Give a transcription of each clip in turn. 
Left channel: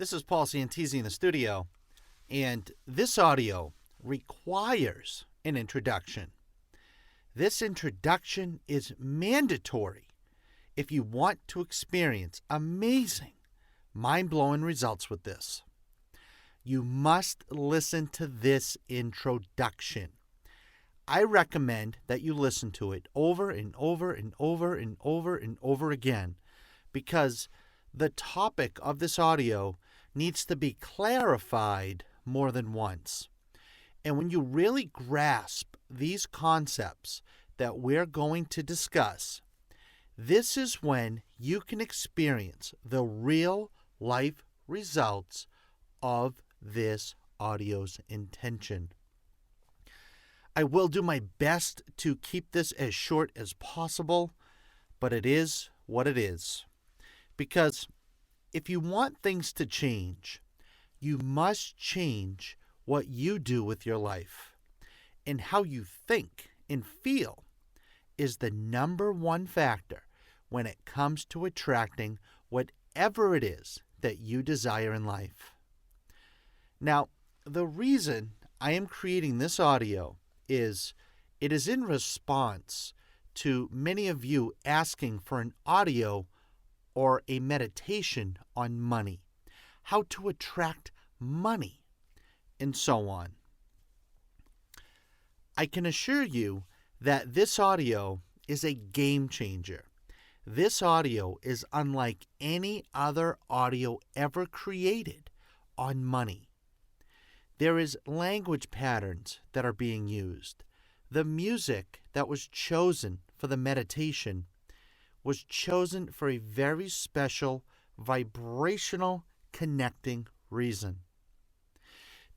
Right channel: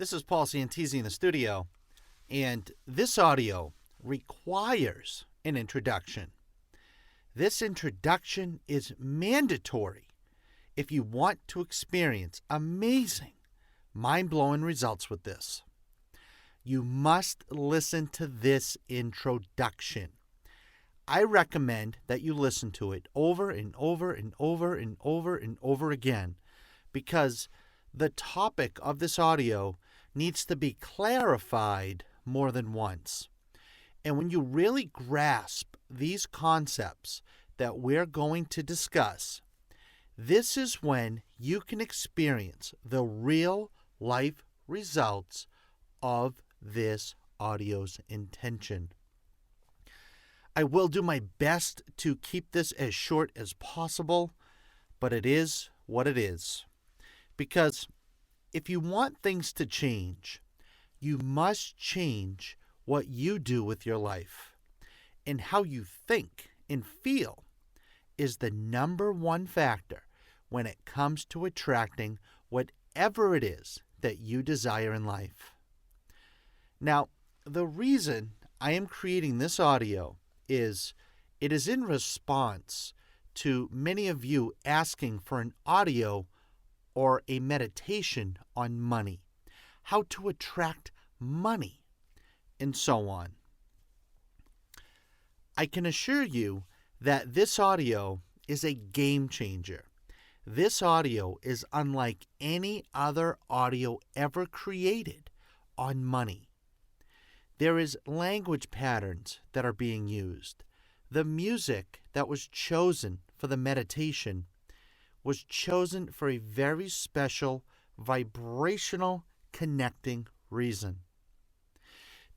This is Paul Santisi in the studio, and this audio requires an introduction. This introduction is mandatory if you want to experience amazing, mind-blowing results with this. You must listen to this introduction. I recommend that you listen to it over and over and over and over and over again, because the topic of this audio needs to be clarified more than once. And when you really grasp these concepts that we're going to discuss, this is when you can experience the real life results of this audio's intention. I will do my best to keep this as short as possible, but it is what it is. Because if you want things to change, you must change what you do with your life. And how you think and feel is the number one factor when it comes to attracting whatever it is that you desire in life. Now, the reason I am creating this audio is it is in response to many of you asking for an audio or a meditation on money, how to attract money, and so on. I can assure you that this audio is a game changer. This audio is unlike any other audio ever created on money. There is language patterns that are being used. The music that was chosen for the meditation was chosen for a very special vibrational connecting reason.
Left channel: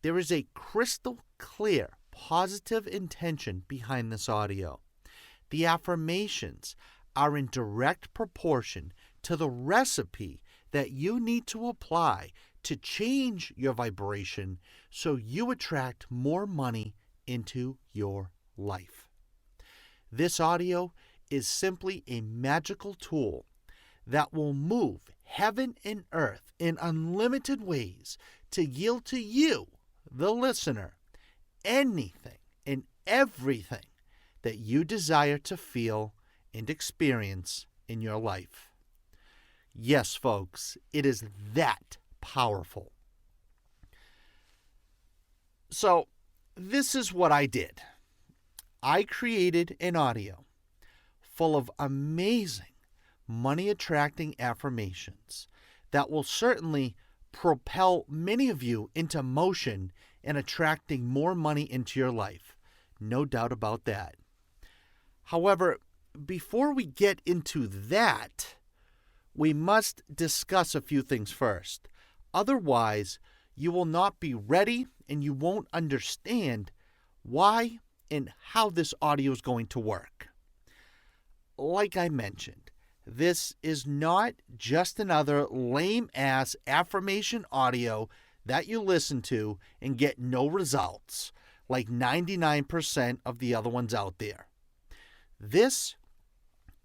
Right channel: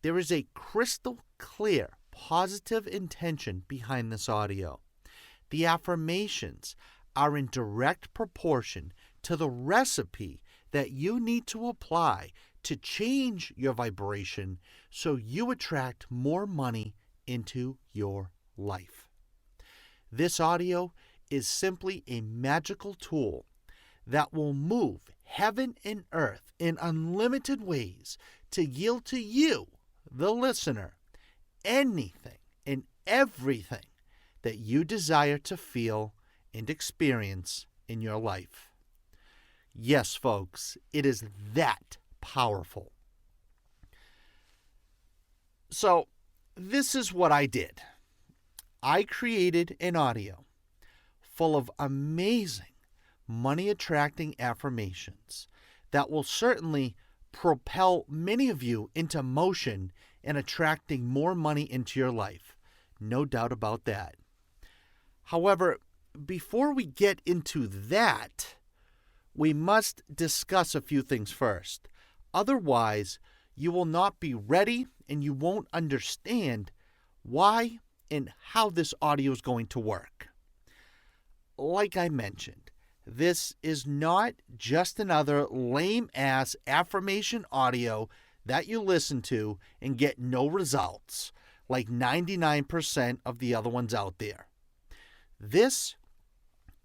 There is a crystal clear positive intention behind this audio. The affirmations are in direct proportion to the recipe that you need to apply to change your vibration so you attract more money into your life. This audio is simply a magical tool that will move heaven and earth in unlimited ways to yield to you, the listener, anything and everything that you desire to feel and experience in your life. Yes, folks, it is that powerful. So, this is what I did. I created an audio full of amazing money-attracting affirmations that will certainly propel many of you into motion and attracting more money into your life. No doubt about that. However, before we get into that, we must discuss a few things first. Otherwise, you will not be ready and you won't understand why and how this audio is going to work. Like I mentioned, this is not just another lame-ass affirmation audio that you listen to and get no results, like 99% of the other ones out there. This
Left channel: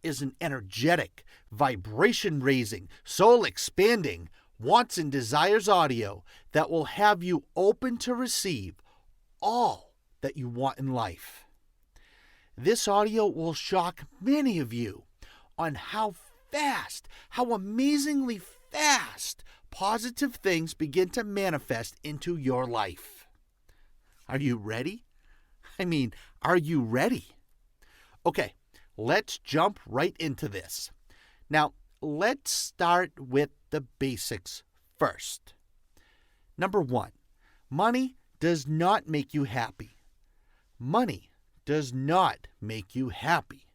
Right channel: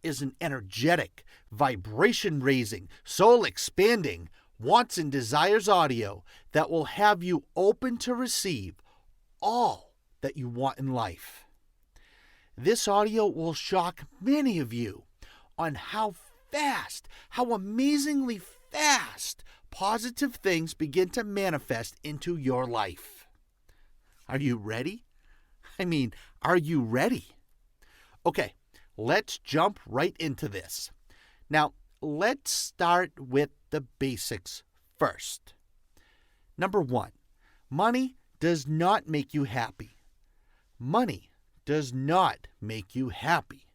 is an energetic, vibration-raising, soul-expanding, wants and desires audio that will have you open to receive all that you want in life. This audio will shock many of you on how amazingly fast positive things begin to manifest into your life. Are you ready? Are you ready? Okay, let's jump right into this. Now, let's start with the basics first. Number one, money does not make you happy. Money does not make you happy.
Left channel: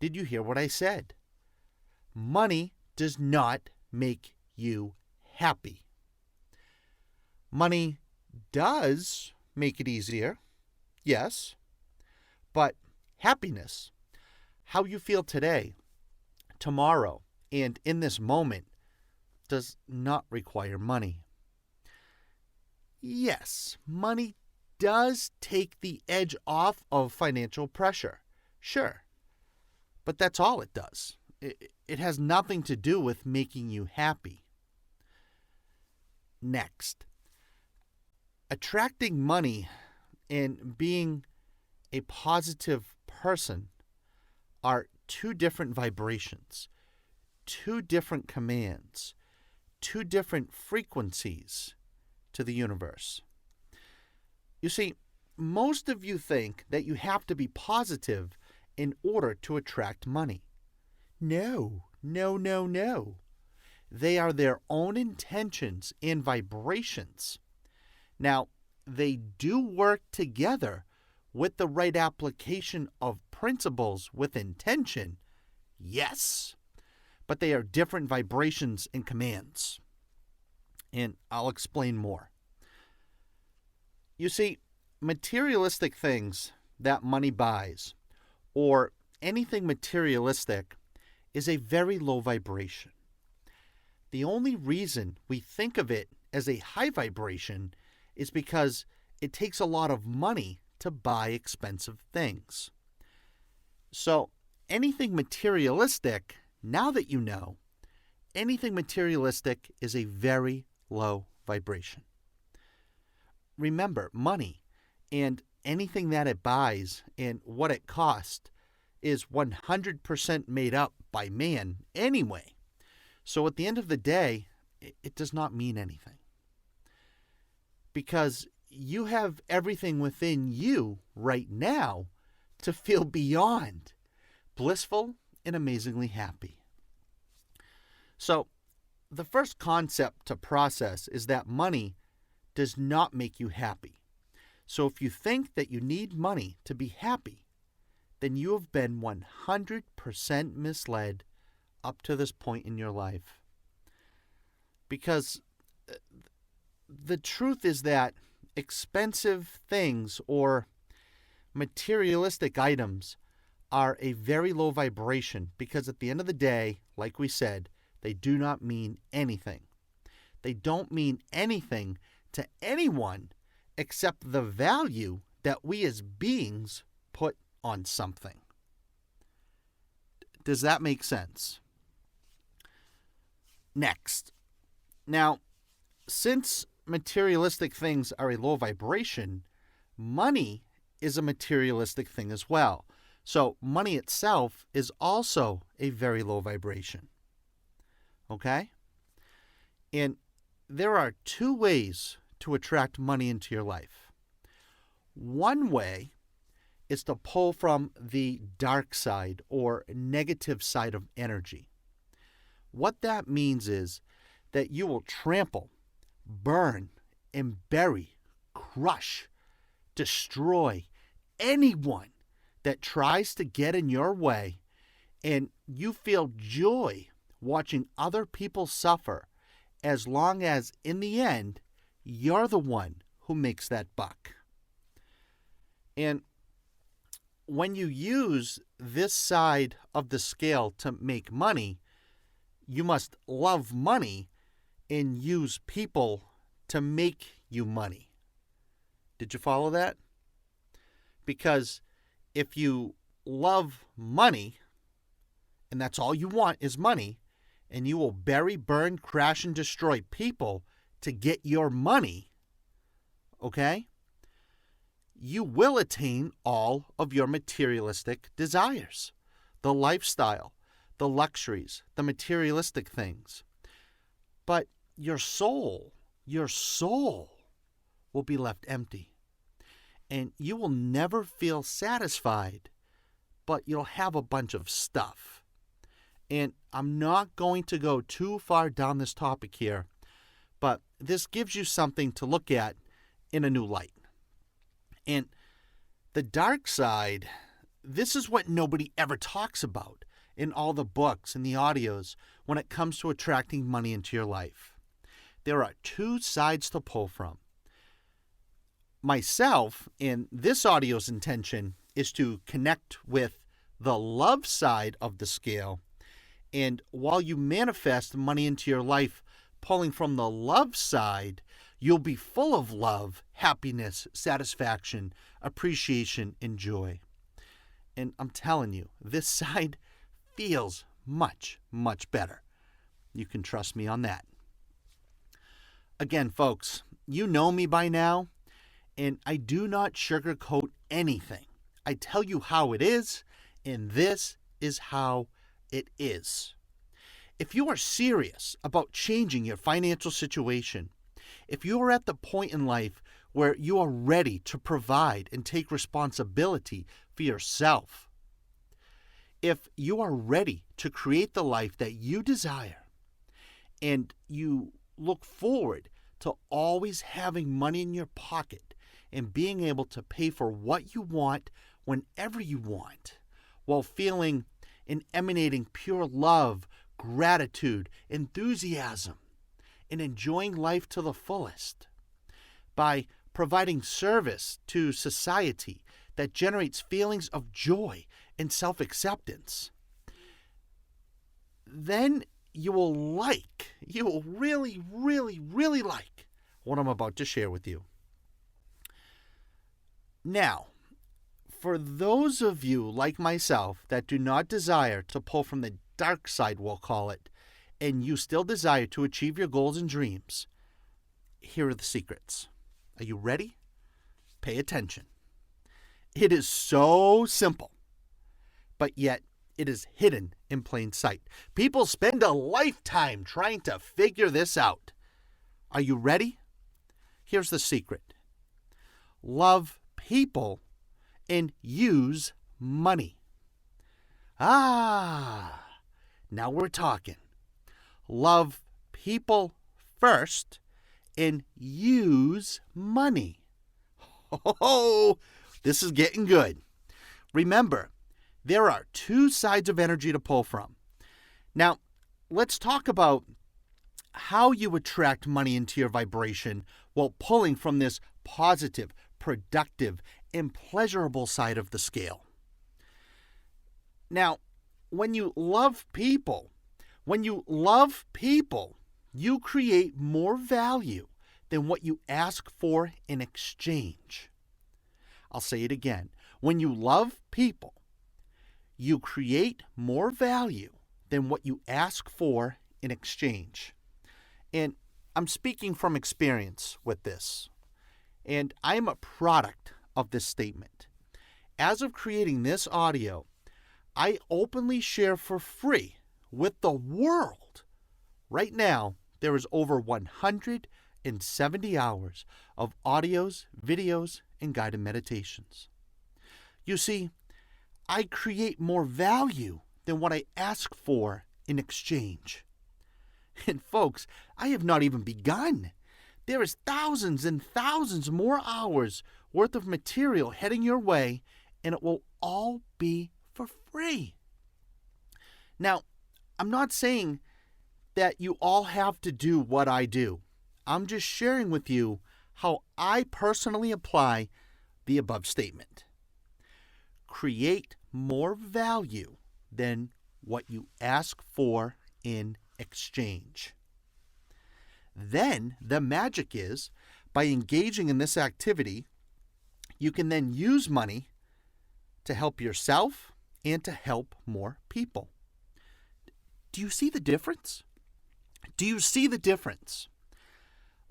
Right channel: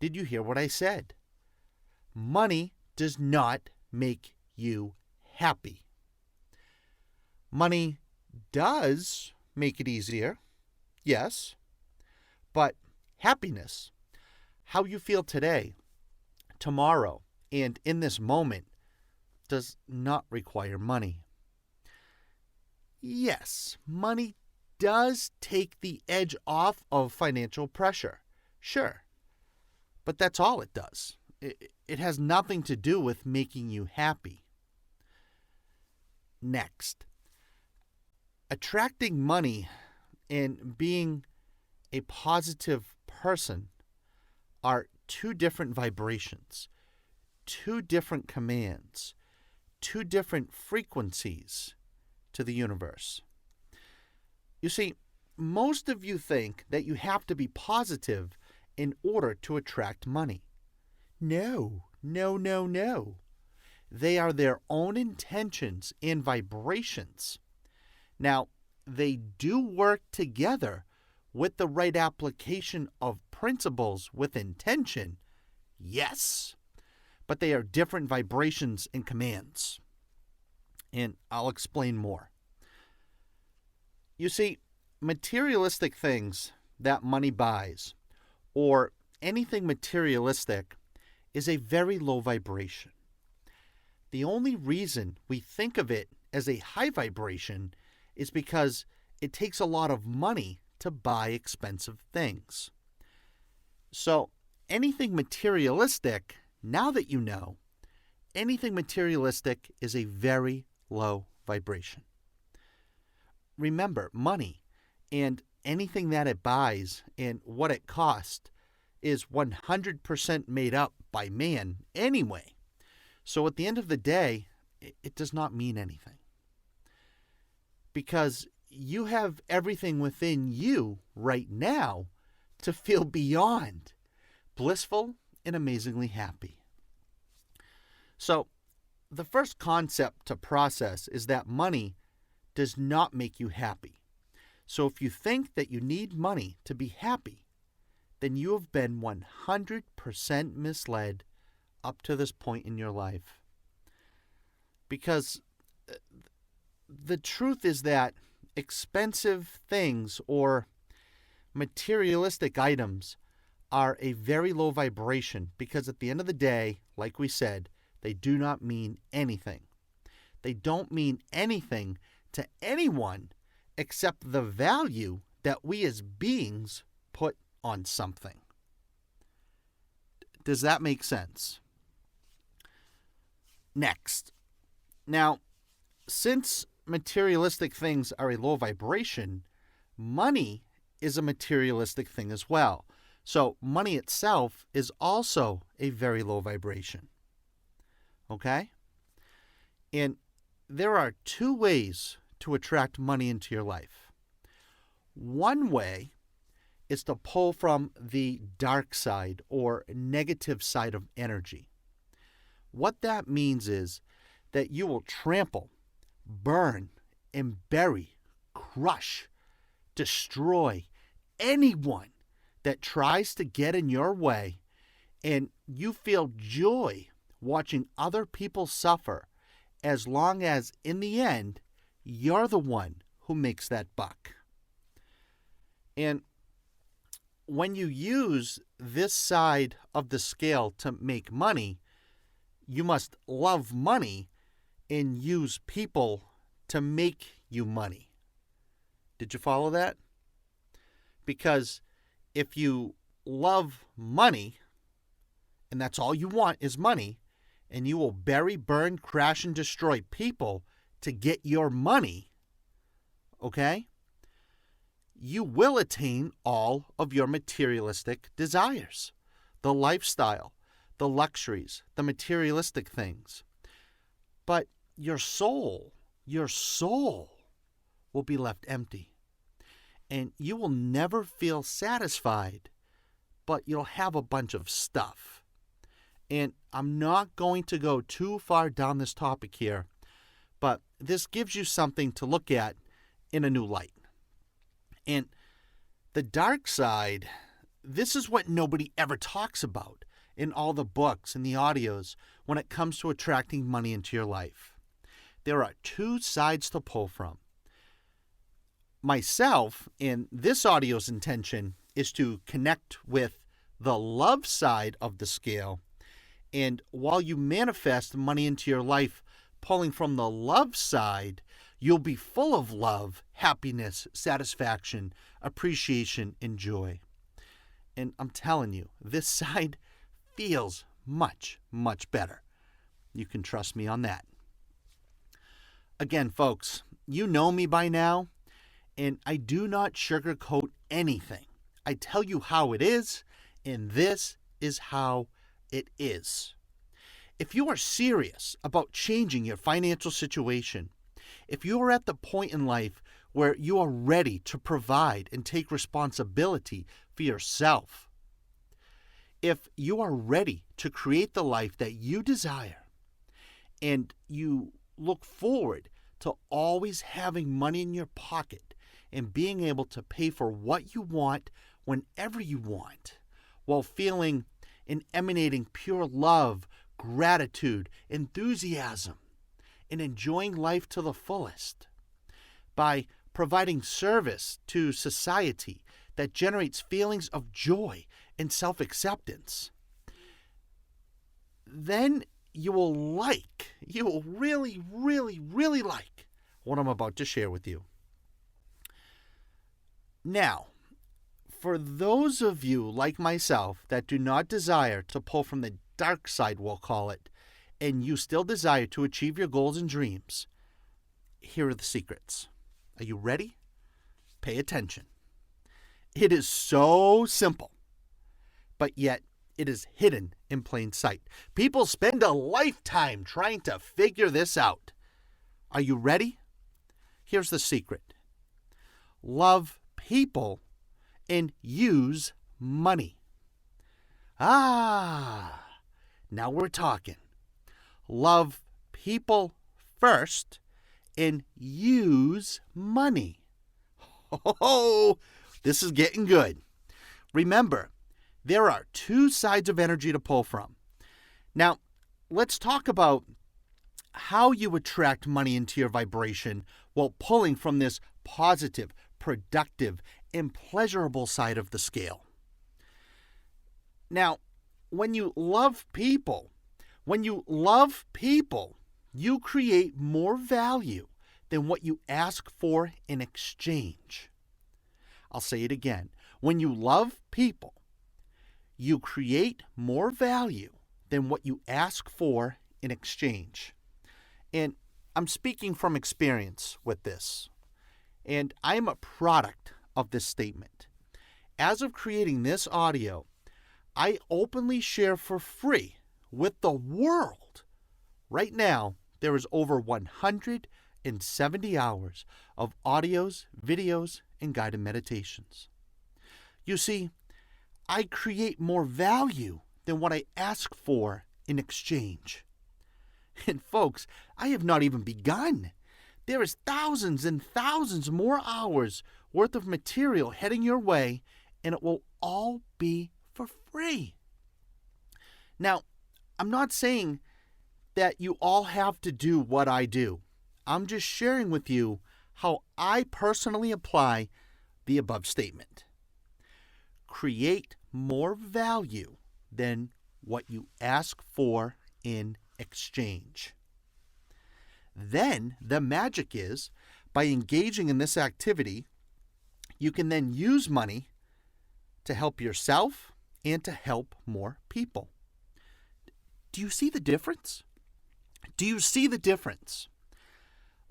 Did you hear what I said? Money does not make you happy. Money does make it easier, yes, but happiness, how you feel today, tomorrow, and in this moment, does not require money. Yes, money does take the edge off of financial pressure, sure, but that's all it does. It has nothing to do with making you happy. Next, attracting money and being a positive person are two different vibrations, two different commands, two different frequencies to the universe. You see, most of you think that you have to be positive in order to attract money. No, no, no, no. They are their own intentions and vibrations. Now, they do work together with the right application of principles with intention, yes, but they are different vibrations and commands. And I'll explain more. You see, materialistic things that money buys, or anything materialistic, is a very low vibration. The only reason we think of it as a high vibration is because it takes a lot of money to buy expensive things. So anything materialistic, now that you know, anything materialistic is a very low vibration. Remember, money and anything that it buys and what it costs is 100% made up by man anyway. So at the end of the day, it does not mean anything. Because you have everything within you right now to feel beyond blissful and amazingly happy. So the first concept to process is that money does not make you happy. So if you think that you need money to be happy, then you have been 100% misled up to this point in your life. Because the truth is that expensive things or materialistic items are a very low vibration because at the end of the day, like we said, they do not mean anything. They don't mean anything to anyone except the value that we as beings put on something. Does that make sense? Next. Now, since materialistic things are a low vibration, money is a materialistic thing as well. So money itself is also a very low vibration. Okay? And there are two ways to attract money into your life. One way is to pull from the dark side or negative side of energy. What that means is that you will trample, burn, and bury, crush, destroy anyone that tries to get in your way, and you feel joy watching other people suffer as long as, in the end, you're the one who makes that buck. And when you use this side of the scale to make money, you must love money and use people to make you money. Did you follow that? Because if you love money, and that's all you want is money, and you will bury, burn, crash, and destroy people to get your money, okay? You will attain all of your materialistic desires, the lifestyle, the luxuries, the materialistic things. But your soul will be left empty. And you will never feel satisfied, but you'll have a bunch of stuff. And I'm not going to go too far down this topic here, but this gives you something to look at in a new light. And the dark side, this is what nobody ever talks about in all the books and the audios when it comes to attracting money into your life. There are two sides to pull from. Myself, in this audio's intention, is to connect with the love side of the scale. And while you manifest money into your life, pulling from the love side, you'll be full of love, happiness, satisfaction, appreciation, and joy. And I'm telling you, this side feels much, much better. You can trust me on that. Again, folks, you know me by now, and I do not sugarcoat anything. I tell you how it is, and this is how it is. If you are serious about changing your financial situation, if you are at the point in life where you are ready to provide and take responsibility for yourself, if you are ready to create the life that you desire, and you look forward to always having money in your pocket and being able to pay for what you want whenever you want, while feeling and emanating pure love, gratitude, enthusiasm, and enjoying life to the fullest, by providing service to society that generates feelings of joy and self-acceptance, then you will really, really, really like what I'm about to share with you. Now, for those of you like myself that do not desire to pull from the dark side, we'll call it, and you still desire to achieve your goals and dreams, here are the secrets. Are you ready? Pay attention. It is so simple, but yet it is hidden in plain sight. People spend a lifetime trying to figure this out. Are you ready? Here's the secret. Love people and use money. Now we're talking. Love people first and use money. Oh, this is getting good. Remember, there are two sides of energy to pull from. Now, let's talk about how you attract money into your vibration while pulling from this positive, productive, and pleasurable side of the scale. Now, when you love people, you create more value than what you ask for in exchange. I'll say it again. When you love people, you create more value than what you ask for in exchange. And I'm speaking from experience with this. And I am a product of this statement. As of creating this audio, I openly share for free with the world. Right now, there is over 170 hours of audios, videos, and guided meditations. You see, I create more value than what I ask for in exchange. And folks, I have not even begun. There is thousands and thousands more hours worth of material heading your way, and it will all be for free. Now, I'm not saying that you all have to do what I do. I'm just sharing with you how I personally apply the above statement. Create more value than what you ask for in exchange. Then the magic is, by engaging in this activity, you can then use money to help yourself and to help more people. Do you see the difference? Do you see the difference?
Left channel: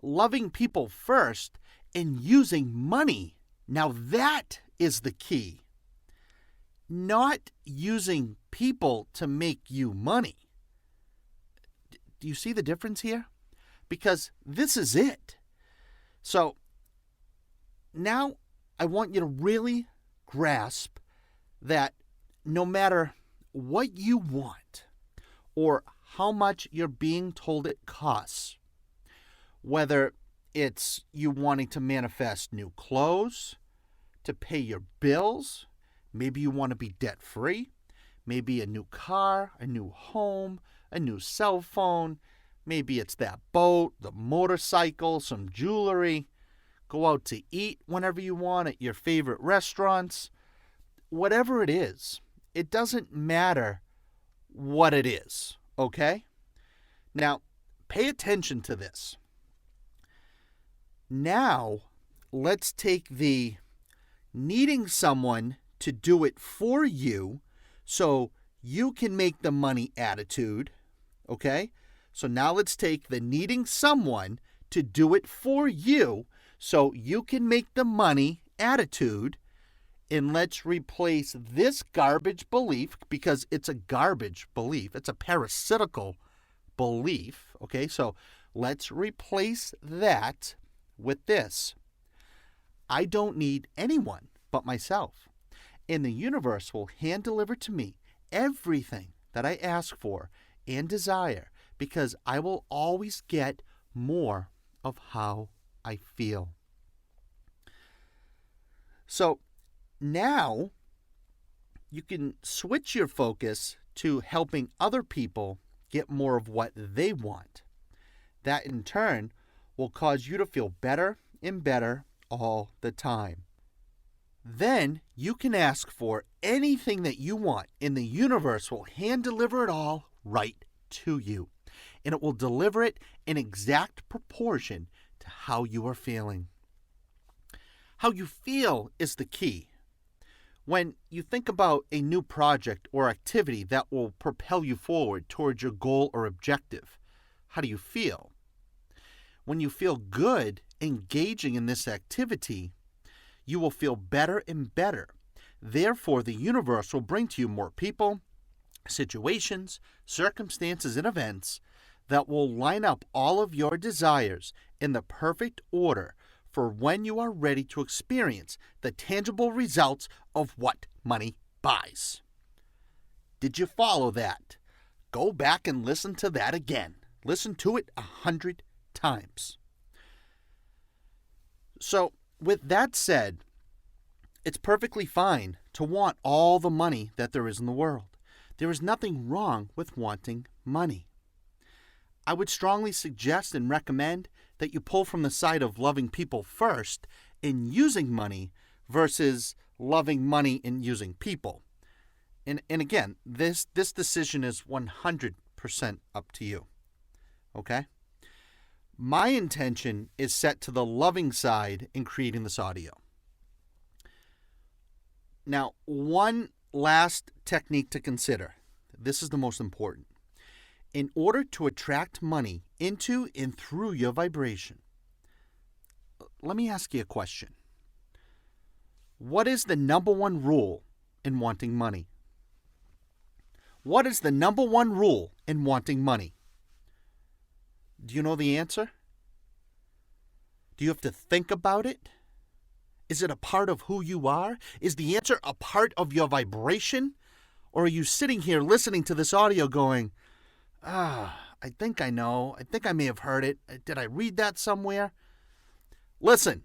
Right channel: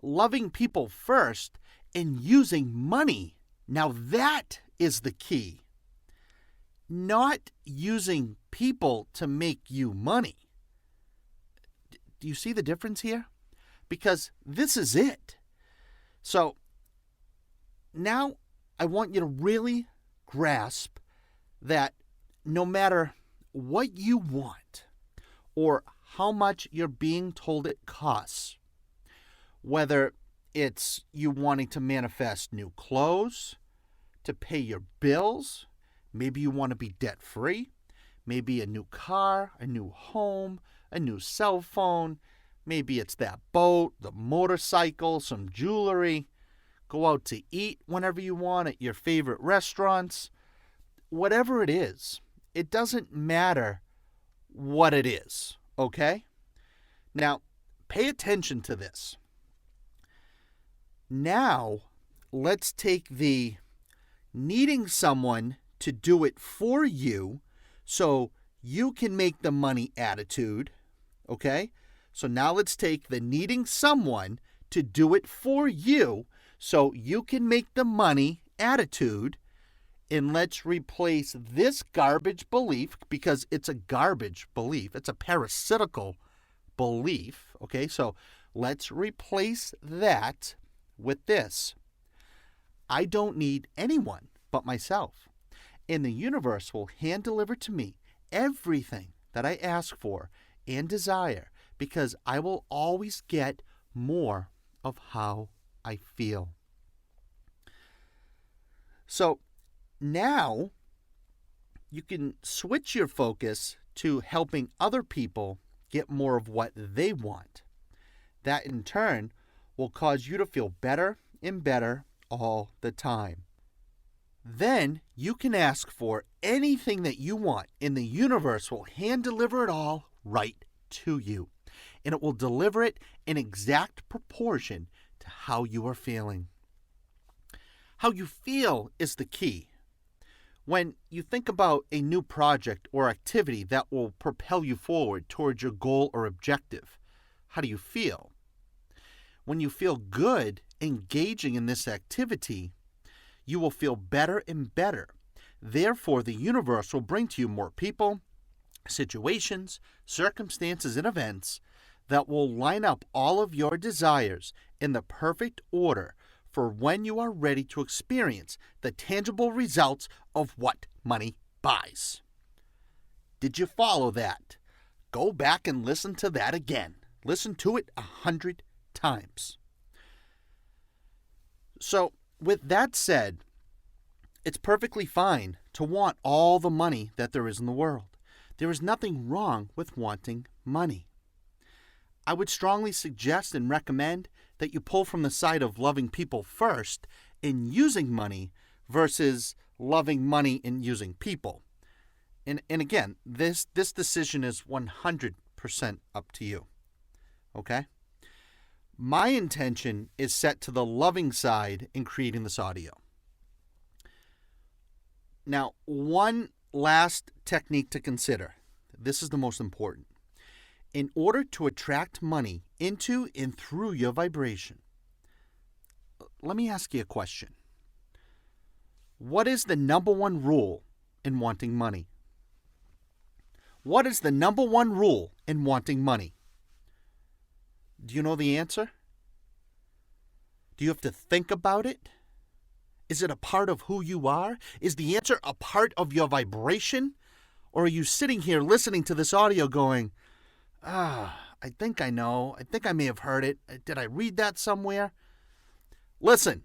Loving people first and using money. Now that is the key. Not using people to make you money. Do you see the difference here? Because this is it. So now I want you to really grasp that no matter what you want or how much you're being told it costs, whether it's you wanting to manifest new clothes, to pay your bills, maybe you want to be debt-free, maybe a new car, a new home, a new cell phone, maybe it's that boat, the motorcycle, some jewelry, go out to eat whenever you want at your favorite restaurants. Whatever it is, it doesn't matter what it is, okay? Now, pay attention to this. Now, let's take the needing someone to do it for you so you can make the money attitude, okay? So now let's take the needing someone to do it for you so you can make the money attitude. And let's replace this garbage belief, because it's a garbage belief. It's a parasitical belief. Okay, so let's replace that with this. I don't need anyone but myself. And the universe will hand deliver to me everything that I ask for and desire, because I will always get more of how I feel. So now you can switch your focus to helping other people get more of what they want. That in turn will cause you to feel better and better all the time. Then you can ask for anything that you want, and the universe will hand deliver it all right to you. And it will deliver it in exact proportion to how you are feeling. How you feel is the key. When you think about a new project or activity that will propel you forward towards your goal or objective, how do you feel? When you feel good engaging in this activity, you will feel better and better. Therefore, the universe will bring to you more people, situations, circumstances, and events that will line up all of your desires in the perfect order for when you are ready to experience the tangible results of what money buys. Did you follow that? Go back and listen to that again. Listen to it 100 times. So, with that said, it's perfectly fine to want all the money that there is in the world. There is nothing wrong with wanting money. I would strongly suggest and recommend that you pull from the side of loving people first in using money versus loving money and using people. And again, this decision is 100% up to you. Okay? My intention is set to the loving side in creating this audio. Now, one last technique to consider. This is the most important. In order to attract money into and through your vibration, let me ask you a question. What is the number one rule in wanting money? What is the number one rule in wanting money? Do you know the answer? Do you have to think about it? Is it a part of who you are? Is the answer a part of your vibration? Or are you sitting here listening to this audio going, I think I know. I think I may have heard it. Did I read that somewhere? Listen.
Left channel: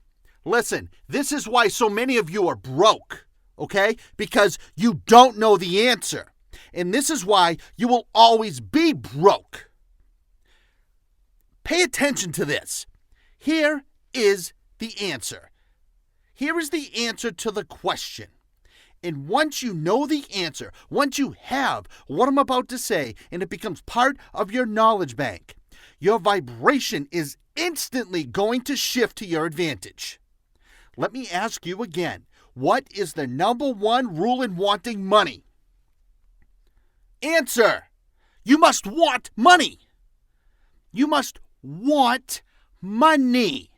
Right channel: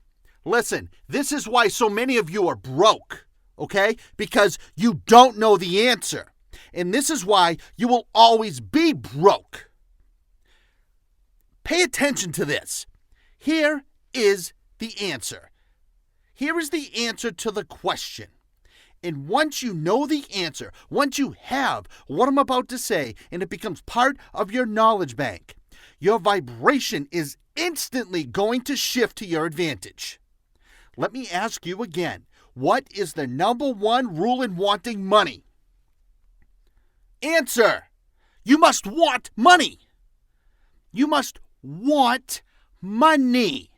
This is why so many of you are broke, okay? Because you don't know the answer. And this is why you will always be broke. Pay attention to this. Here is the answer. Here is the answer to the question. And once you know the answer, once you have what I'm about to say, and it becomes part of your knowledge bank, your vibration is instantly going to shift to your advantage. Let me ask you again, what is the number one rule in wanting money? Answer. You must want money. You must want money.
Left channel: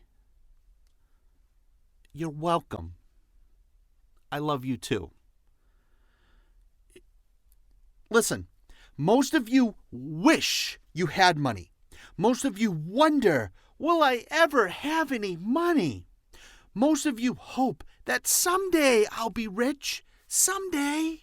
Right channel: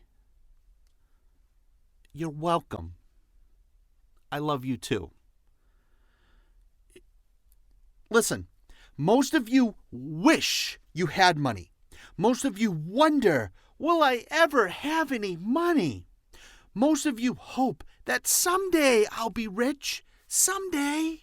You're welcome. I love you too. Listen, most of you wish you had money. Most of you wonder, will I ever have any money? Most of you hope that someday I'll be rich. Someday.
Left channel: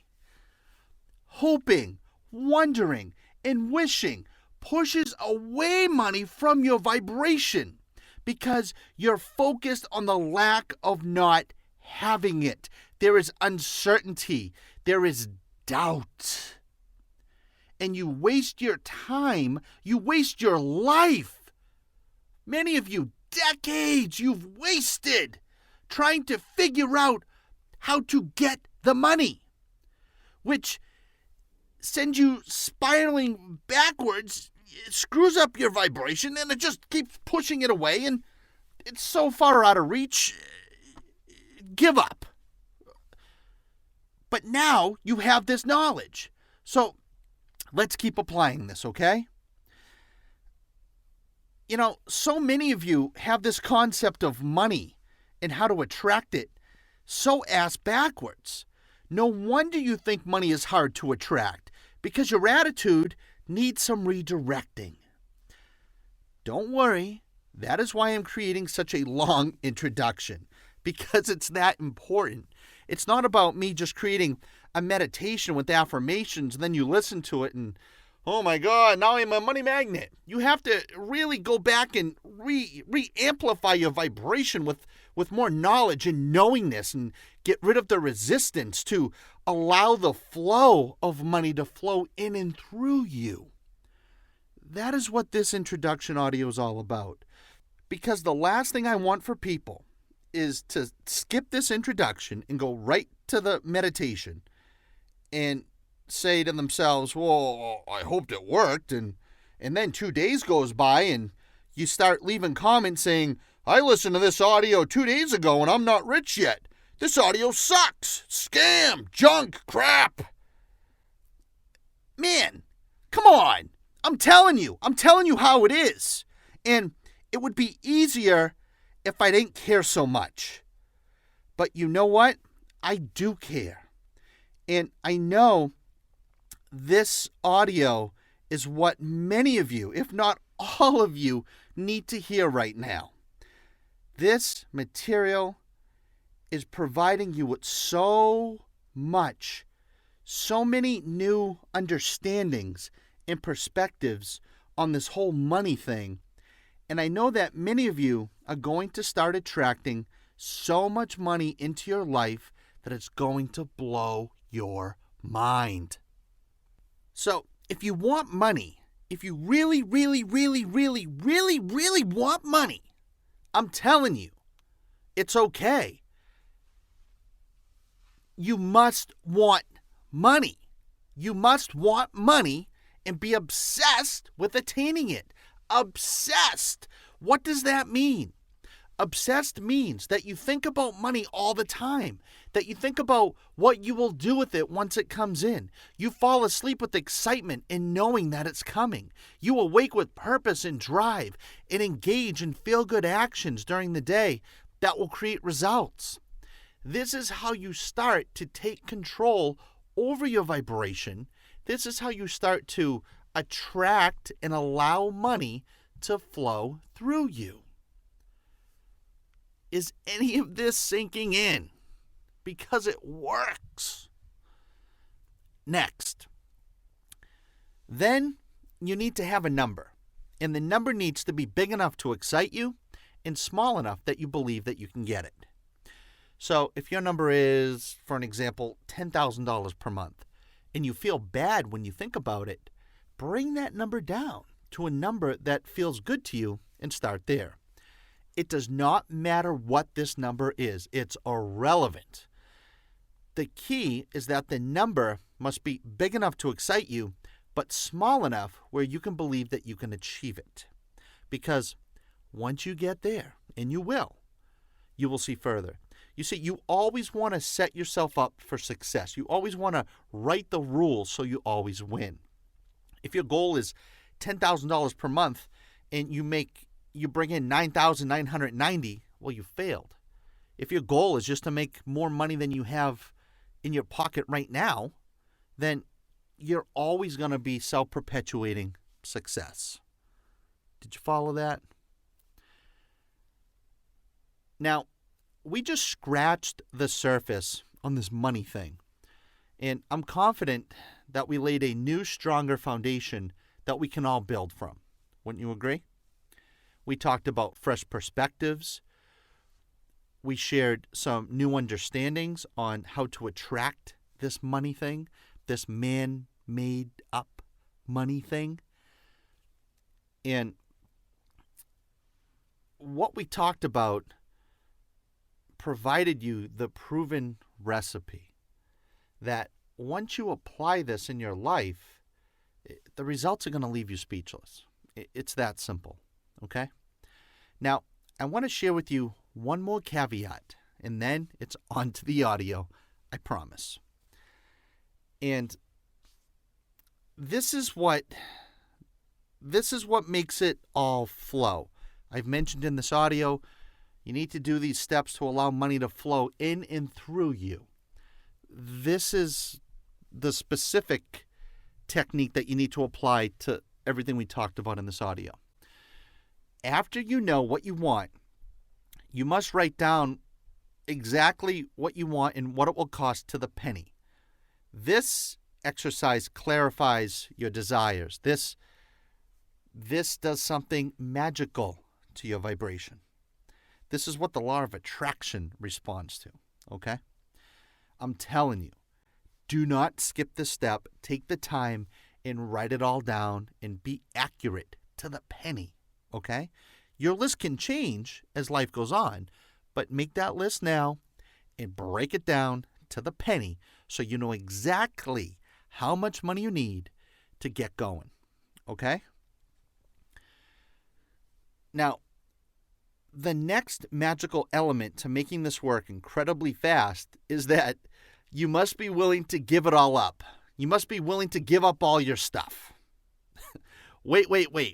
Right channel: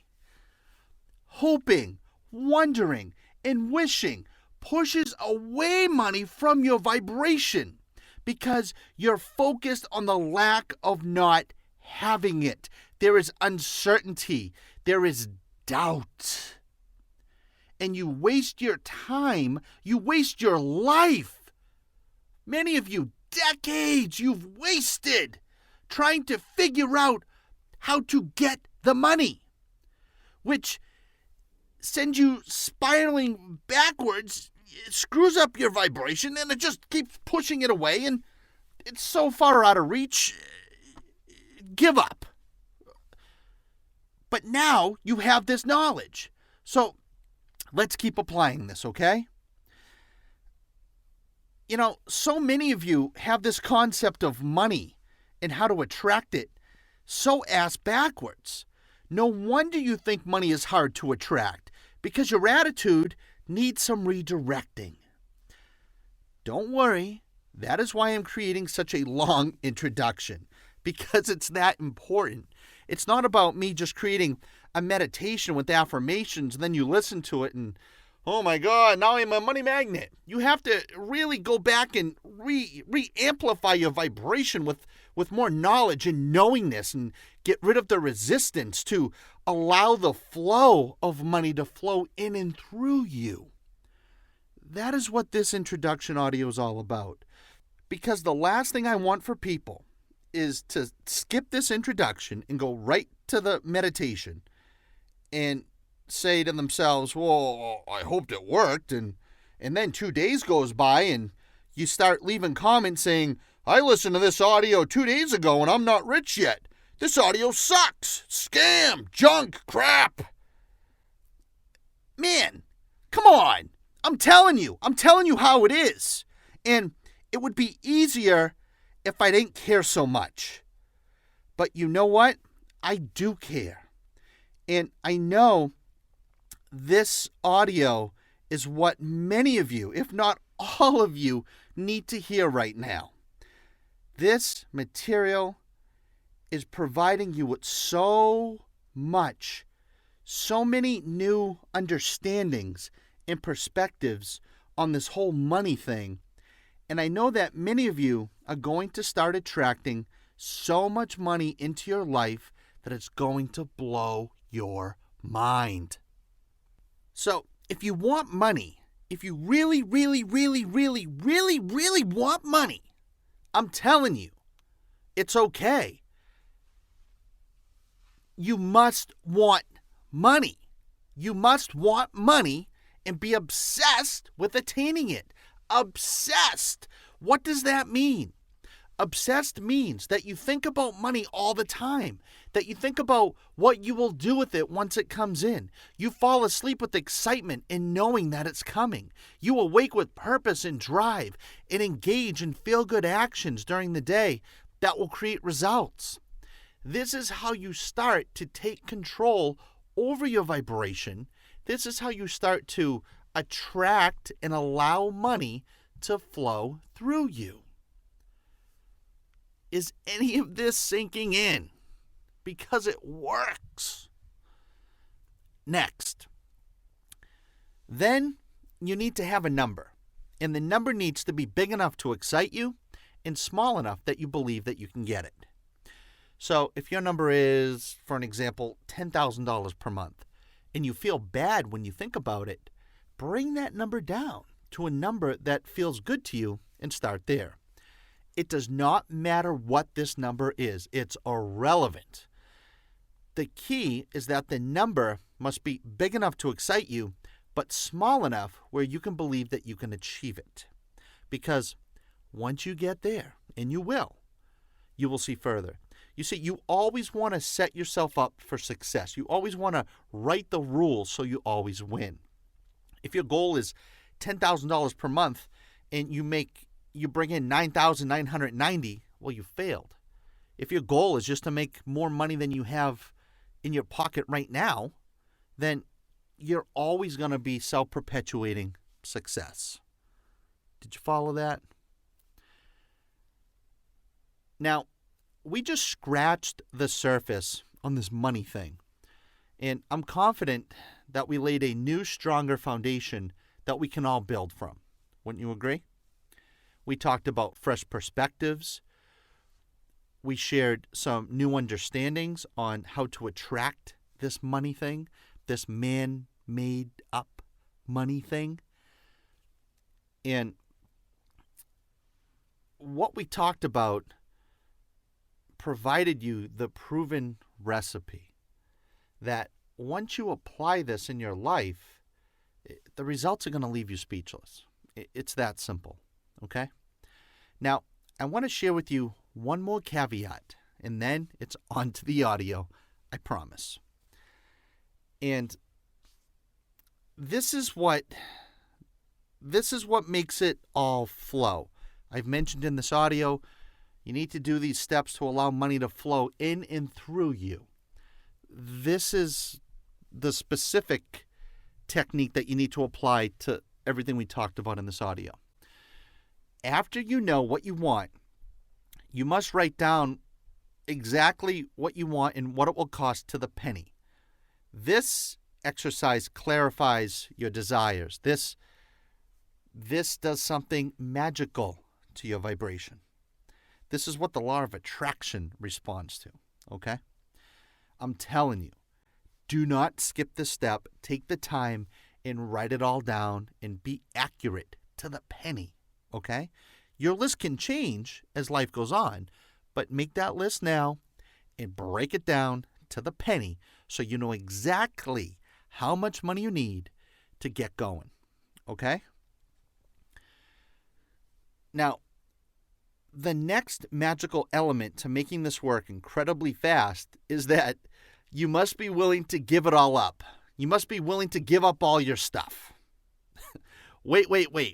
Hoping, wondering, and wishing pushes away money from your vibration because you're focused on the lack of not having it. There is uncertainty. There is doubt. And you waste your time. You waste your life. Many of you, decades you've wasted trying to figure out how to get the money, which sends you spiraling backwards. It screws up your vibration, and it just keeps pushing it away, and it's so far out of reach. Give up. But now you have this knowledge. So let's keep applying this, okay? So many of you have this concept of money and how to attract it so ass backwards. No wonder you think money is hard to attract, because your attitude needs some redirecting. Don't worry, that is why I'm creating such a long introduction, because it's that important. It's not about me just creating a meditation with affirmations, and then you listen to it and, oh my God, now I'm a money magnet. You have to really go back and re-amplify your vibration with more knowledge and knowingness, and get rid of the resistance to allow the flow of money to flow in and through you. That is what this introduction audio is all about. Because the last thing I want for people is to skip this introduction and go right to the meditation and say to themselves, well, I hoped it worked. And then 2 days goes by and you start leaving comments saying, I listened to this audio 2 days ago and I'm not rich yet. This audio sucks. Scam, junk, crap. Man, come on. I'm telling you how it is. And it would be easier if I didn't care so much. But you know what? I do care. And I know this audio is what many of you, if not all of you, need to hear right now. This material is providing you with so many new understandings and perspectives on this whole money thing. And I know that many of you are going to start attracting so much money into your life that it's going to blow your mind. So if you want money, if you really want money, I'm telling you, it's okay. You must want money. You must want money and be obsessed with attaining it. Obsessed. What does that mean? Obsessed means that you think about money all the time, that you think about what you will do with it once it comes in. You fall asleep with excitement in knowing that it's coming. You awake with purpose and drive and engage in feel-good actions during the day that will create results. This is how you start to take control over your vibration. This is how you start to attract and allow money to flow through you. Is any of this sinking in? Because it works. Next. Then you need to have a number. And the number needs to be big enough to excite you and small enough that you believe that you can get it. So if your number is, for an example, $10,000 per month, and you feel bad when you think about it, bring that number down to a number that feels good to you and start there. It does not matter what this number is. It's irrelevant. The key is that the number must be big enough to excite you, but small enough where you can believe that you can achieve it. Because once you get there, and you will see further. You see, you always want to set yourself up for success. You always want to write the rules so you always win. If your goal is $10,000 per month and you bring in $9,990, well, you failed. If your goal is just to make more money than you have in your pocket right now, then you're always going to be self-perpetuating success. Did you follow that? Now, we just scratched the surface on this money thing. And I'm confident that we laid a new, stronger foundation that we can all build from. Wouldn't you agree? We talked about fresh perspectives. We shared some new understandings on how to attract this money thing, this man-made up money thing. And what we talked about provided you the proven recipe that once you apply this in your life, the results are going to leave you speechless. It's that simple, okay? Now, I want to share with you one more caveat, and then it's on to the audio, I promise. And this is what this is what makes it all flow. I've mentioned in this audio, you need to do these steps to allow money to flow in and through you. This is the specific technique that you need to apply to everything we talked about in this audio. After you know what you want, you must write down exactly what you want and what it will cost to the penny. This exercise clarifies your desires. This does something magical to your vibration. This is what the law of attraction responds to, okay? I'm telling you, do not skip this step. Take the time and write it all down and be accurate to the penny, okay? Your list can change as life goes on, but make that list now and break it down to the penny so you know exactly how much money you need to get going, okay? Now, the next magical element to making this work incredibly fast is that you must be willing to give it all up. You must be willing to give up all your stuff. Wait.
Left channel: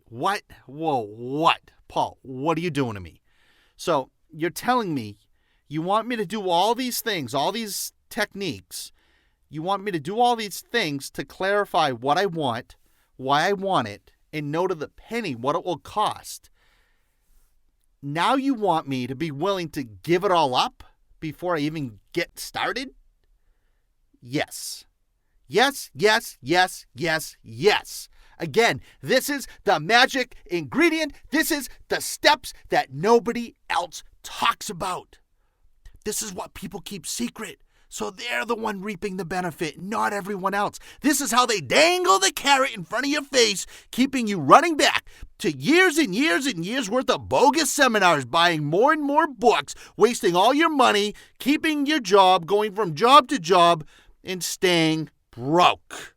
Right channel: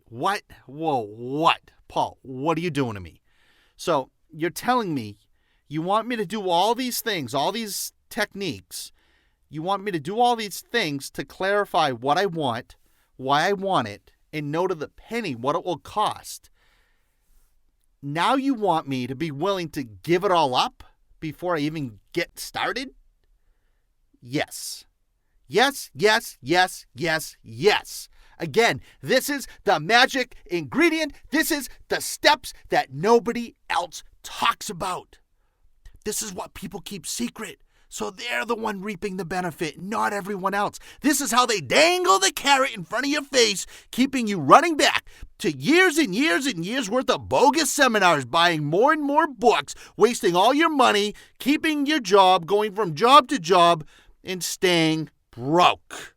What? Whoa, what? Paul, what are you doing to me? So you're telling me you want me to do all these things, all these techniques. You want me to do all these things to clarify what I want, why I want it, and know to the penny what it will cost. Now you want me to be willing to give it all up before I even get started? Yes. Yes. Again, this is the magic ingredient. This is the steps that nobody else talks about. This is what people keep secret, so they're the one reaping the benefit, not everyone else. This is how they dangle the carrot in front of your face, keeping you running back to years and years and years worth of bogus seminars, buying more and more books, wasting all your money, keeping your job, going from job to job, and staying broke.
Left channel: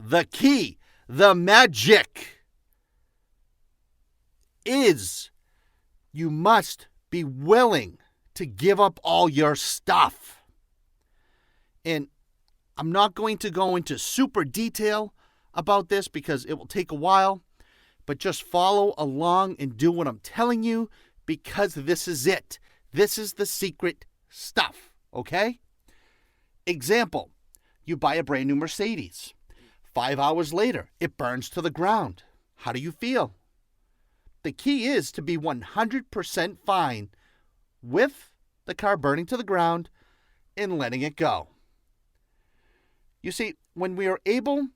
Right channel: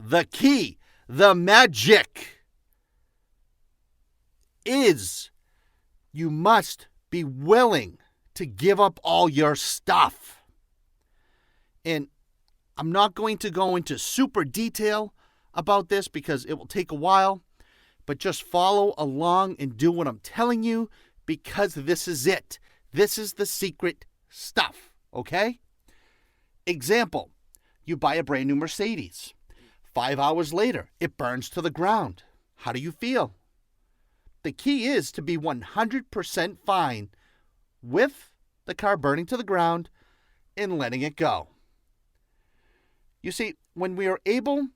The key, the magic, is you must be willing to give up all your stuff. And I'm not going to go into super detail about this because it will take a while, but just follow along and do what I'm telling you because this is it. This is the secret stuff, okay? Example, you buy a brand new Mercedes. 5 hours later, it burns to the ground. How do you feel? The key is to be 100% fine with the car burning to the ground and letting it go. You see, when you are able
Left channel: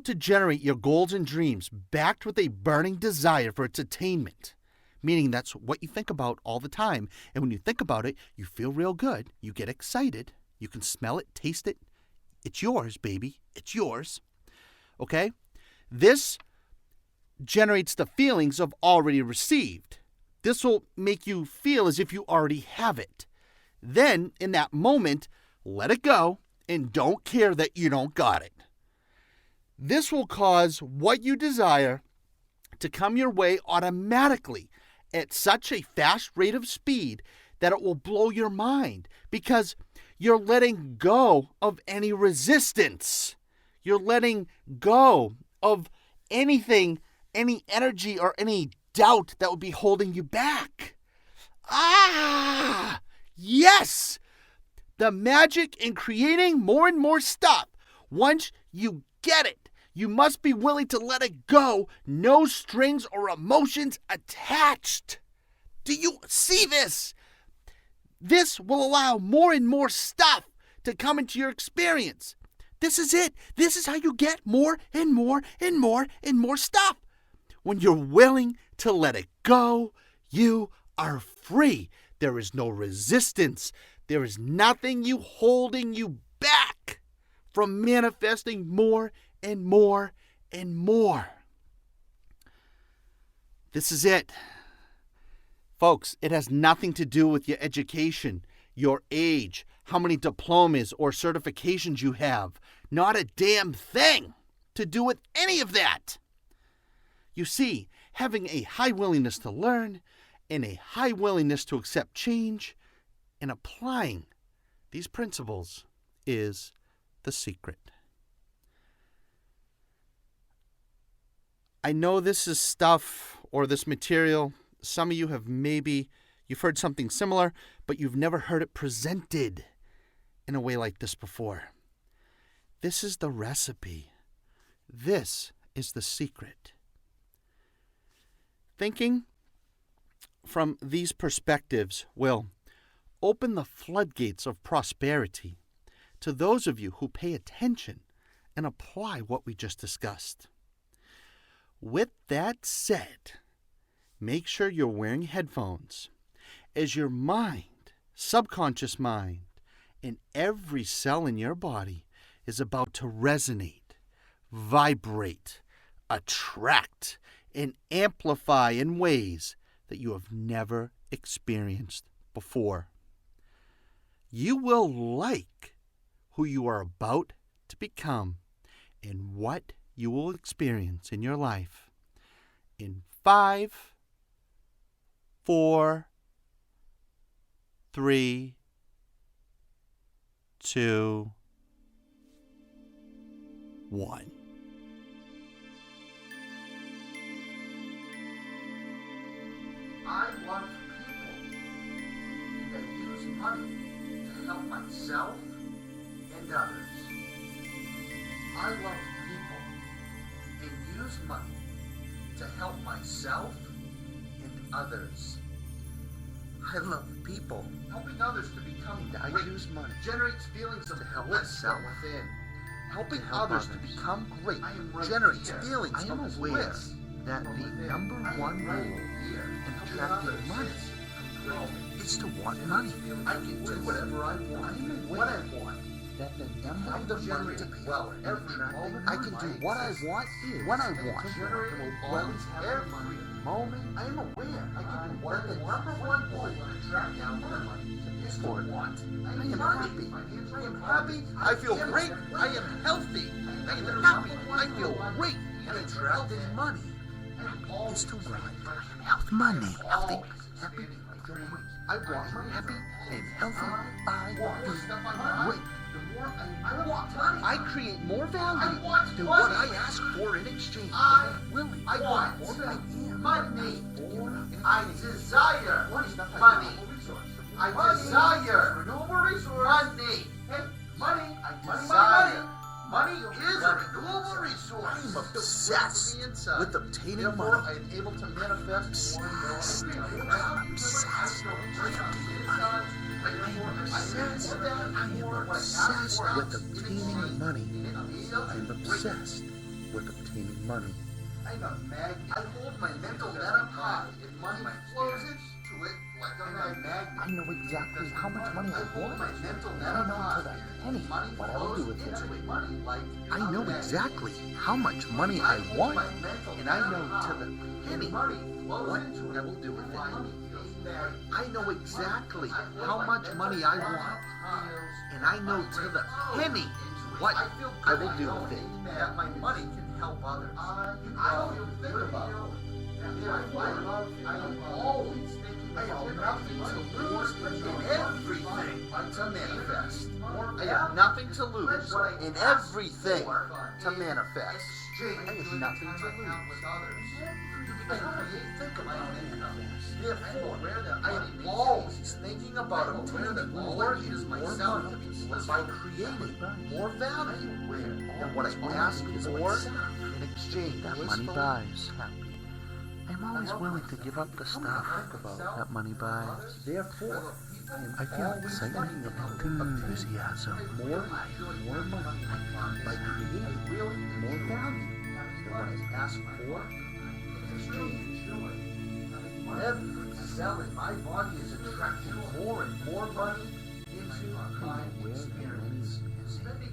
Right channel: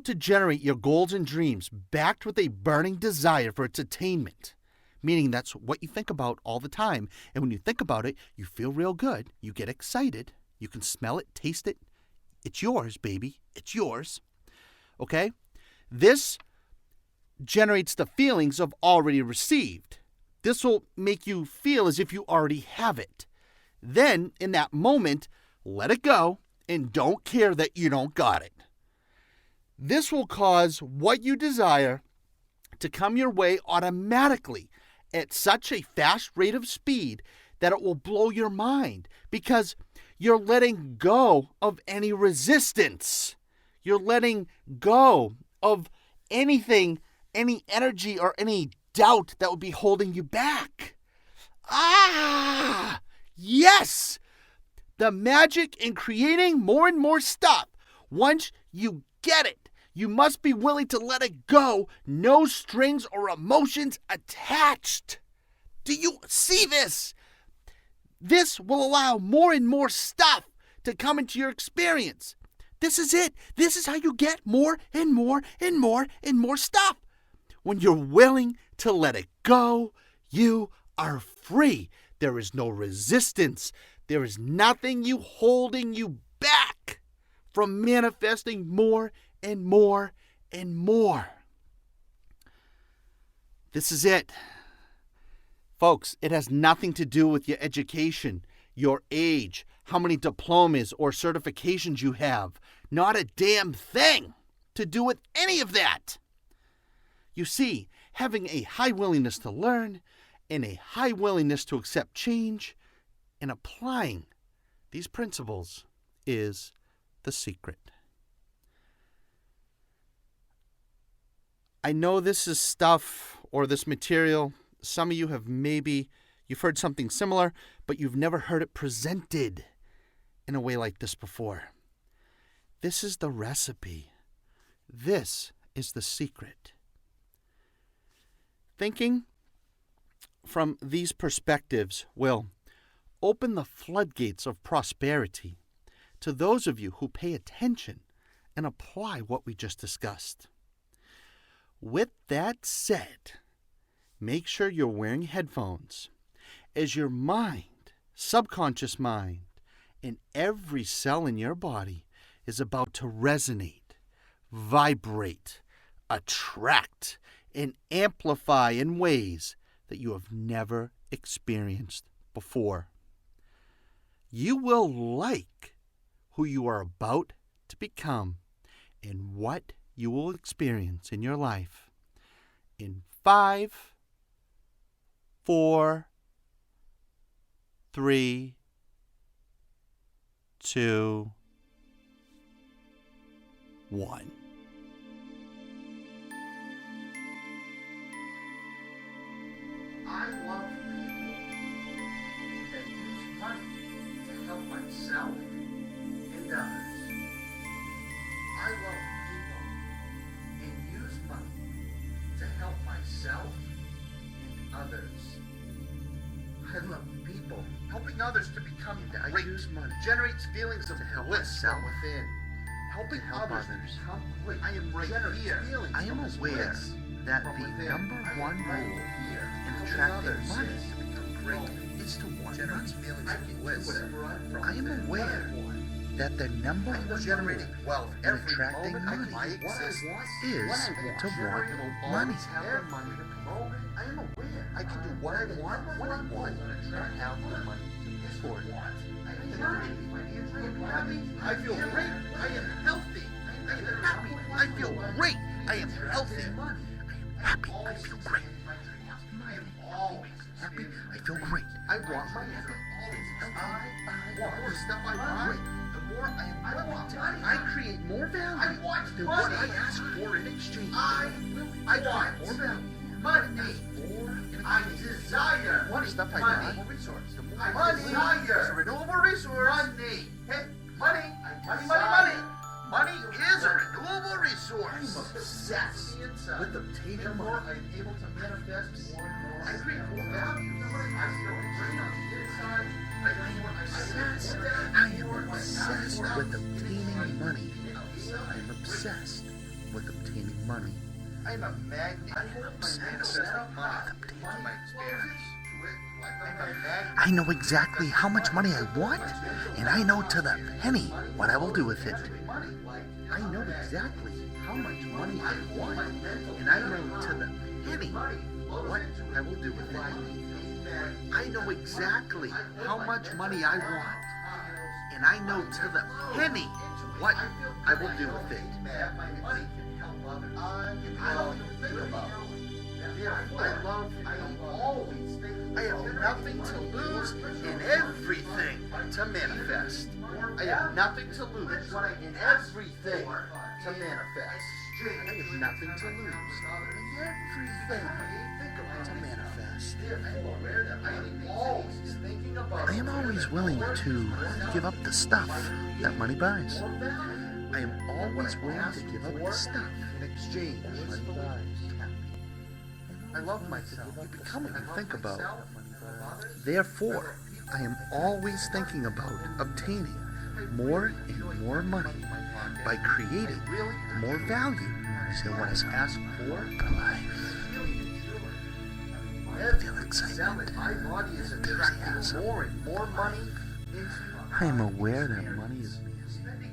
to generate your goals and dreams backed with a burning desire for its attainment, meaning that's what you think about all the time, and when you think about it, you feel real good, you get excited, you can smell it, taste it, it's yours, baby, it's yours, okay? This generates the feelings of already received. This will make you feel as if you already have it. Then, in that moment, let it go and don't care that you don't got it. This will cause what you desire to come your way automatically at such a fast rate of speed that it will blow your mind because you're letting go of any resistance. You're letting go of anything, any energy or any doubt that would be holding you back. Yes! The magic in creating more and more stuff. Once you get it, you must be willing to let it go. No strings or emotions attached. Do you see this? This will allow more and more stuff to come into your experience. This is it. This is how you get more and more and more and more stuff. When you're willing to let it go, you are free. There is no resistance. There is nothing holding you back from manifesting more and more and more. This is it. Folks, it has nothing to do with your education, your age, how many diplomas or certifications you have. Not a damn thing to do with any of that. You see, having a high willingness to learn and a high willingness to accept change and applying these principles is the secret. I know this is stuff or this material. Some of you you've heard something similar, but you've never heard it presented in a way like this before. This is the recipe. This is the secret. Thinking from these perspectives will open the floodgates of prosperity to those of you who pay attention and apply what we just discussed. With that said, make sure you're wearing headphones as your mind, subconscious mind, and every cell in your body is about to resonate, vibrate, attract, and amplify in ways that you have never experienced before. You will like who you are about to become and what you will experience in your life in 5, 4, 3, 2, 1. I love people that use money to help myself and others. I love people and use money to help myself and others. I love people helping others to become I great. use money Generates feelings of to help bliss myself within. Helping to help others to others. become great. I am right Generates here. feelings I am of aware bliss that from the within. number I am one right rule here. in Helping attracting others money to become great. is to want Generates money. feelings I can do whatever I want. I am When aware I want. that the number I'm one generating rule wealth in every attracting moment. I money can do what I want is when I want. to want Generate will money. always have money at the moment. I am aware. I can do what I want when I want. Attract now more money to pay for what I want. I am happy. I am happy. I feel great. I am healthy. I am happy. I feel great. I am healthy. Money. Happy. I feel great. Health money. Healthy. Happy. I feel great. I want my Happy and healthy. I want the stuff I want. great. The more I want money. I create more value I want than money. what I ask for in exchange. I I'm willing. I to want more value. money. More in I exchange. desire What is that I money. want? I Money. desire renewable resource. Money. Hey, money. Money. Money is a renewable resource. I'm obsessed with obtaining Therefore, money. I am able to manifest more and more. Obsessed. I am obsessed with obtaining money. I am obsessed with obtaining money. I'm a magnet. I hold my mental setup high. Money flows into it like a magnet. I know exactly how much money I want, and I know to the penny what I will do with it. I know exactly how much money I want, and I know to the penny what I will do with it. I know exactly how much money I want, and I know to the penny what I will do with it. That my money can help others. I don't even think about it. I am always thinking. I have nothing to lose and everything to manifest. I have nothing to lose and everything to manifest. I have nothing to lose. Therefore, I am always thinking about I am always willing to give up the stuff that money buys. more value. I am always willing to give up the stuff in exchange that money buys. I'm always love willing to myself. give up the stuff I think about myself. that money buys. Therefore, I am always thinking about obtaining more and more money by creating more value than what is asked for in life. Every cell in my body is attracting more and more money into I am aware that money is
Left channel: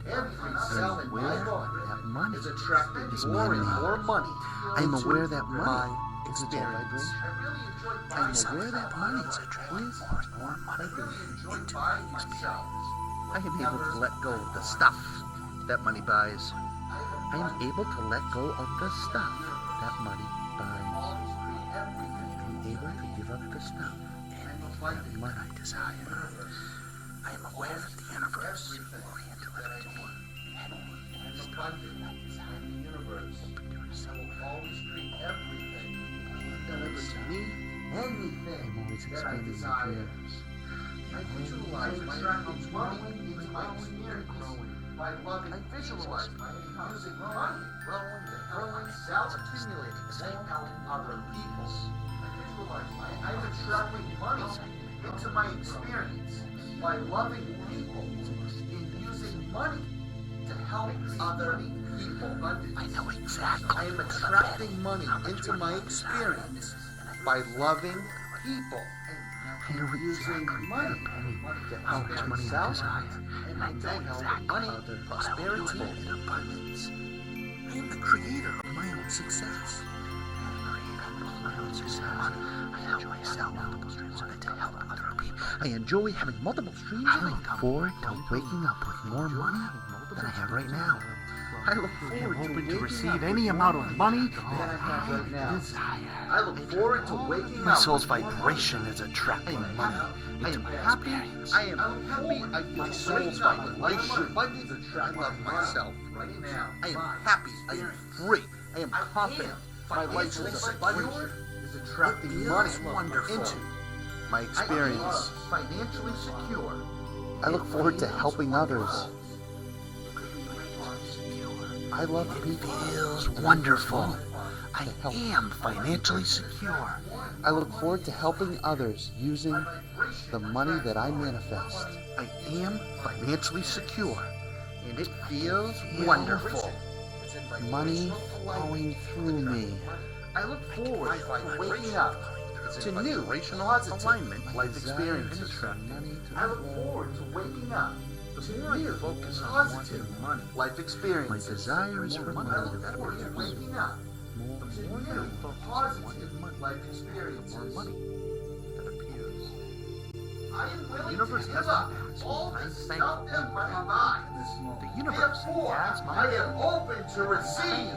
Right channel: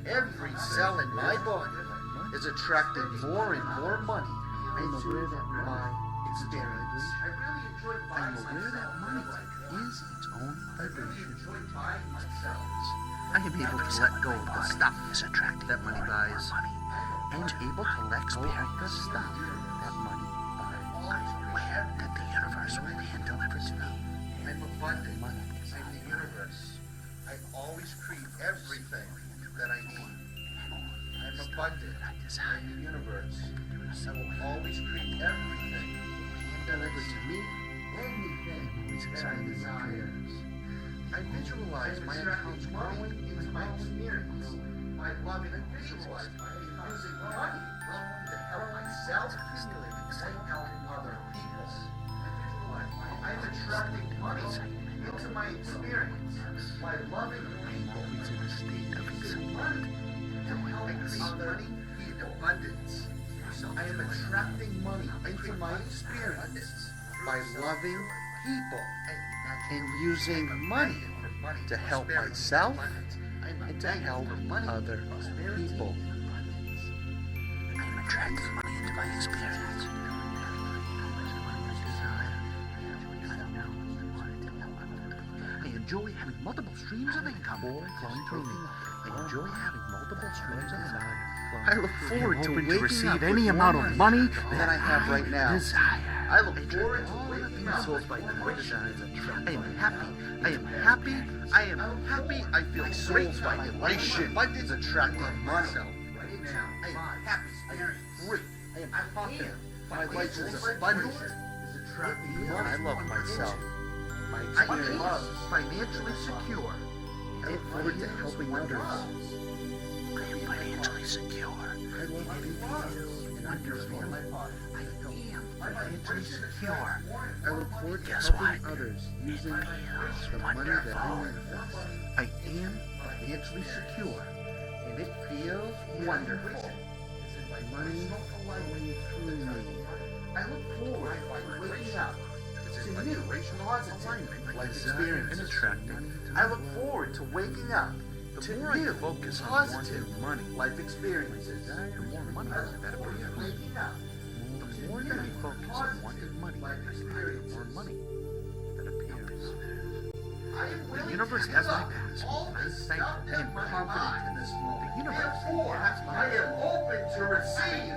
every cell in my body money. is attracting more and more money. I am into aware that money my is a experience. vibration. I really enjoy I buying am aware that money is I more really vibration. enjoy buying myself. I am able to let go of the stuff that money buys. I am able to let go of the stuff that money buys. I am able to give up the stuff I'm that abundant. money I'm desires. I'm always getting everything that I need. and abundant in the universe. I will always create everything and deliver to me anything that I desire. I visualize my accounts growing into my experience by loving and visualize using money to help myself accumulate and help other people. I'm attracting money into my experience by loving people and using money to help other people. I know exactly. I am attracting money into my experience by loving people and using money to help myself and to help other people. I enjoy having multiple streams of income. Waking up with more money having multiple streams right now. I look forward to open to waking receive up any with amount more of money than I have right now. desire. I look forward to waking My up. soul's vibration is attractive. I am happy. I am happy. I am happy. I feel my soul's vibration is attractive of myself. I am happy. I am free. I am confident. My life is abundant. Is attracting money into my experience. I am financially secure. I look forward to helping others. Financially secure. I love people. Feels wonderful. I am financially secure. I look forward to helping others using the money that I manifest. I am financially secure, and it feels wonderful. Money flowing through me. I look forward to waking up to new positive life experiences. I look forward to waking up to new focus on positive wanting money, life experiences. my desire is for money that Forward to appears. waking up The more that I focus on wanting money, the more money that appears. The universe has my past, and I'm thankful and confident in this moment. The universe has my past. I am open to receive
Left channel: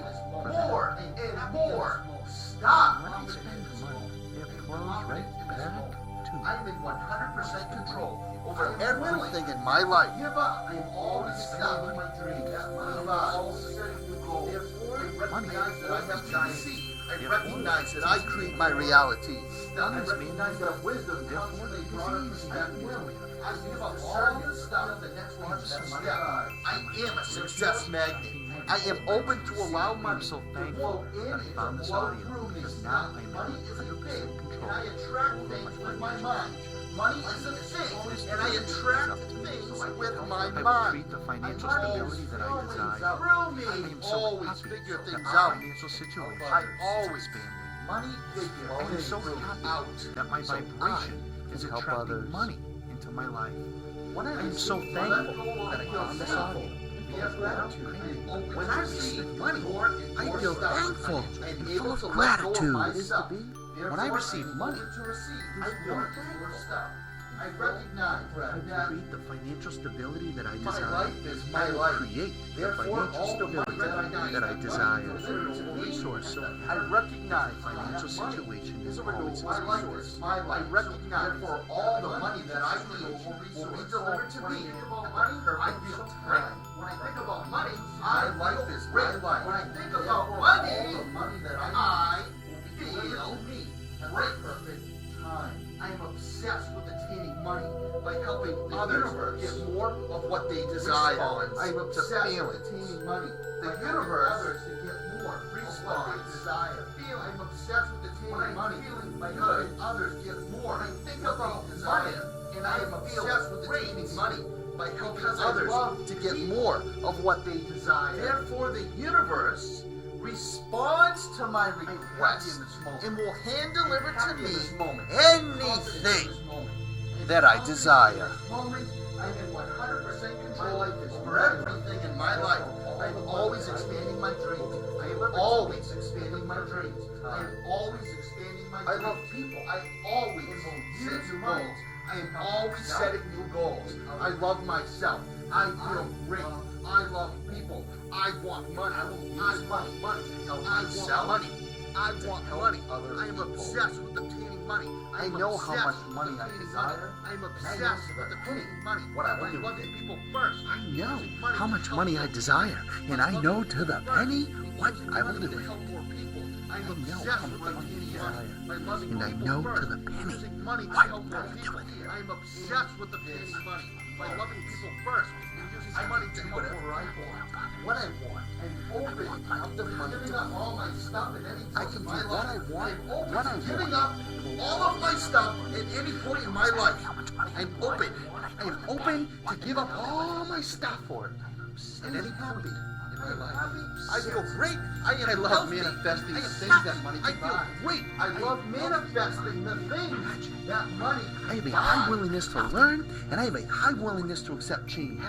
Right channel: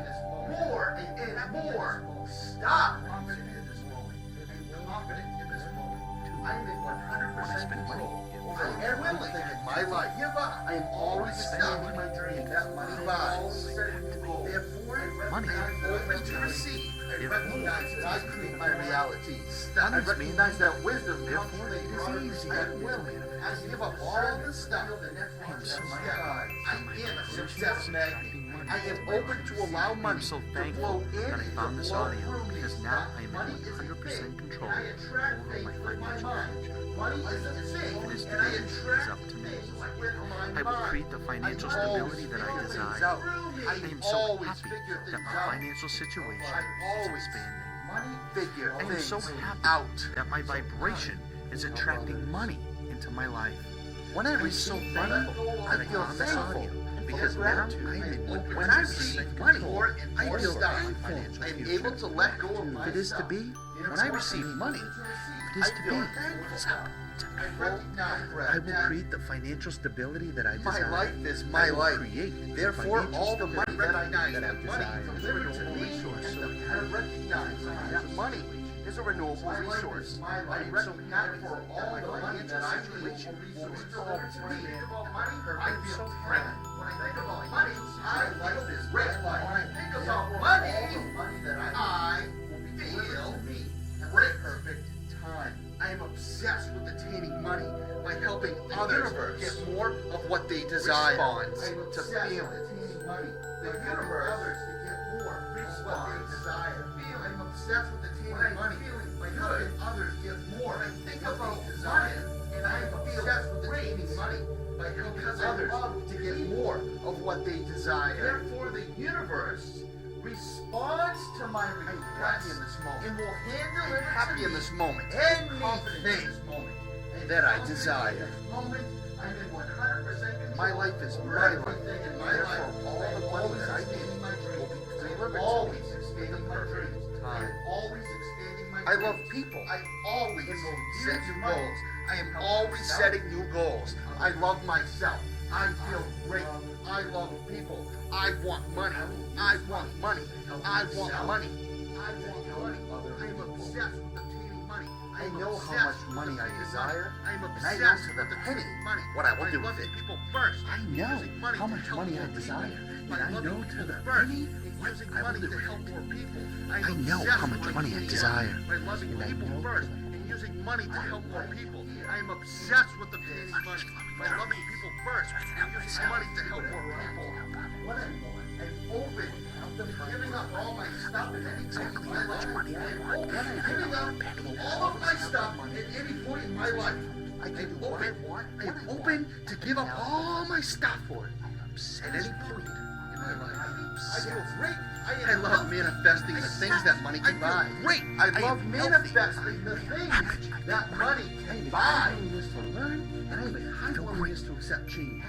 more and more. Stop. I am in 100% control over everything in my life. I am always stopping my dreams. Therefore, Money. I recognize that I create my realities. I recognize that wisdom Therefore, it is easy at will. I give up all the stuff. I am a success magnet. I am open to allow money. I'm so thankful that I found this audio because now I am in 100% control over my financial future. Money is a thing, It is and I today. It is attract up to me. with my I will mind. create the financial stability that I desire. I am so happy that my financial situation is expanding. Money figure I am so things happy out. that my vibration is attracting money into my life. When I I'm so thankful that I found this audio because now when I receive money, I feel thankful. I'm able to let go of my it is to be. When I receive money, it is to be. I recognize I will create the financial stability that I my desire. life is my I will life. create the Therefore, financial all the stability money that I desire. is a renewable resource. So I happy recognize the financial that money situation is a renewable resource. I recognize for all the money that I need will be delivered to me. I feel great. When I think about money, my life is great. When I think about money that I feel great. Perfect time. I am obsessed with attaining money by helping others get more of what they desire. I am obsessed with attaining money. The universe to get more of what they desire. I am obsessed with attaining money by helping others get more. I think about money, and I am obsessed with attaining money by helping others to get more of what they desire. Therefore, the universe responds to my request and will hand deliver to me anything that I desire. My life is everything in my life. I am always expanding my dreams. I am always expanding my dreams. I am always expanding my dreams. I love people. I always set new goals. I am always setting new goals. I love myself. I feel great. I love people. I want money. I want money. I want money. I want money. I am obsessed with obtaining money. money. I know how much money I desire. I'm and I know obsessed to with the the penny money. what I will do with loving it. people first. I know Using money how to much help money I more people. desire, and I know to the First, penny and what using I will money do to with help it. more people. I know how much money I desire, and I know to the penny using money to help more people. I'm obsessed with the penny money. By loving people first and using money to help more people. what I want. I'm open to giving up all my stuff at any point in my life. I'm giving up all of my stuff at any point in my life. I'm open. I'm open to give up all my stuff for it at any point in my life. I feel great. I love manifesting the things that money I can feel buy. great. I love manifesting the things that money I have can a high buy. willingness to learn, and I have a high willingness to accept change.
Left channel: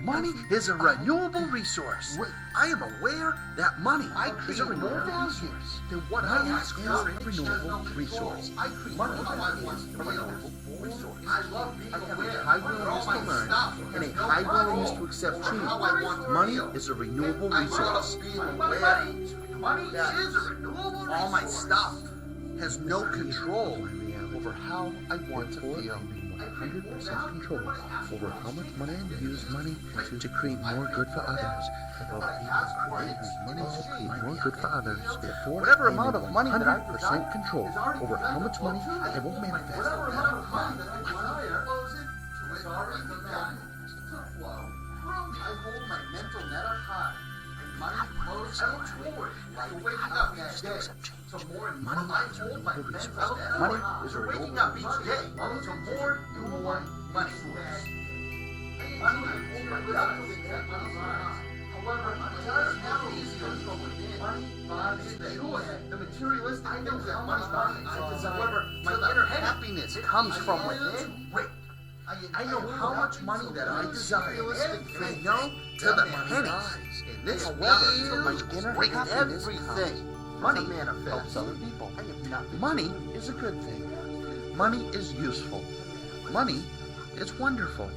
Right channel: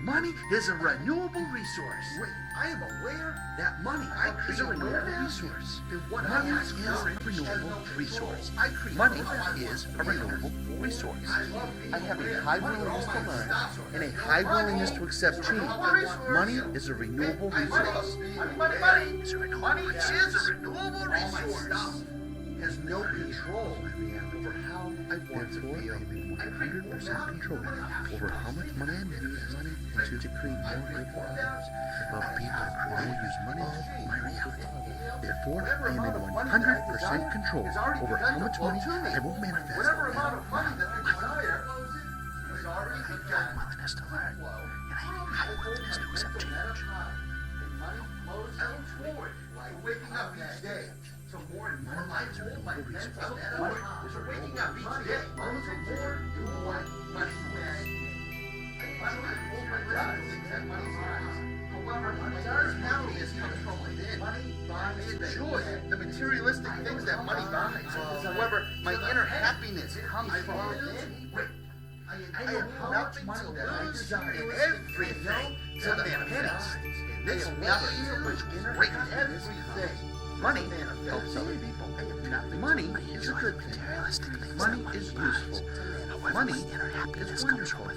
Money is a renewable resource. I am aware that money is a renewable resource. Money is a renewable resource. Money is a renewable resource. I have a high willingness to learn and a high willingness to accept change. Money is a renewable resource. Money is a renewable resource. All my stuff has no control over how I want to feel. 100% control over how much money I use money to create more good for others. I use money to create more good for others. Therefore, I am in 100% control over how much money I will manifest. Whatever amount of money that I desire is already begun. Waking up each day to more and more. I hold my mental waking up each day to more and more money. However, happiness comes from within. Money buys joy. The materialistic things that money buys. However, my inner happiness comes from within. I know how much money that I desire every day to the pennies. And this nothing to inner happiness comes. Money helps other people. Money is a good thing. Money is useful. Money is wonderful.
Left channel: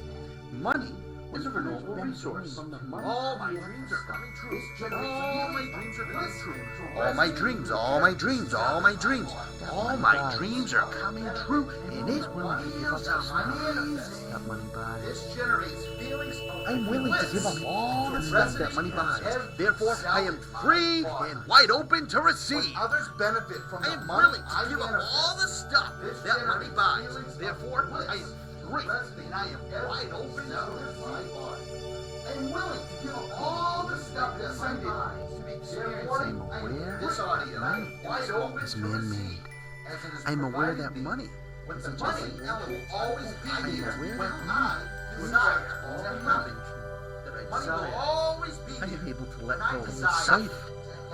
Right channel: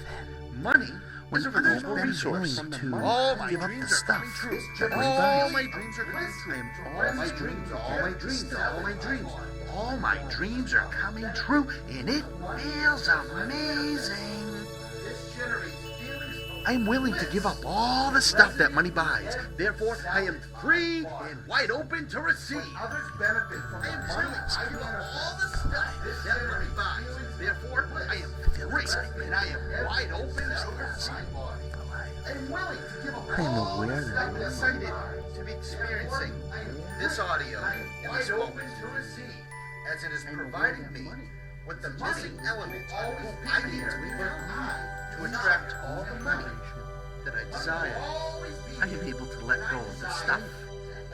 Money is a renewable resource. All my dreams are coming true. All my dreams are coming true. All my dreams, all my dreams, all my dreams. All my dreams are coming true, and it feels amazing. This generates feelings of I'm willing to give up all the stuff that money buys. Therefore, I am free and wide open to receive. Others benefit from the money. I give up all the stuff that money buys. Therefore, I am free and I am wide open to receive. I'm willing to give up all the stuff that money buys. To be experiencing this audio wide open to receive. As it is I'm aware that providing me money with the money element always be here when I to attract all the money that I desire. I am able to let go of the stuff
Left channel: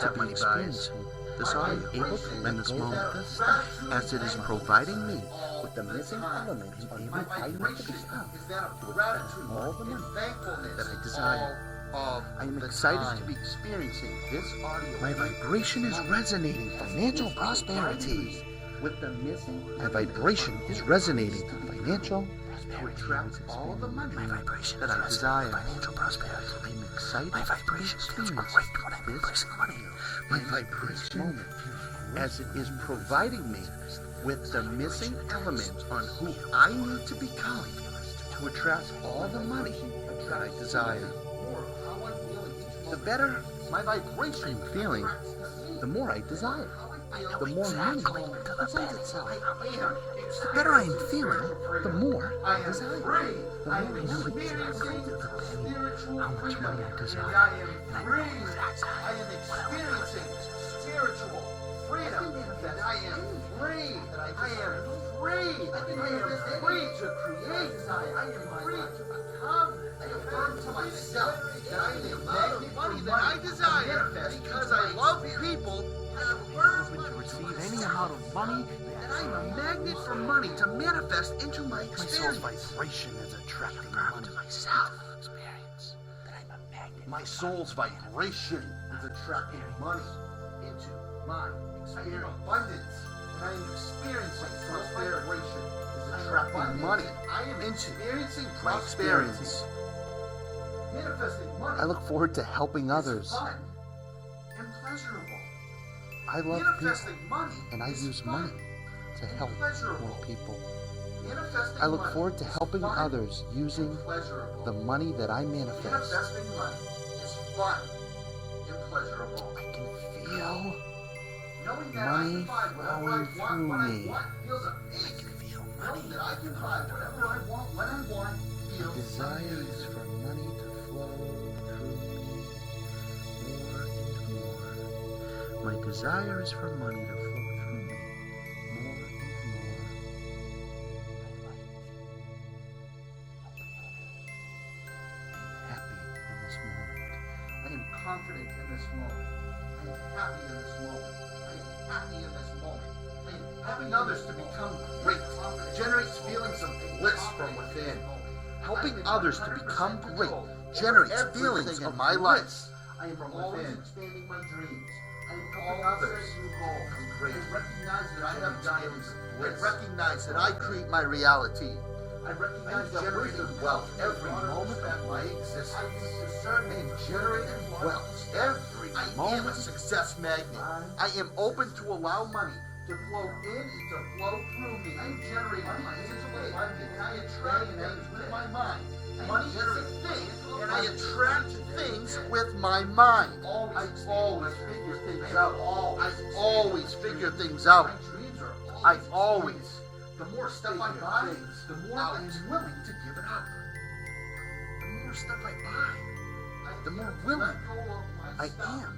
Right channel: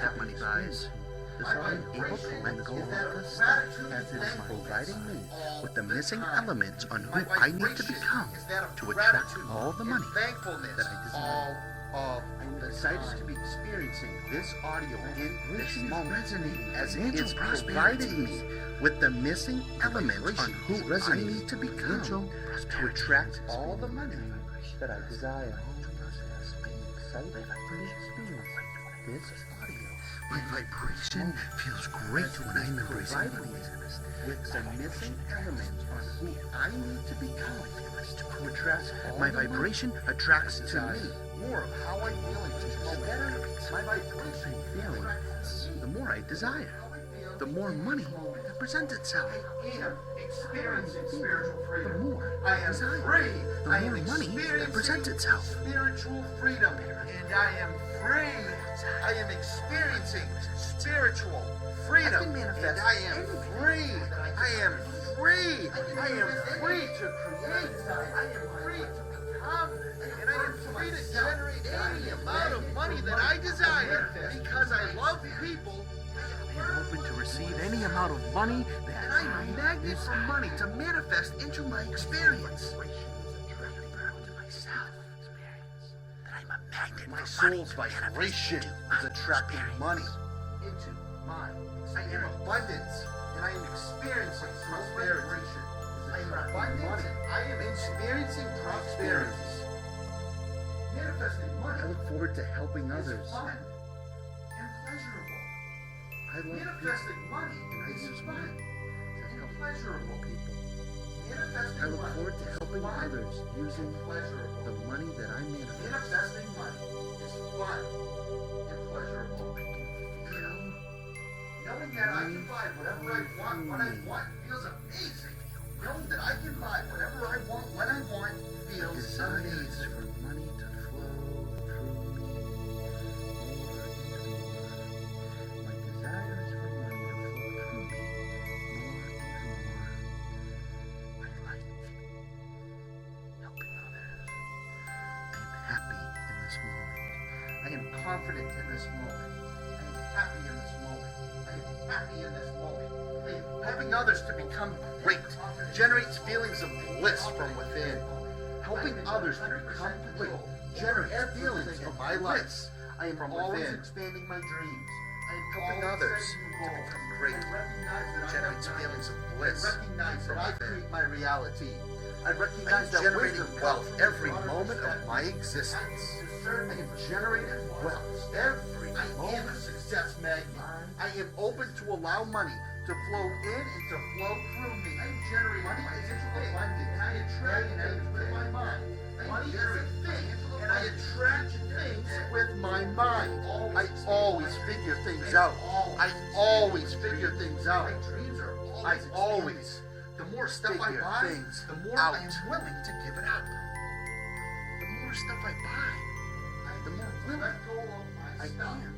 that money buys. Thus I am able to let go of the stuff as it is providing me with the missing elements on who I need to become to attract all the money that I desire. I am excited to be experiencing this audio. My vibration is resonating financial prosperity with the missing element. My vibration is resonating to be financial to attract all the money that I desire. Financial prosperity. I'm excited to experience this audio. My vibration feels great as it is providing me with the missing elements on who I need to become to attract all the money. My vibration attracts desire. The better my vibration feeling, the more I desire. The more money presents itself. The better I am feeling, the more I desire. The more money presents itself. Spiritual freedom, and I am free. I am experiencing spiritual freedom, and I am free. I am free. I am free to create. I am free to become, and I am free to generate any amount of money that I desire because I love people. I'm open to receive any amount of money, and I'm a magnet for money to manifest into my experience. My soul's vibration is attracting money to myself. Experience that I'm a magnet. My soul's vibration is attracting money into my experience. I am abundance, and I am experiencing prosperity. Is attracting money. I am experiencing prosperity. Manifesting money. I look forward to helping others. Fun and pleasurable. I love people, Manifesting money and I is use fun. money to help more people. I look forward to helping others using the money that I manifest. Manifesting money is fun and pleasurable. I can feel Knowing that I can money buy whatever flowing I want through when I me. want feels amazing. Knowing that I can buy whatever I want when I want feels desires amazing. for money to flow through me more and more. My desires for money to flow through me more and more. I like helping others. I am happy in this moment. I am confident in this moment. I am happy in this moment. I am happy in this moment. I am helping others to become great generates feelings of bliss from within. Helping others to become great generates feelings of my life. I am from always within. expanding my dreams. I am helping others to become great. I recognize that Generates I have feelings of I bliss. recognize that I create my reality. I recognize that generating wisdom wealth comes from every broader moment of perspective. my I existence. use discernment I am to generating create a wealth broader every I am a moment. success magnet. I am open to allow money To flow in and to flow through me. I am generating financial abundance. I attract things with my mind. Money is a thing, and I attract things with my mind. I always figure things out. I always figure things out. My dreams are I always The more stuff I figure buy, things the more out. I am willing to give it up. The more stuff I buy, the more willing Let go of my I stuff. am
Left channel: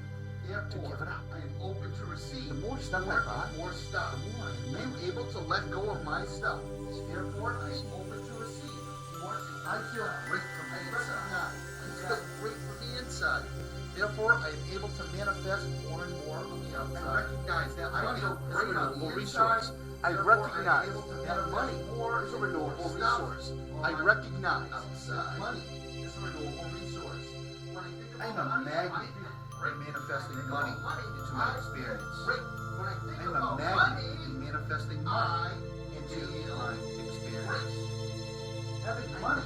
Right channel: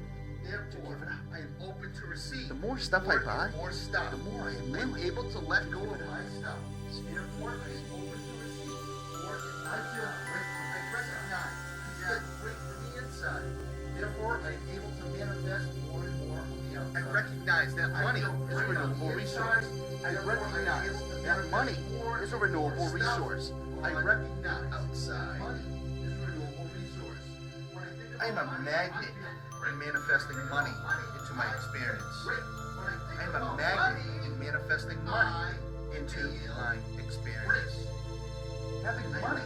Therefore, to give it up. I am open to receive. The more stuff I buy, more stuff. the more I am able to let go of my stuff. Therefore, I am open to receive. More and I feel great from the inside. I feel great from the inside. Therefore, I am able to manifest more and more on the outside. I recognize that money is a renewable resource. I recognize that money is a renewable resource. I recognize outside money is a renewable resource. I am a magnet for manifesting money into my experience. I am a magnet in manifesting money into my experience. Having money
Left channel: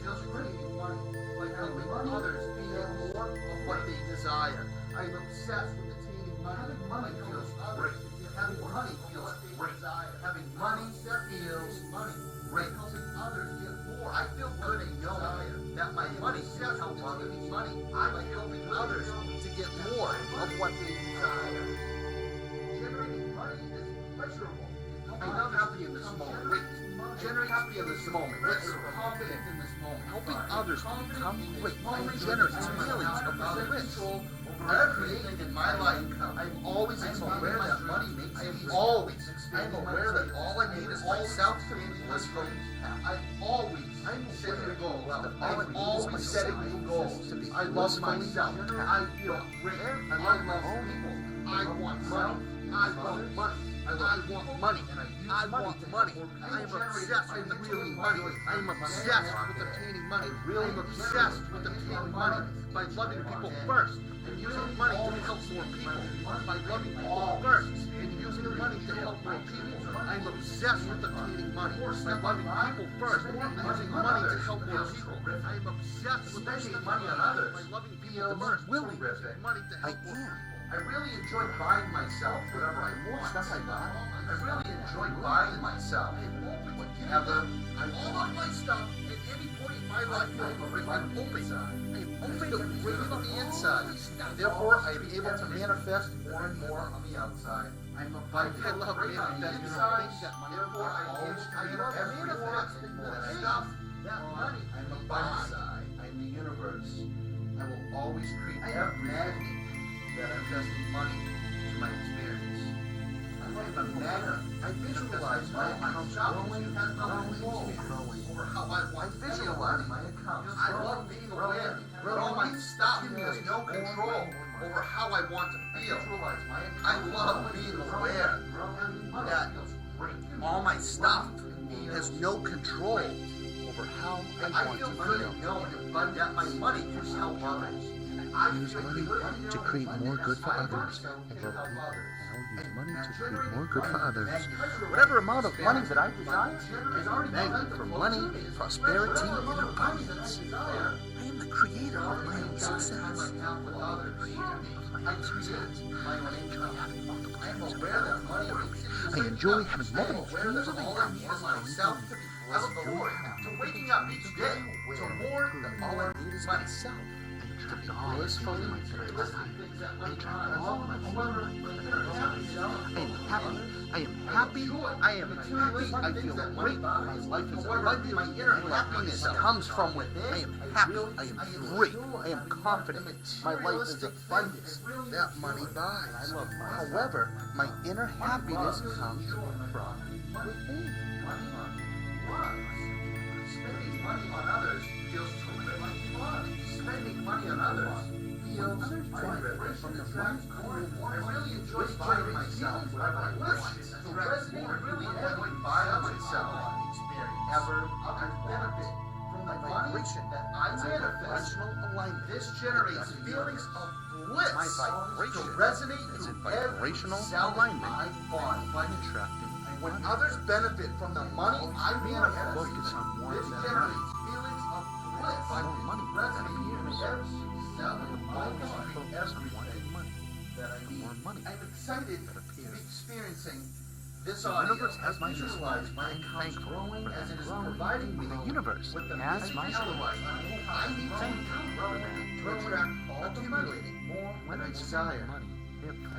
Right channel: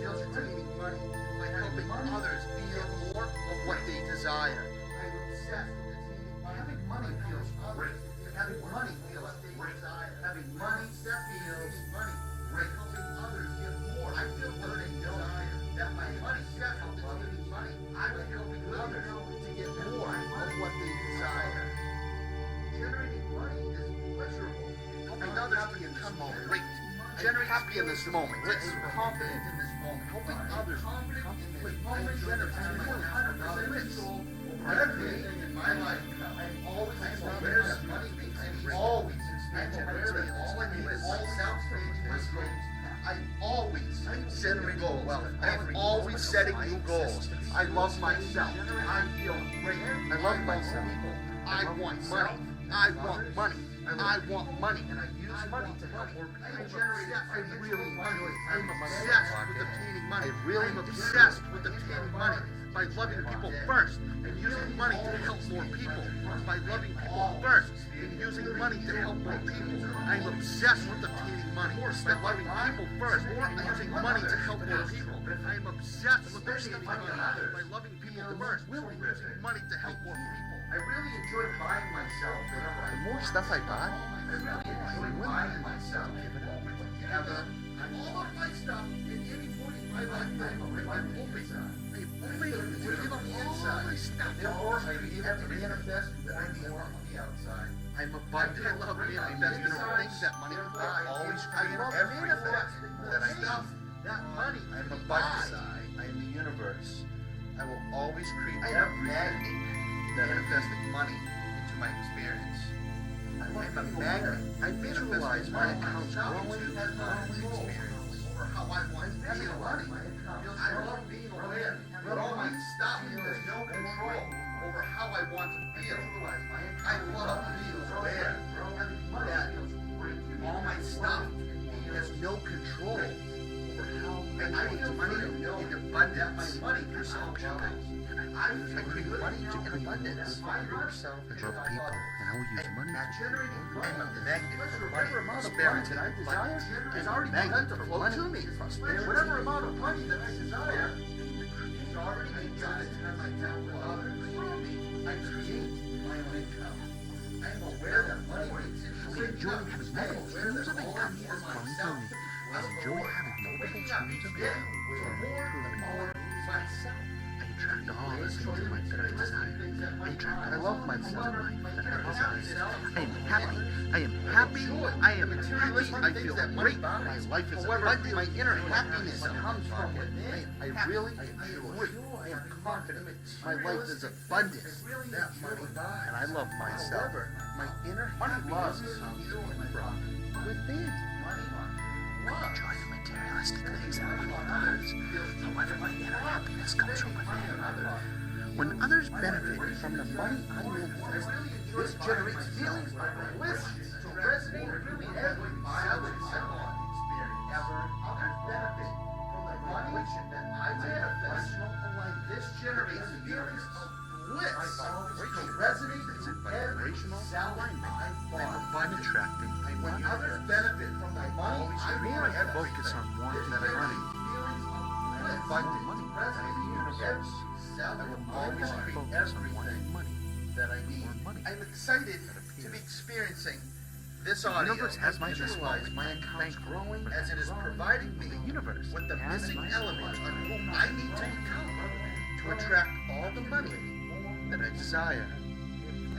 feels creating money, like helping others feel more of what they desire. I am obsessed with attaining money. Having money feels great. Having money feels great. Having money feels great. Helping others get more. I feel good and know that my money feels attaining money. I'm helping others to get more of what they desire. Generating money is pleasurable. I'm happy in this moment. Generate happy in this moment. Yes, confident in this moment. Helping others become great generates feelings of bliss. Over everything in my life, I'm always aware that money makes me always expanding. I'm aware that all I need is myself creating my dreams. I'm always setting goals. I'm always setting new goals. I love myself. I feel great. I love myself. I want money. I want money. I want money. And I use money to help more people. I'm really money. I'm obsessed with obtaining money. I'm obsessed with obtaining money. By loving people first and using money to help more people. By loving people first and using money to help more people. I'm obsessed with obtaining money. By loving people first and using money to help more people. I'm obsessed with obtaining money on others. By loving people first and using money to help more people. I really enjoy buying myself whatever I The more stuff I buy, I really enjoy buying myself whatever I want. My stuff at any point in my life, I'm open. opening up To give up the inside. Therefore, I'm able to manifest more and more on the outside. I'm abundant. I love manifesting things that money Therefore, I always create I love every manifesting more that stuff that money I'm can abundant. buy. I'm the universe. I will always create everything manifesting money into my experience. I'm a magnet. I visualize my accounts growing and growing. Over how I want to feel money. I love being aware that all my stuff has no control over how I want to feel. I love being aware that all my stuff has no control Over how I I want feel to good feel. and know that my money can help others. I use money to create more good for others. I love people, and I will use money to create more good for others. Whatever amount of money that I desire is already magnet for money, prosperity, and abundance. I am the creator of my own success. I am enjoy having multiple streams of income flowing through me. I enjoy having multiple streams of income flowing through me. I attract all the things in life that I desire. I attract all my things in life that I desire. I am happy. I am happy. I am happy. I feel great. My life is abundant. My inner happiness comes from within. I am happy. I am great. I am confident. My life is abundant. That money buys. And I love myself. However, my inner happiness comes from within. I enjoy the materialistic things that I others. However, my inner happiness comes from within. When others benefit from the money I make, this generates feelings of bliss to resonate really heavily by itself. Others benefit from the vibration that I manifest. This generates feelings of bliss to resonate in vibrational alignment. I'm attracting when others benefit from the money I manifest. Focus on wanting money. The more money that appears. The more that I focus on wanting money, the more money I'm excited to be experiencing this audio. The universe has my visualize my account growing as it is providing me. The universe with the has my element I need to become to attract all the money that I desire.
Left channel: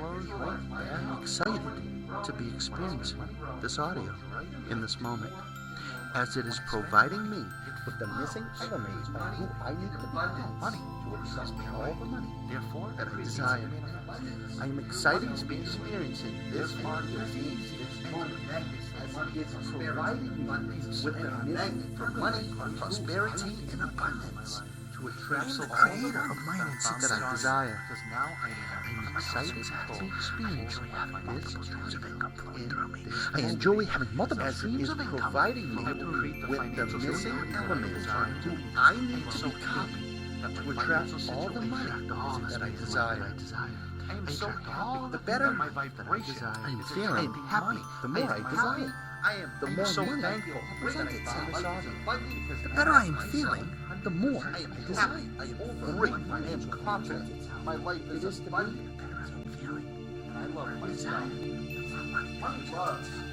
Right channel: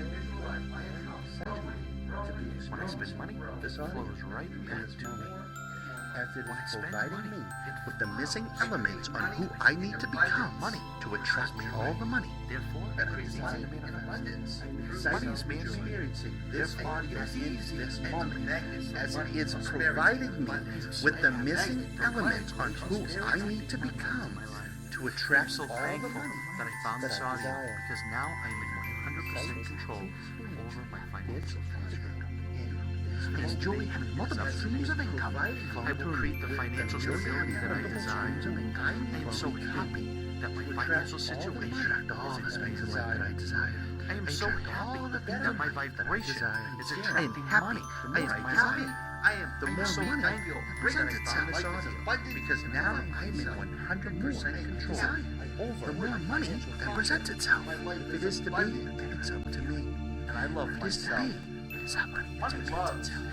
I'm excited to be experiencing this audio in this moment, as it is providing me with the missing elements on who I need to become to attract all the money that I desire. I am excited to be experiencing this audio in this moment, as it is providing me with the missing elements on who I need to become to attract all the money that I desire. Because now I am in excited control to experience over my financial I enjoy having multiple streams of income. I will create the financial stability that I desire. I am so happy that my financial situation is expanding. I am so happy that my vibration is attracting money. The more I desire. The more so money I thankful feel that I found this life audio. because The better I am feeling, the more I desire. The more money presents itself. If it is to be, it's up to me. If it is to be, it's not money that presents itself.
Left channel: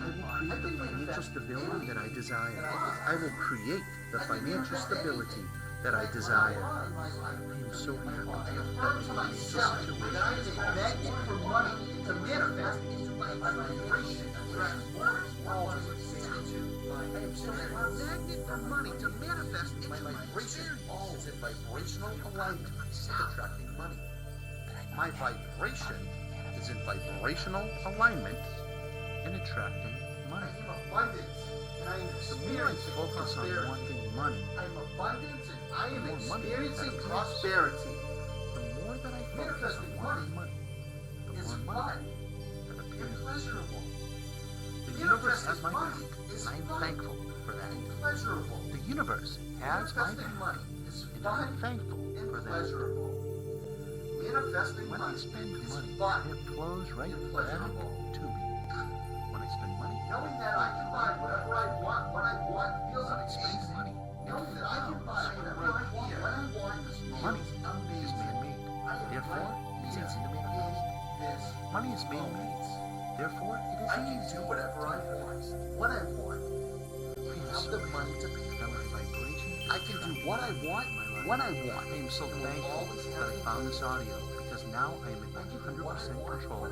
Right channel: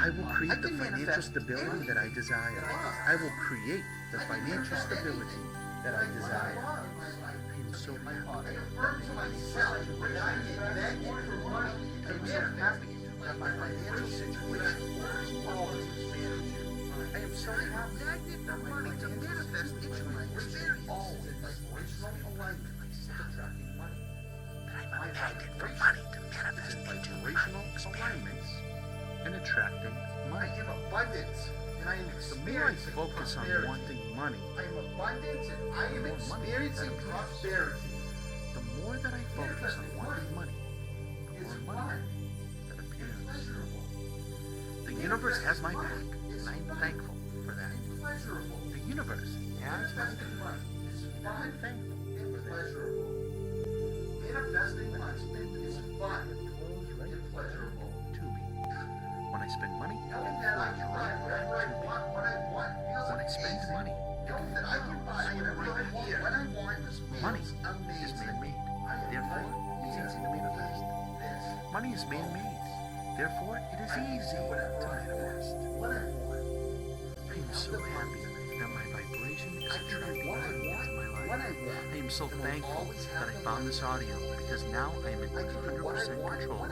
I will create the financial stability that I desire. I will create the financial stability that I desire. I am so happy that my financial situation magnet for money to manifest into my experience. In vibrational alignment, attracting money. My vibration is in vibrational alignment and attracting money. I am abundant, and I am The more I focus on wanting money, I am abundant, and I am experiencing prosperity. the more that I focus on wanting money, the more money that appears. The universe has my back, and I am thankful for that. The universe has my back, and I am thankful for that. When I spend money, it flows right back to me. When I spend money, it flows right back to me. When I spend money, it flows right back here. Money is man-made, therefore it's easy to manifest. Money is man-made, therefore it is easy to manifest. I am so happy that my vibration is attracting money into my life. I am so thankful that I found this audio, because now I am in 100% control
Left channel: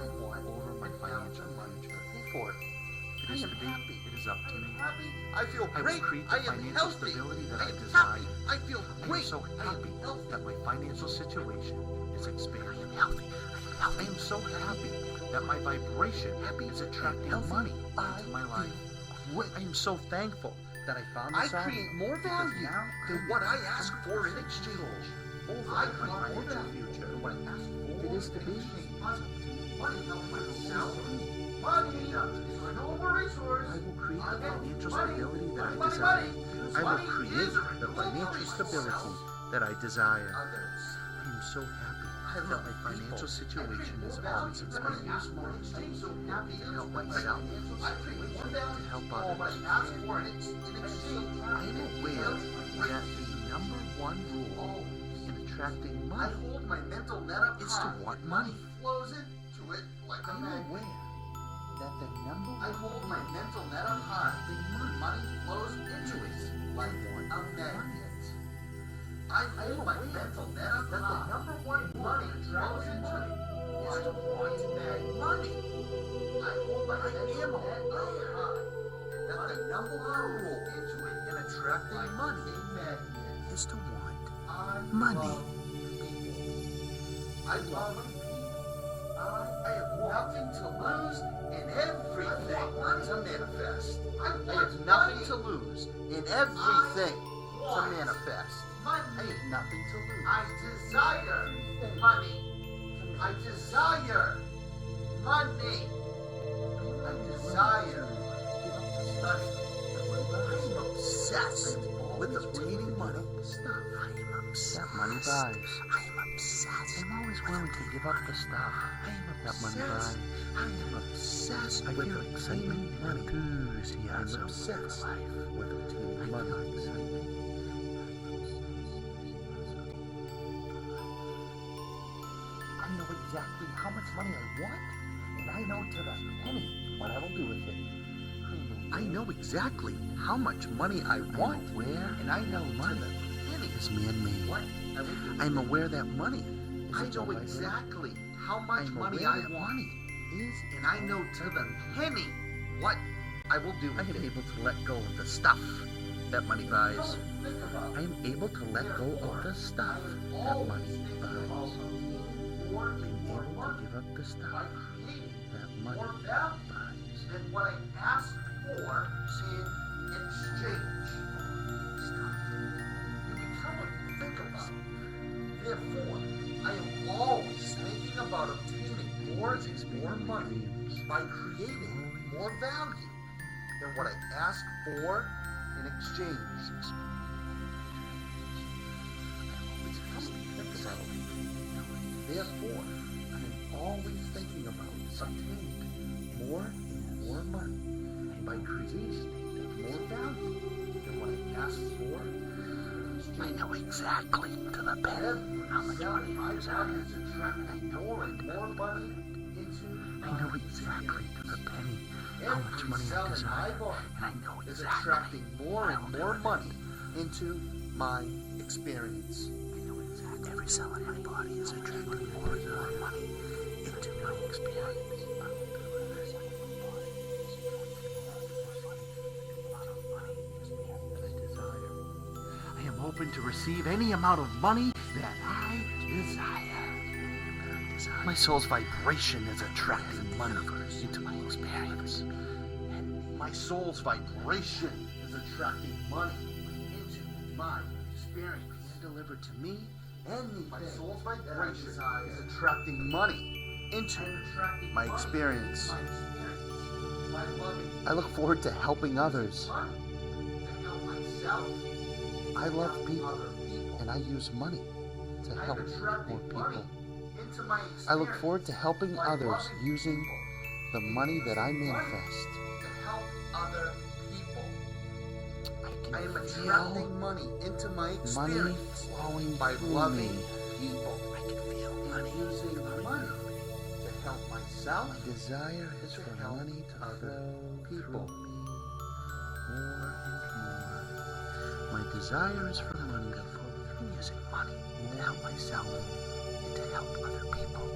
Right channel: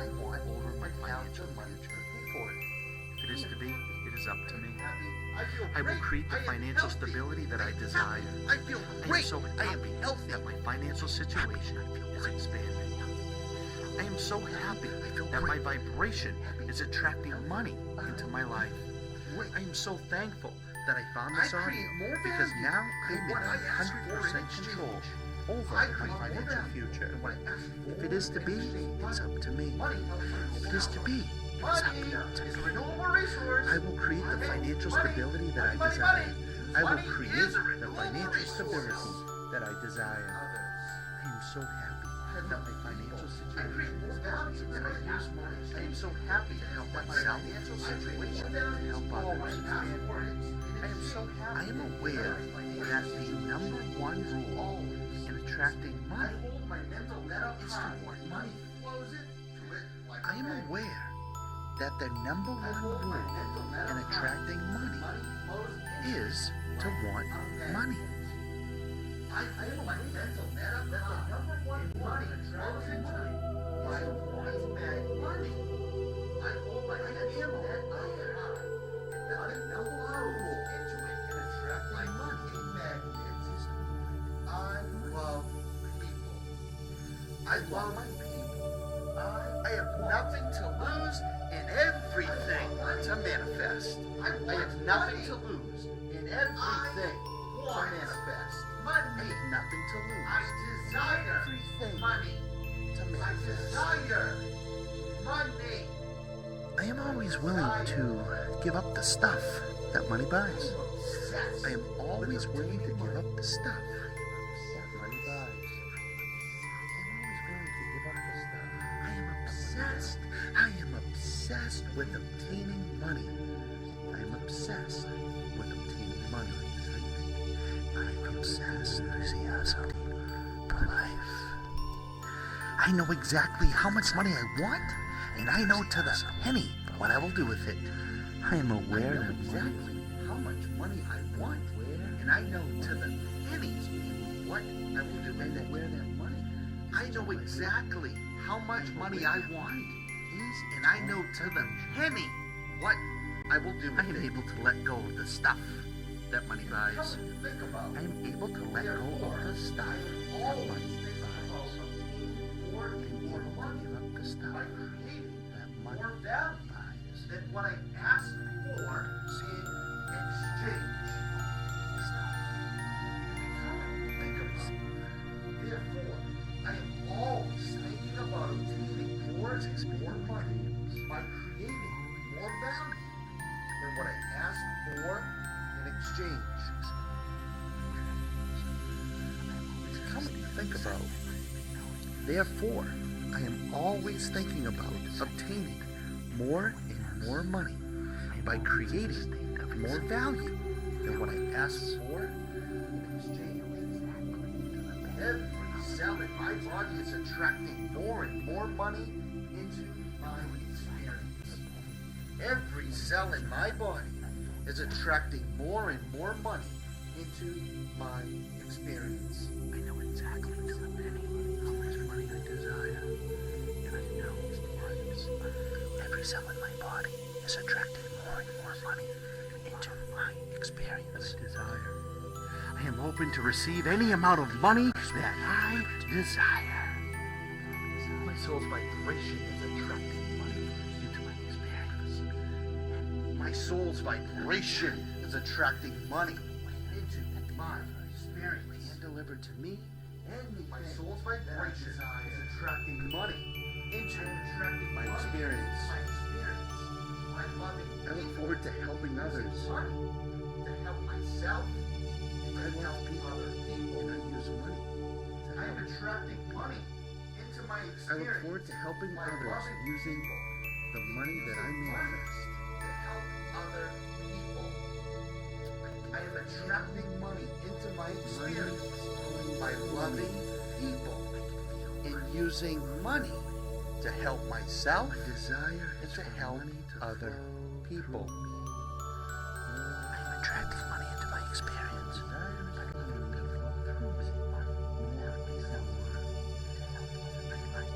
over my financial future. If it is to be, it is up to me. I will create the financial stability that I desire. I am so happy that my financial situation is expanding. I am so happy that my vibration is attracting money into my life. I am so thankful that I found this audio, because now I am what I ask for in exchange over my financial future. If it is to be, it's up to me. If it is to be, it's up to me. I will create the financial stability that I desire. I will create the financial stability that I desire. I am so happy that my financial situation is awesome. I use money. I am so happy to help myself, to help others. I am aware that the number one rule in attracting money is to want money. I am aware that the number one rule in attracting money is to want money. I hold my mental net up that the number one money flows into it is to want money. I hold my mental net up high that the number one rule into it in attracting money Is to want I money. love people. I love people. I have nothing to lose and everything to manifest. I have nothing to lose and everything to manifest. I have nothing to lose. I desire money. I desire money. I am always willing to give up the stuff that money buys. I'm obsessed. I am always willing to give up the stuff that money buys. I'm always willing to give up the stuff that money buys. I am obsessed with obtaining money. I am obsessed with obtaining money. I am obsessed enthusiasm for life. I know exactly how much money I want, and I know to the penny what I will do with it. I am aware. I know exactly how much money I want, and I know to the penny is man-made. What I will do with it. I'm aware that money. I know exactly how much money I want is, and I know to the penny what I will do with it. I am able to let go of the stuff that money buys. I am able to let go of the stuff that money buys. I am able to give up the stuff that money buys. Than what I ask for in exchange. Come on, think about it. Therefore, I am always thinking about obtaining more money by creating more value than what I ask for in exchange. Come on, think about it. Therefore, I am always thinking about obtaining more and more money by creating more value than what I ask for. I know exactly to the penny. Every cell in my body is attracting more and more money into my experience. Every cell in my body is attracting more and more money into my experience. I know exactly every cell in my body is attracting more and more money into my experience. Every cell in my body is attracting more and more money into my experience. I desire. I am open to receive any amount of money that I desire. My soul's vibration is attracting money into my experience. My soul's vibration is attracting money into my experience. And delivered to me, My soul's vibration is attracting money into my experience. I look forward to helping others. Money to help myself. I love people, Other people. and I use money to I am help more attracting money people. into my experience. I look forward to helping by others loving using people. the money that I manifest. To help other people. I am I can attracting feel money into my money experience flowing by through loving me. people I can feel and money. using money to help myself. My desire is to for help money to other flow people. through me. I am attracting money into my experience. My desire is for money to flow through me. Using money to help myself and to help other people.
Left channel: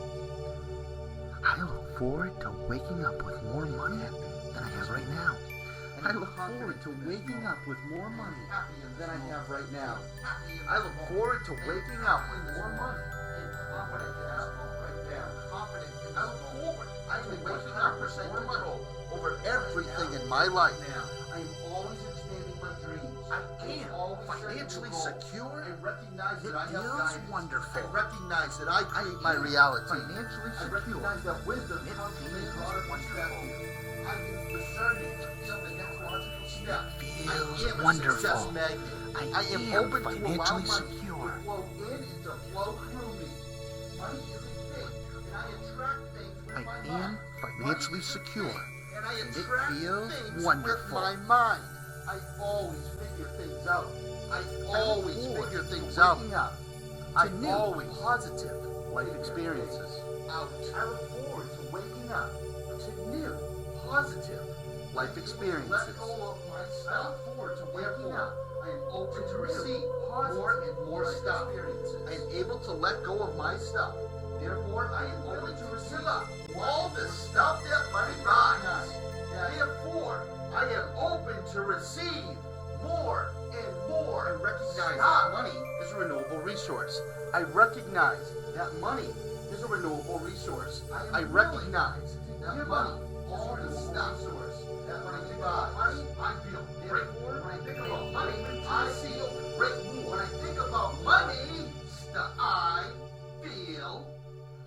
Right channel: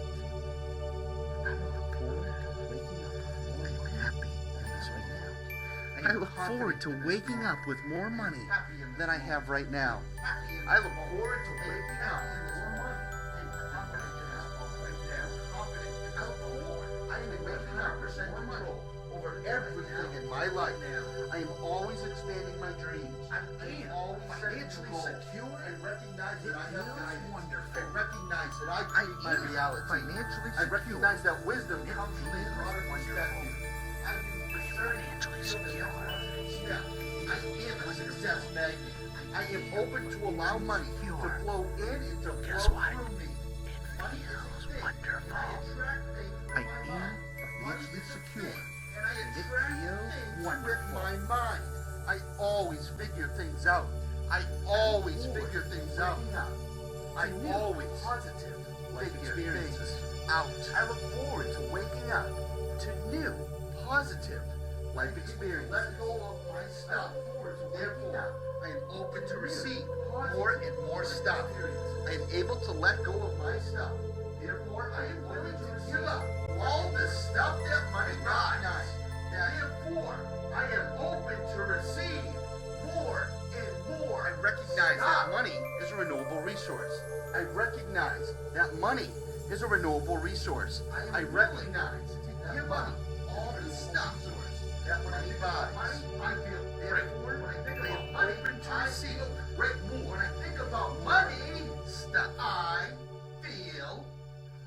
I look forward to waking up with more money than I have right now. I look forward to waking up with more money than I have right now. I look forward to waking up with more money than what I have right now. I look forward to waking up with more money over everything in my life. I am always expanding my dreams. I am financially secure and recognize that I have guidance. Wonderful. I recognize that I create my reality. Financially I recognize that wisdom It comes from feels broader wonderful. perspective. I can discern it from the neurological step. I am a wonderful. success magnet. I am open to allow financially money secure. to flow in and to Guess flow what? through me. Money is feels a thing, wonderful. and I attract things with I my am mind. financially Money is a secure. thing, and I and it attract feels things wonderful. with my mind. I always figure things out. I always forward figure to things out. waking up I to new always positive life figure experiences. things out. I look forward to waking up to new positive life experiences. Let go of my stuff. Therefore, I am open to receive more and more stuff. I am able to let go of my stuff. Therefore, I am willing to give up all the stuff that money buys. Therefore, I am open to receive more and more. I recognize that money is a renewable resource. I recognize that money is a renewable resource. I recognize to give up all the stuff that money buys. I feel therefore when I think about money, I feel great. When I think about money, stuff, I feel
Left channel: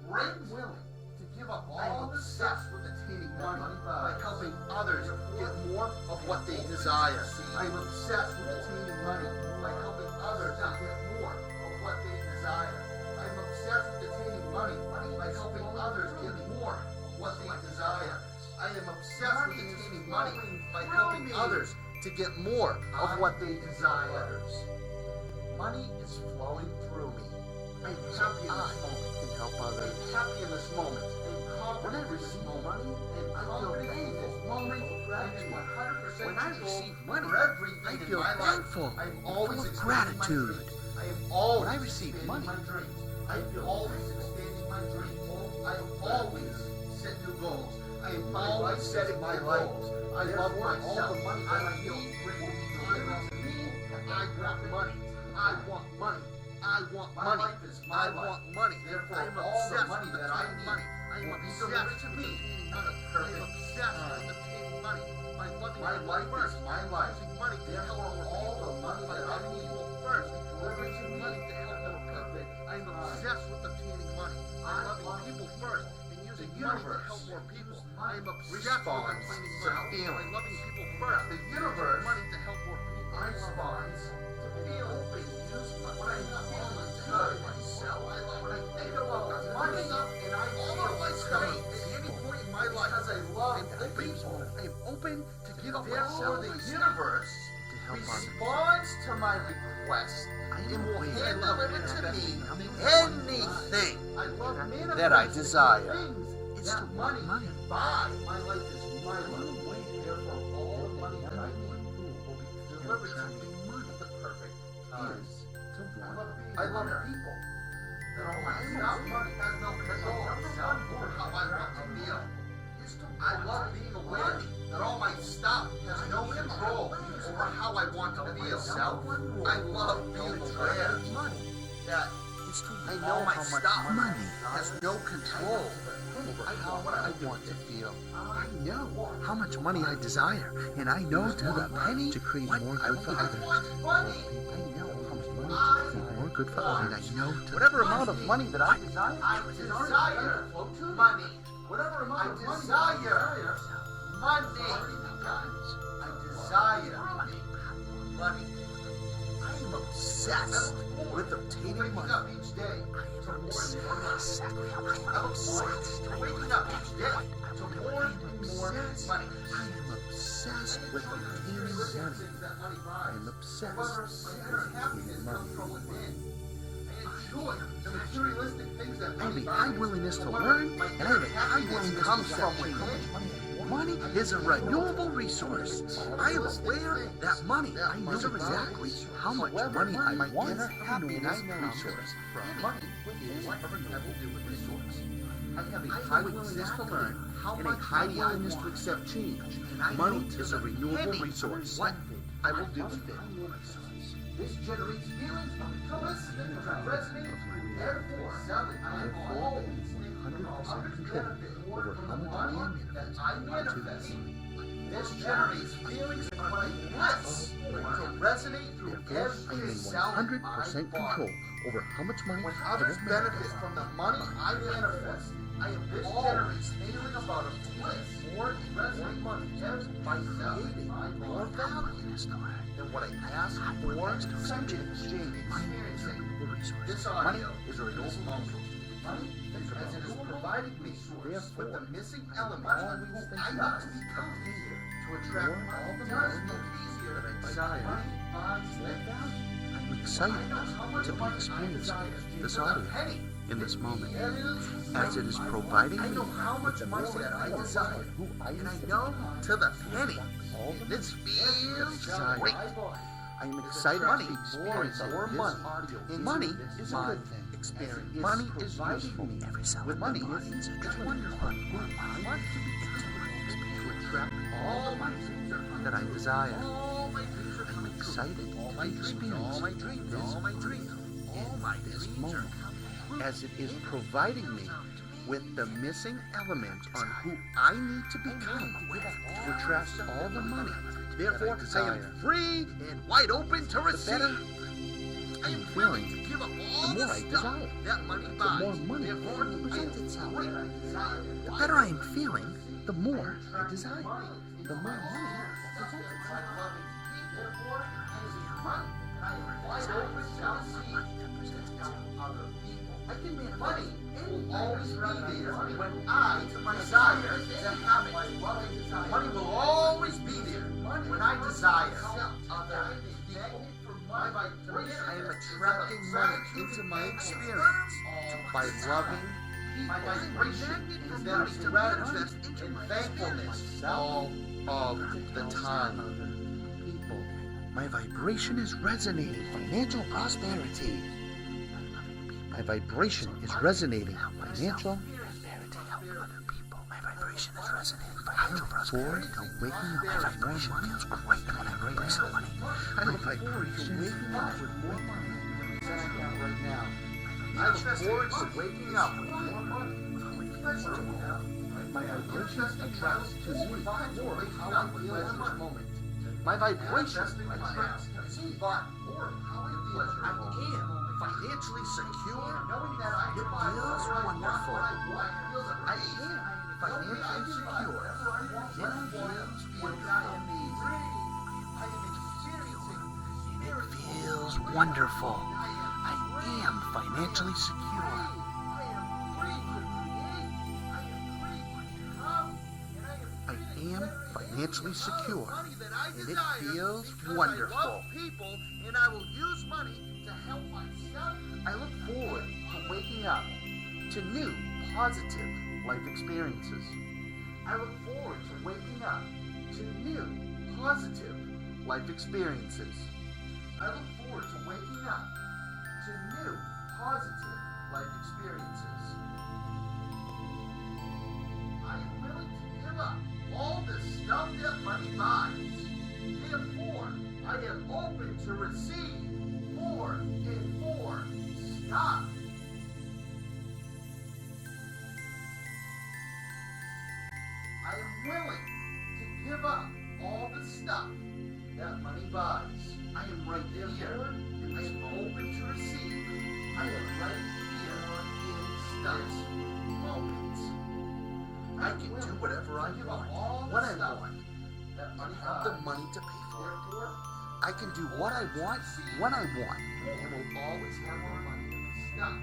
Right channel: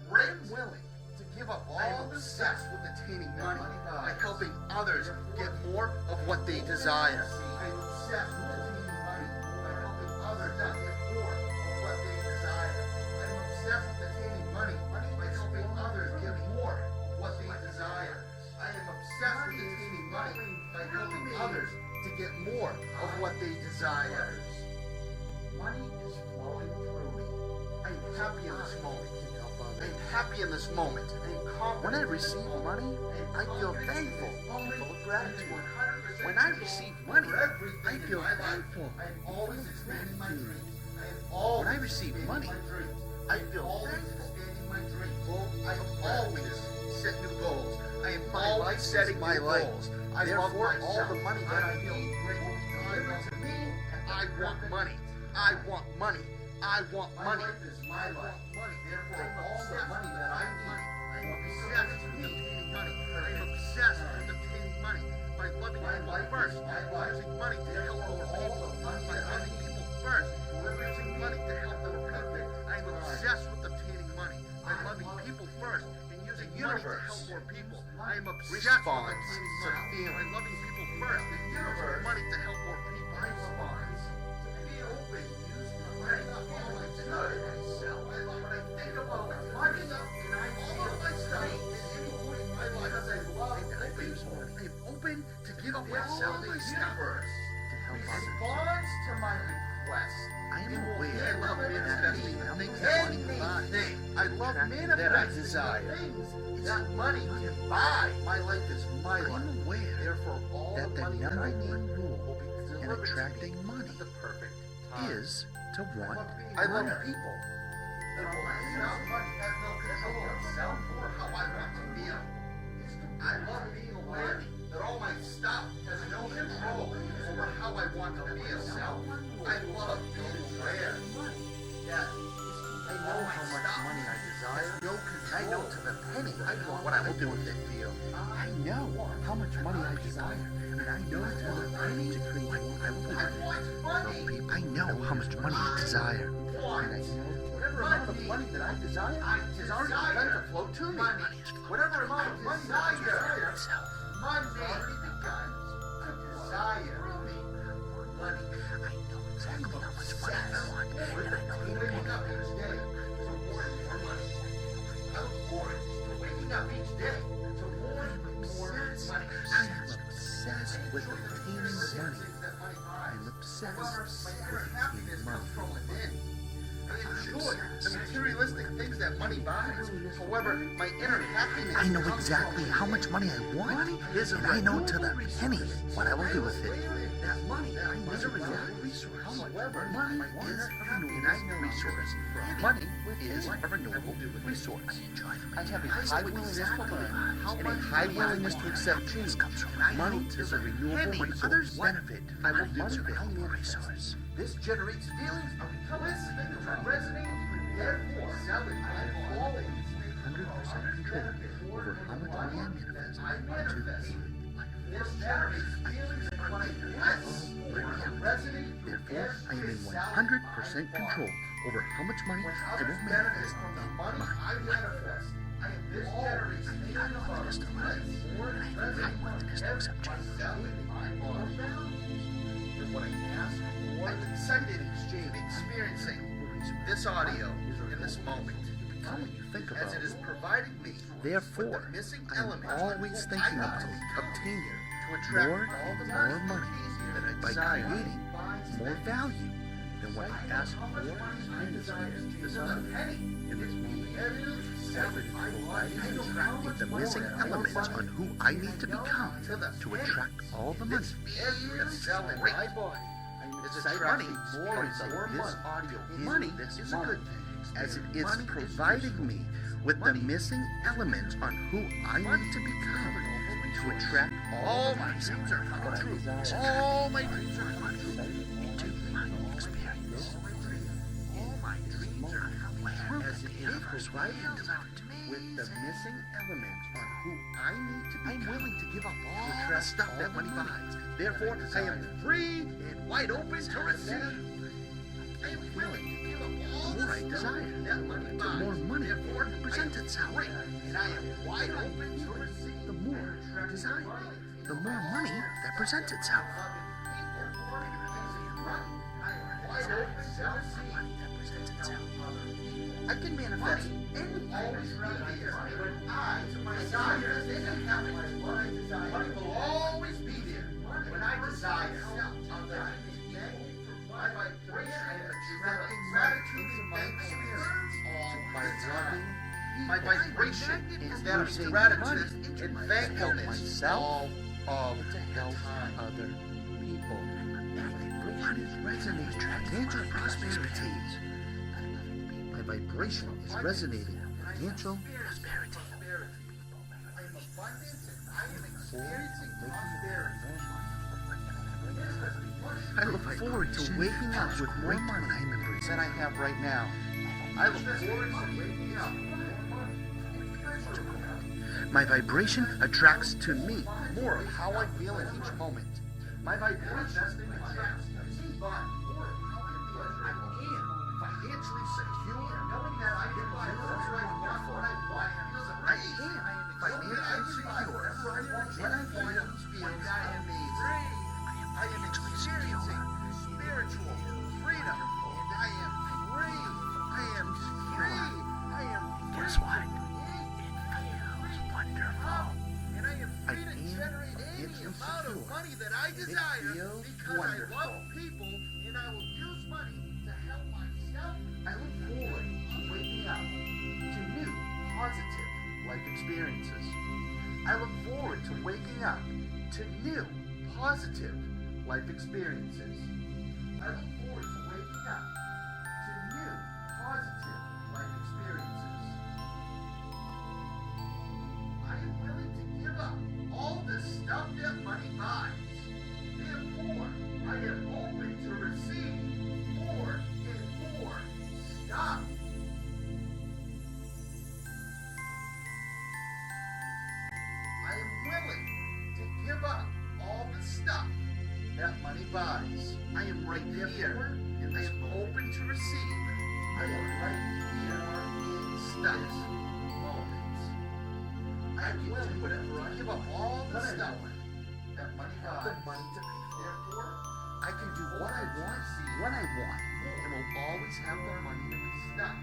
great. Willing to give up all the stuff with attaining money by helping others get more of what they desire. I am obsessed with attaining money by helping others get more of what they desire. I am obsessed with attaining money by helping others get more of what they desire. I am obsessed with attaining money by helping others to get more of what they desire. Money is flowing through me. I am happy in this moment. I am happy in this moment. When I receive money, I feel thankful. Gratitude. When I receive money, I feel thankful. Full of gratitude. When I receive money, I feel thankful. I am always set new goals. I am always setting my goals. I love myself. All the money that I need will be delivered to me. I want money. I want money. I want money. I want money. Therefore, all the money that I need, I am obsessed with obtaining money. I am obsessed with obtaining money by loving people first. Using money to help more people. By loving people first. Using money to help more people. I am obsessed with obtaining money by loving people first and using money to help more people. I am obsessed with obtaining money by loving people first and using money to help more people. Responds to feel open and use money. When I feel good myself, when I think about money, and I feel myself at any point in my life, as I love people, I am open to give up myself. The universe to help others. responds to my request. I am aware I love manifesting anything. I love manifesting that I desire. things that money can buy. My life is my I life. am aware Therefore, all that the money number that I one need rule will be in delivered to attracting me money at the perfect time. is to want I love more. people. That all my stuff money has no control over how I want to feel. I love being aware that all my stuff has no control over how I want to feel. I love being aware that I know my stuff has no control over what I want to feel. I know how much money I desire, and I know to the penny to create more good for others. I know how much money I desire, good for others, and I know to Whatever amount of money that I desire is already begun to flow to me. Whatever amount of money I desire, money becomes. I desire money. I'm obsessed with waking up each day to more and more money. I look forward to waking up each day to more and more money. I am obsessed with obtaining money. I am obsessed with obtaining money. I enjoy the materialistic things that money buys. My willingness to learn, my and inner happiness I know comes exactly from how much money I want. Money is a I know to renewable the resource. What I will do with it. That money, I know exactly how much money I want, and I know resource. Money is a renewable resource. I have a high willingness to learn and a high willingness to accept change. Money is a renewable resource. I will do with it. This generates feelings of listening to resonate. Therefore, I am always 100% control over how much money I manifest into this life. This generates feelings of my bliss to resonate through Therefore, I am in 100% control over how much money when I others will benefit manifest from the in money my I manifest. This generates feelings of bliss more resonate by valuing my more value than what I pass or send in exchange. Experiencing this audio in this moment, as it is providing me Therefore, with the missing I am element always I thinking need of to obtaining to attract more all the and more money money that I by desire. creating more value. The site has what experience this audio. in this moment, as it is providing me with the missing elements on who I need to become to attract all the money that I desire. I am excited money to more experience and more this money. audio. Money This is a good thing. as it is Money is providing useful. me with the missing elements on who I need to become to attract all the money that I desire. All my dreams are I'm coming true. excited to experience this moment as it is providing me with the missing elements on who I need to become to attract all the money. Therefore, I am free and wide open to receive. I am feeling the more I desire, the more money presents itself. The better I am feeling, the more I desire, the more money that presents itself. I can manifest any always be there when I desire and have it. Money will always be there when I desire other people. My vibration, I am attracting money into my experience by loving people. My vibration is that of gratitude and thankfulness all of the time. Other people. My vibration is resonating financial prosperity. My vibration is resonating financial prosperity. My vibration is resonating financial prosperity. Waking up with more money is great when I bring some money. I look forward to waking up with more money than I have right now. I look forward to waking up. My vibration attracts to me more of how I feel in each moment. My vibration attracts to me more of how I feel. I am financially secure, knowing that I can buy whatever I want when I want. I am financially secure, and I feel amazing. I am experiencing spiritual. Feels wonderful. I am financially secure. Guess what? I am financially secure, and it feels wonderful. I love people, and I will use money to help myself. I look forward to waking up to new positive life experiences. I look forward to waking up to new positive life experiences. I look forward to waking up to new positive life experiences. I am willing to give up all the stuff that money buys. Therefore, I am open to receive more and more stuff. I am willing to give up all the stuff that money buys. I am right here, and I am open to receive. I am right here in stuff moments. I can do whatever I give up all the stuff that money buys. The money to pay for. Therefore, I can do what I want when I want. and will always have the money to be stuff.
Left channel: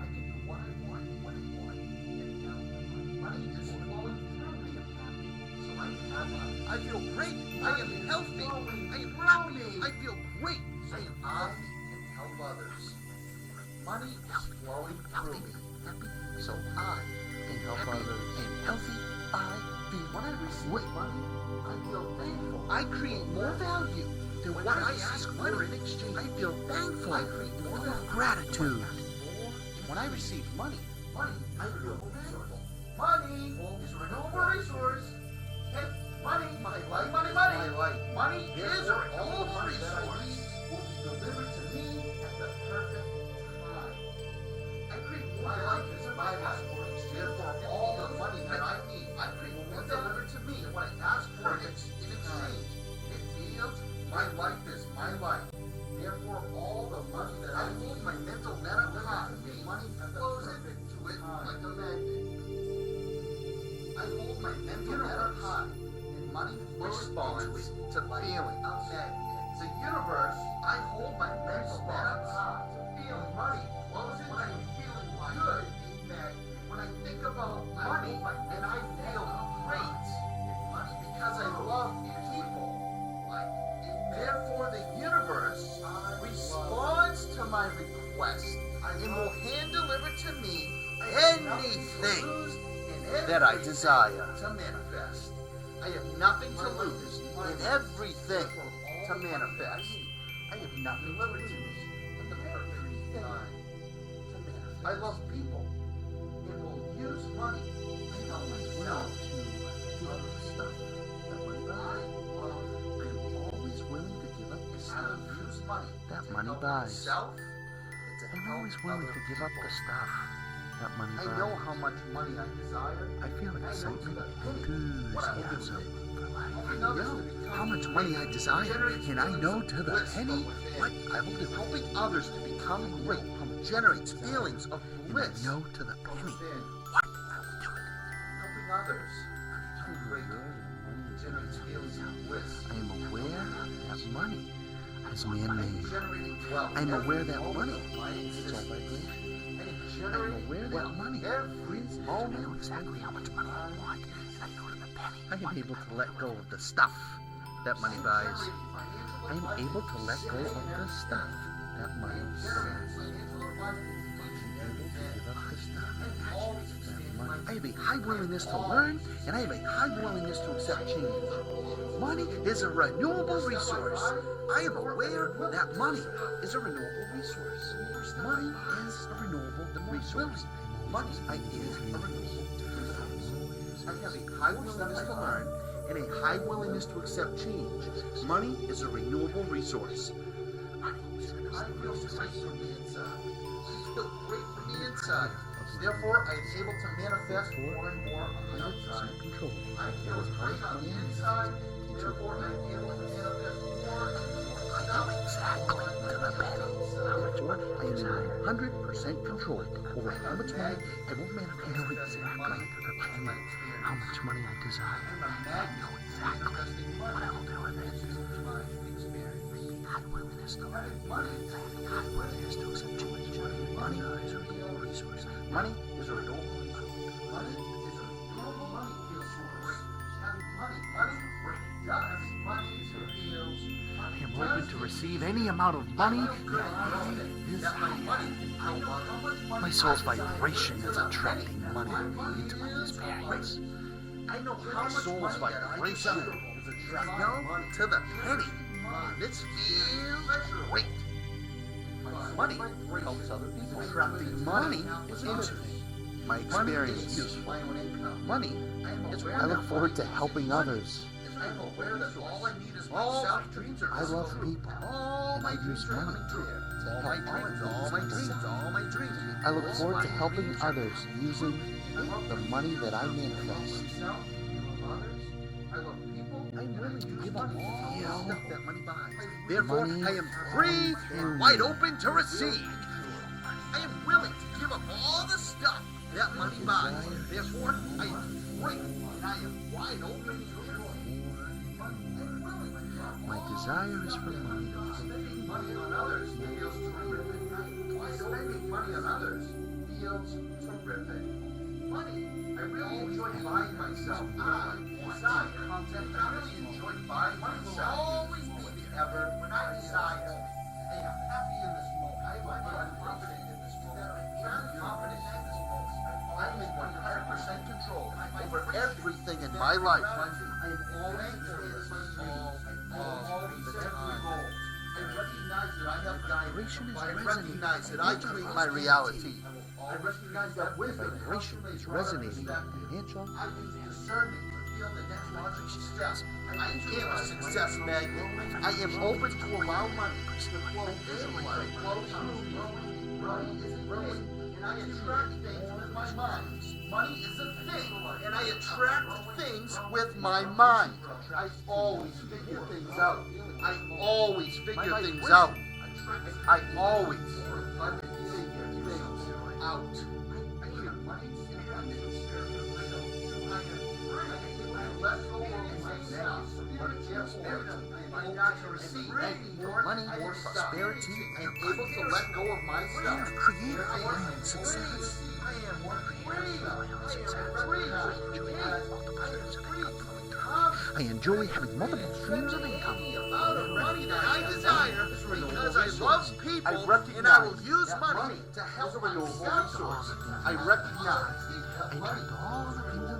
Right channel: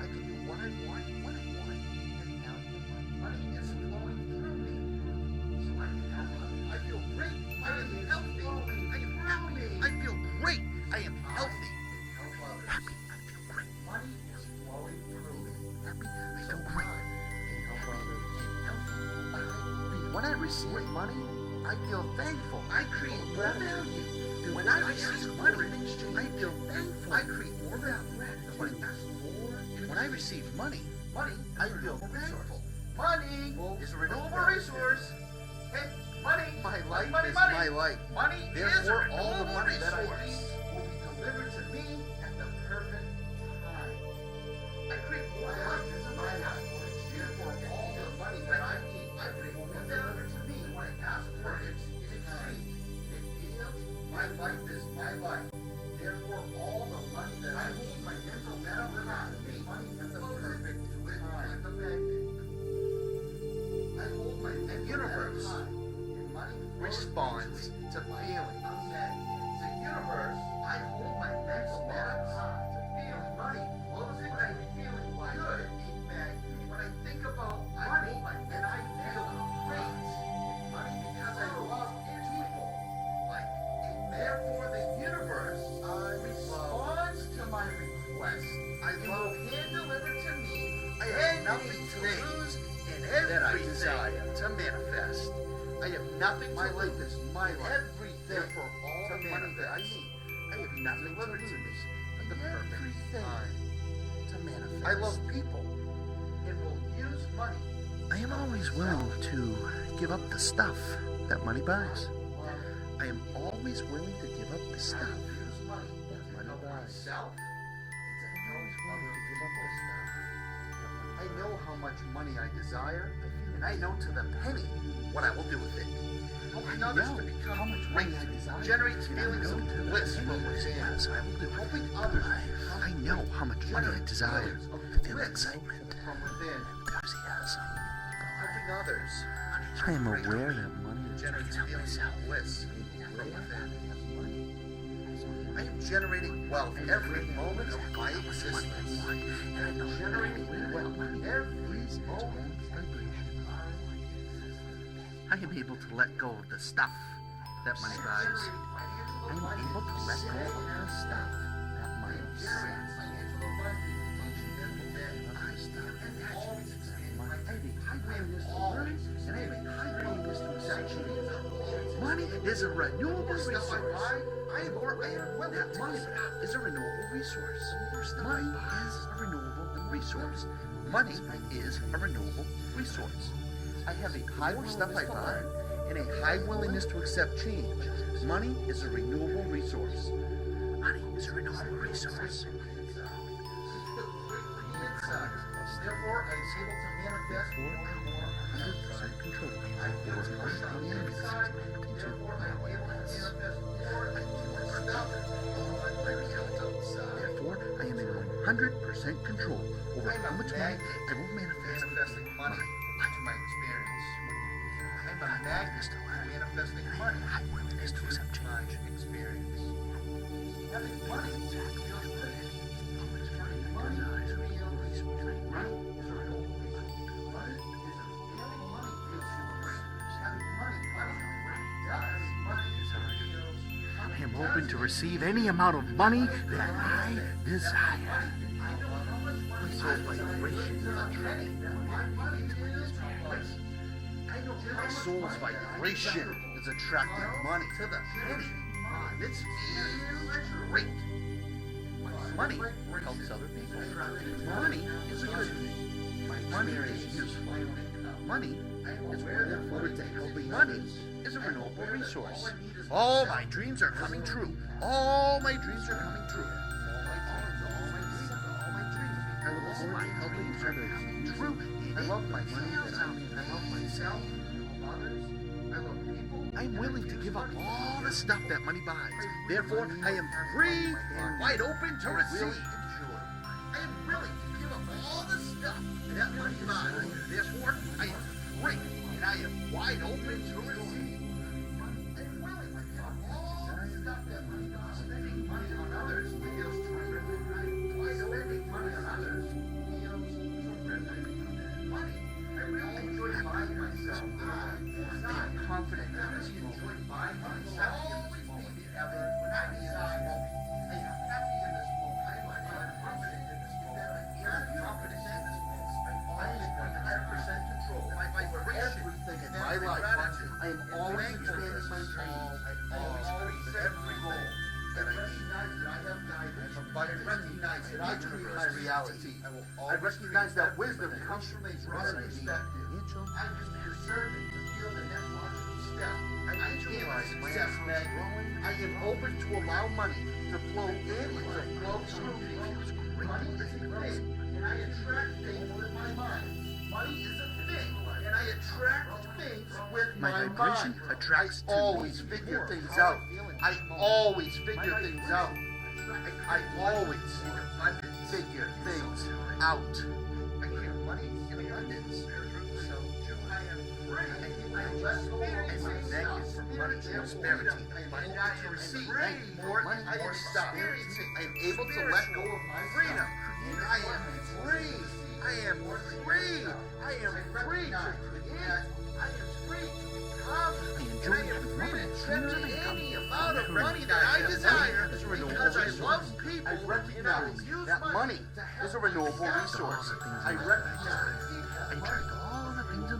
I can do what I want when I want, and have the money. Money is flowing through me, so I have money. I feel great. I am healthy. I am happy. I feel great. I am healthy and help others. Money is flowing through me, so I And help others. And healthy I feel. when I receive money, I feel thankful. I create more value than when I ask for in exchange. I feel thankful. I create more value. Gratitude. When I receive money, I feel thankful. Money is a renewable resource. Hey, money, my life money, is money. my life. Money is a Therefore, renewable all the money that I resource. need Will be delivered to me at the perfect time. I create more life is my life. Therefore, all the money that I need, I create more delivered to me when I ask for it in exchange. It feels my life is my life. Therefore, all the money that I need, my mental delivered to me, money at the perfect time. Like a magnet. I hold my mental high, and money responds to feeling. The universe, I hold my mental high to feeling money. When I'm feeling good, a magnet. When I think about money, then I feel great. Money because I love people. Therefore, the universe responds to my request. I will hand deliver that I desire to manifest. I have nothing to lose and everything to manifest. I have nothing to lose and everything to manifest. I love people and will use money. I am always willing to give up the stuff that money buys. I am always willing to give up the stuff that money buys. I'm always willing to give up the stuff that money buys. I know how much money I desire. I feel and I it's know to the penny what I will do with it. I know how much money I desire, and I know to the penny what I will do. Helping others to become I know how much money I desire, feelings of and I bliss know to the from penny within. what has to it. Helping others I am aware that money is generates feelings of bliss. I am aware that money is I'm man-made. generating wealth. I'm aware that money of my is what I existence. want. And I know I'm Generating aware that wealth money every is moment. how much money I want. And I know to the penny. I am able to let go of the stuff that money buys. I am able to let go of the stuff that money buys. I have a high willingness to learn, and I have a high willingness to accept change. Money is a renewable resource. I am aware that money is a renewable resource. Money is a renewable resource. Money is a renewable resource. I have a high willingness to learn and a high willingness to accept change. Money is a renewable resource. Money is a renewable resource. Therefore, I am able to manifest more and more. 100% control over how much money I use. Therefore, I am able to manifest more and more stuff. Therefore, I am in 100% control over how much money I will manifest Manifesting money in my experience. how much money I desire. I'm a magnet for manifesting money into my experience. Having money is money is a real resource. Money is a renewable resource. Money is a renewable money feels great. Having money does. Money feels. I am open to receive any amount of money that I desire. My soul's vibration is attracting money into my experience. My soul's vibration is attracting money to the penny. This feels great. Money helps other people. Attracting money is a good thing. My experience is useful. Money is I look forward to helping others. is a renewable resource. All my dreams are coming true. All my dreams are coming true. All my dreams. I look forward to helping others using the money that I manifest. I am willing to give up all the stuff that money buys. Therefore, I am free and wide open to receive. I am willing to give up all the stuff that money buys. Therefore, I am free and I am wide open to receive. My desire is for money. Spending money on others feels terrific. Spending money on others feels terrific. Money. I really enjoy buying myself. I'm confident I enjoy buying myself. Always be ever when I decide. I am happy in this moment. I am confident in this moment. I'm confident in this moment. I am in 100% control over everything in my life. I am always expanding my dreams. Of every goal. I recognize that I have guidance. I recognize that I create my reality. I recognize that wisdom Vibration is resonating financial. I use discernment to feel the next logical step. I am success magnet. I am open to allow money to flow in and to flow through me. Money is a thing, and I attract things with my mind. Money is a thing, and I attract things with my mind. I always figure things out. I always figure things out. I always figure things out. I hear money in abundance. I am free. I am less myself. Prosperity. I am not to receive money or prosperity. I am able to let go of myself. I am free. I am free. I am free to create. I am free to become. I enjoy having multiple streams of income. The amount of money that I desire because I love people and I will use money to help a renewable resource. I recognize I attract all the things in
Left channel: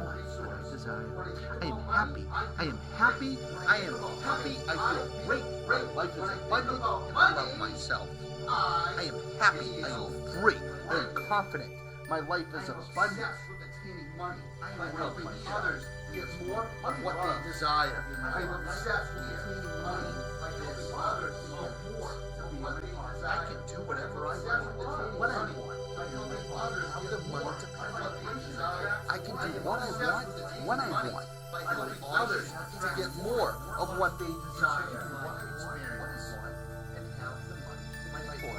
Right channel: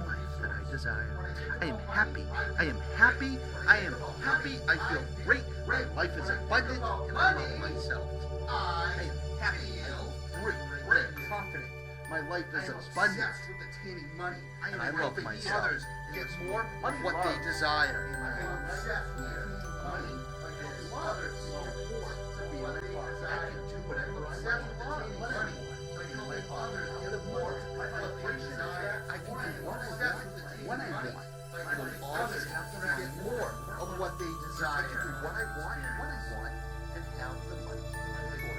desire. I am happy. I am happy. I am happy. I feel great. My life is abundant and I love myself. I am happy. I am great. I am confident. My life is abundant. With attaining money. I I am love helping myself. others get more of what they desire. I am obsessed with attaining money. I help others to get more to be what they desire. I can do whatever I want. Attaining money. By helping others get more of what they desire. I can do what I want when I want. By helping others to get more of what they desire.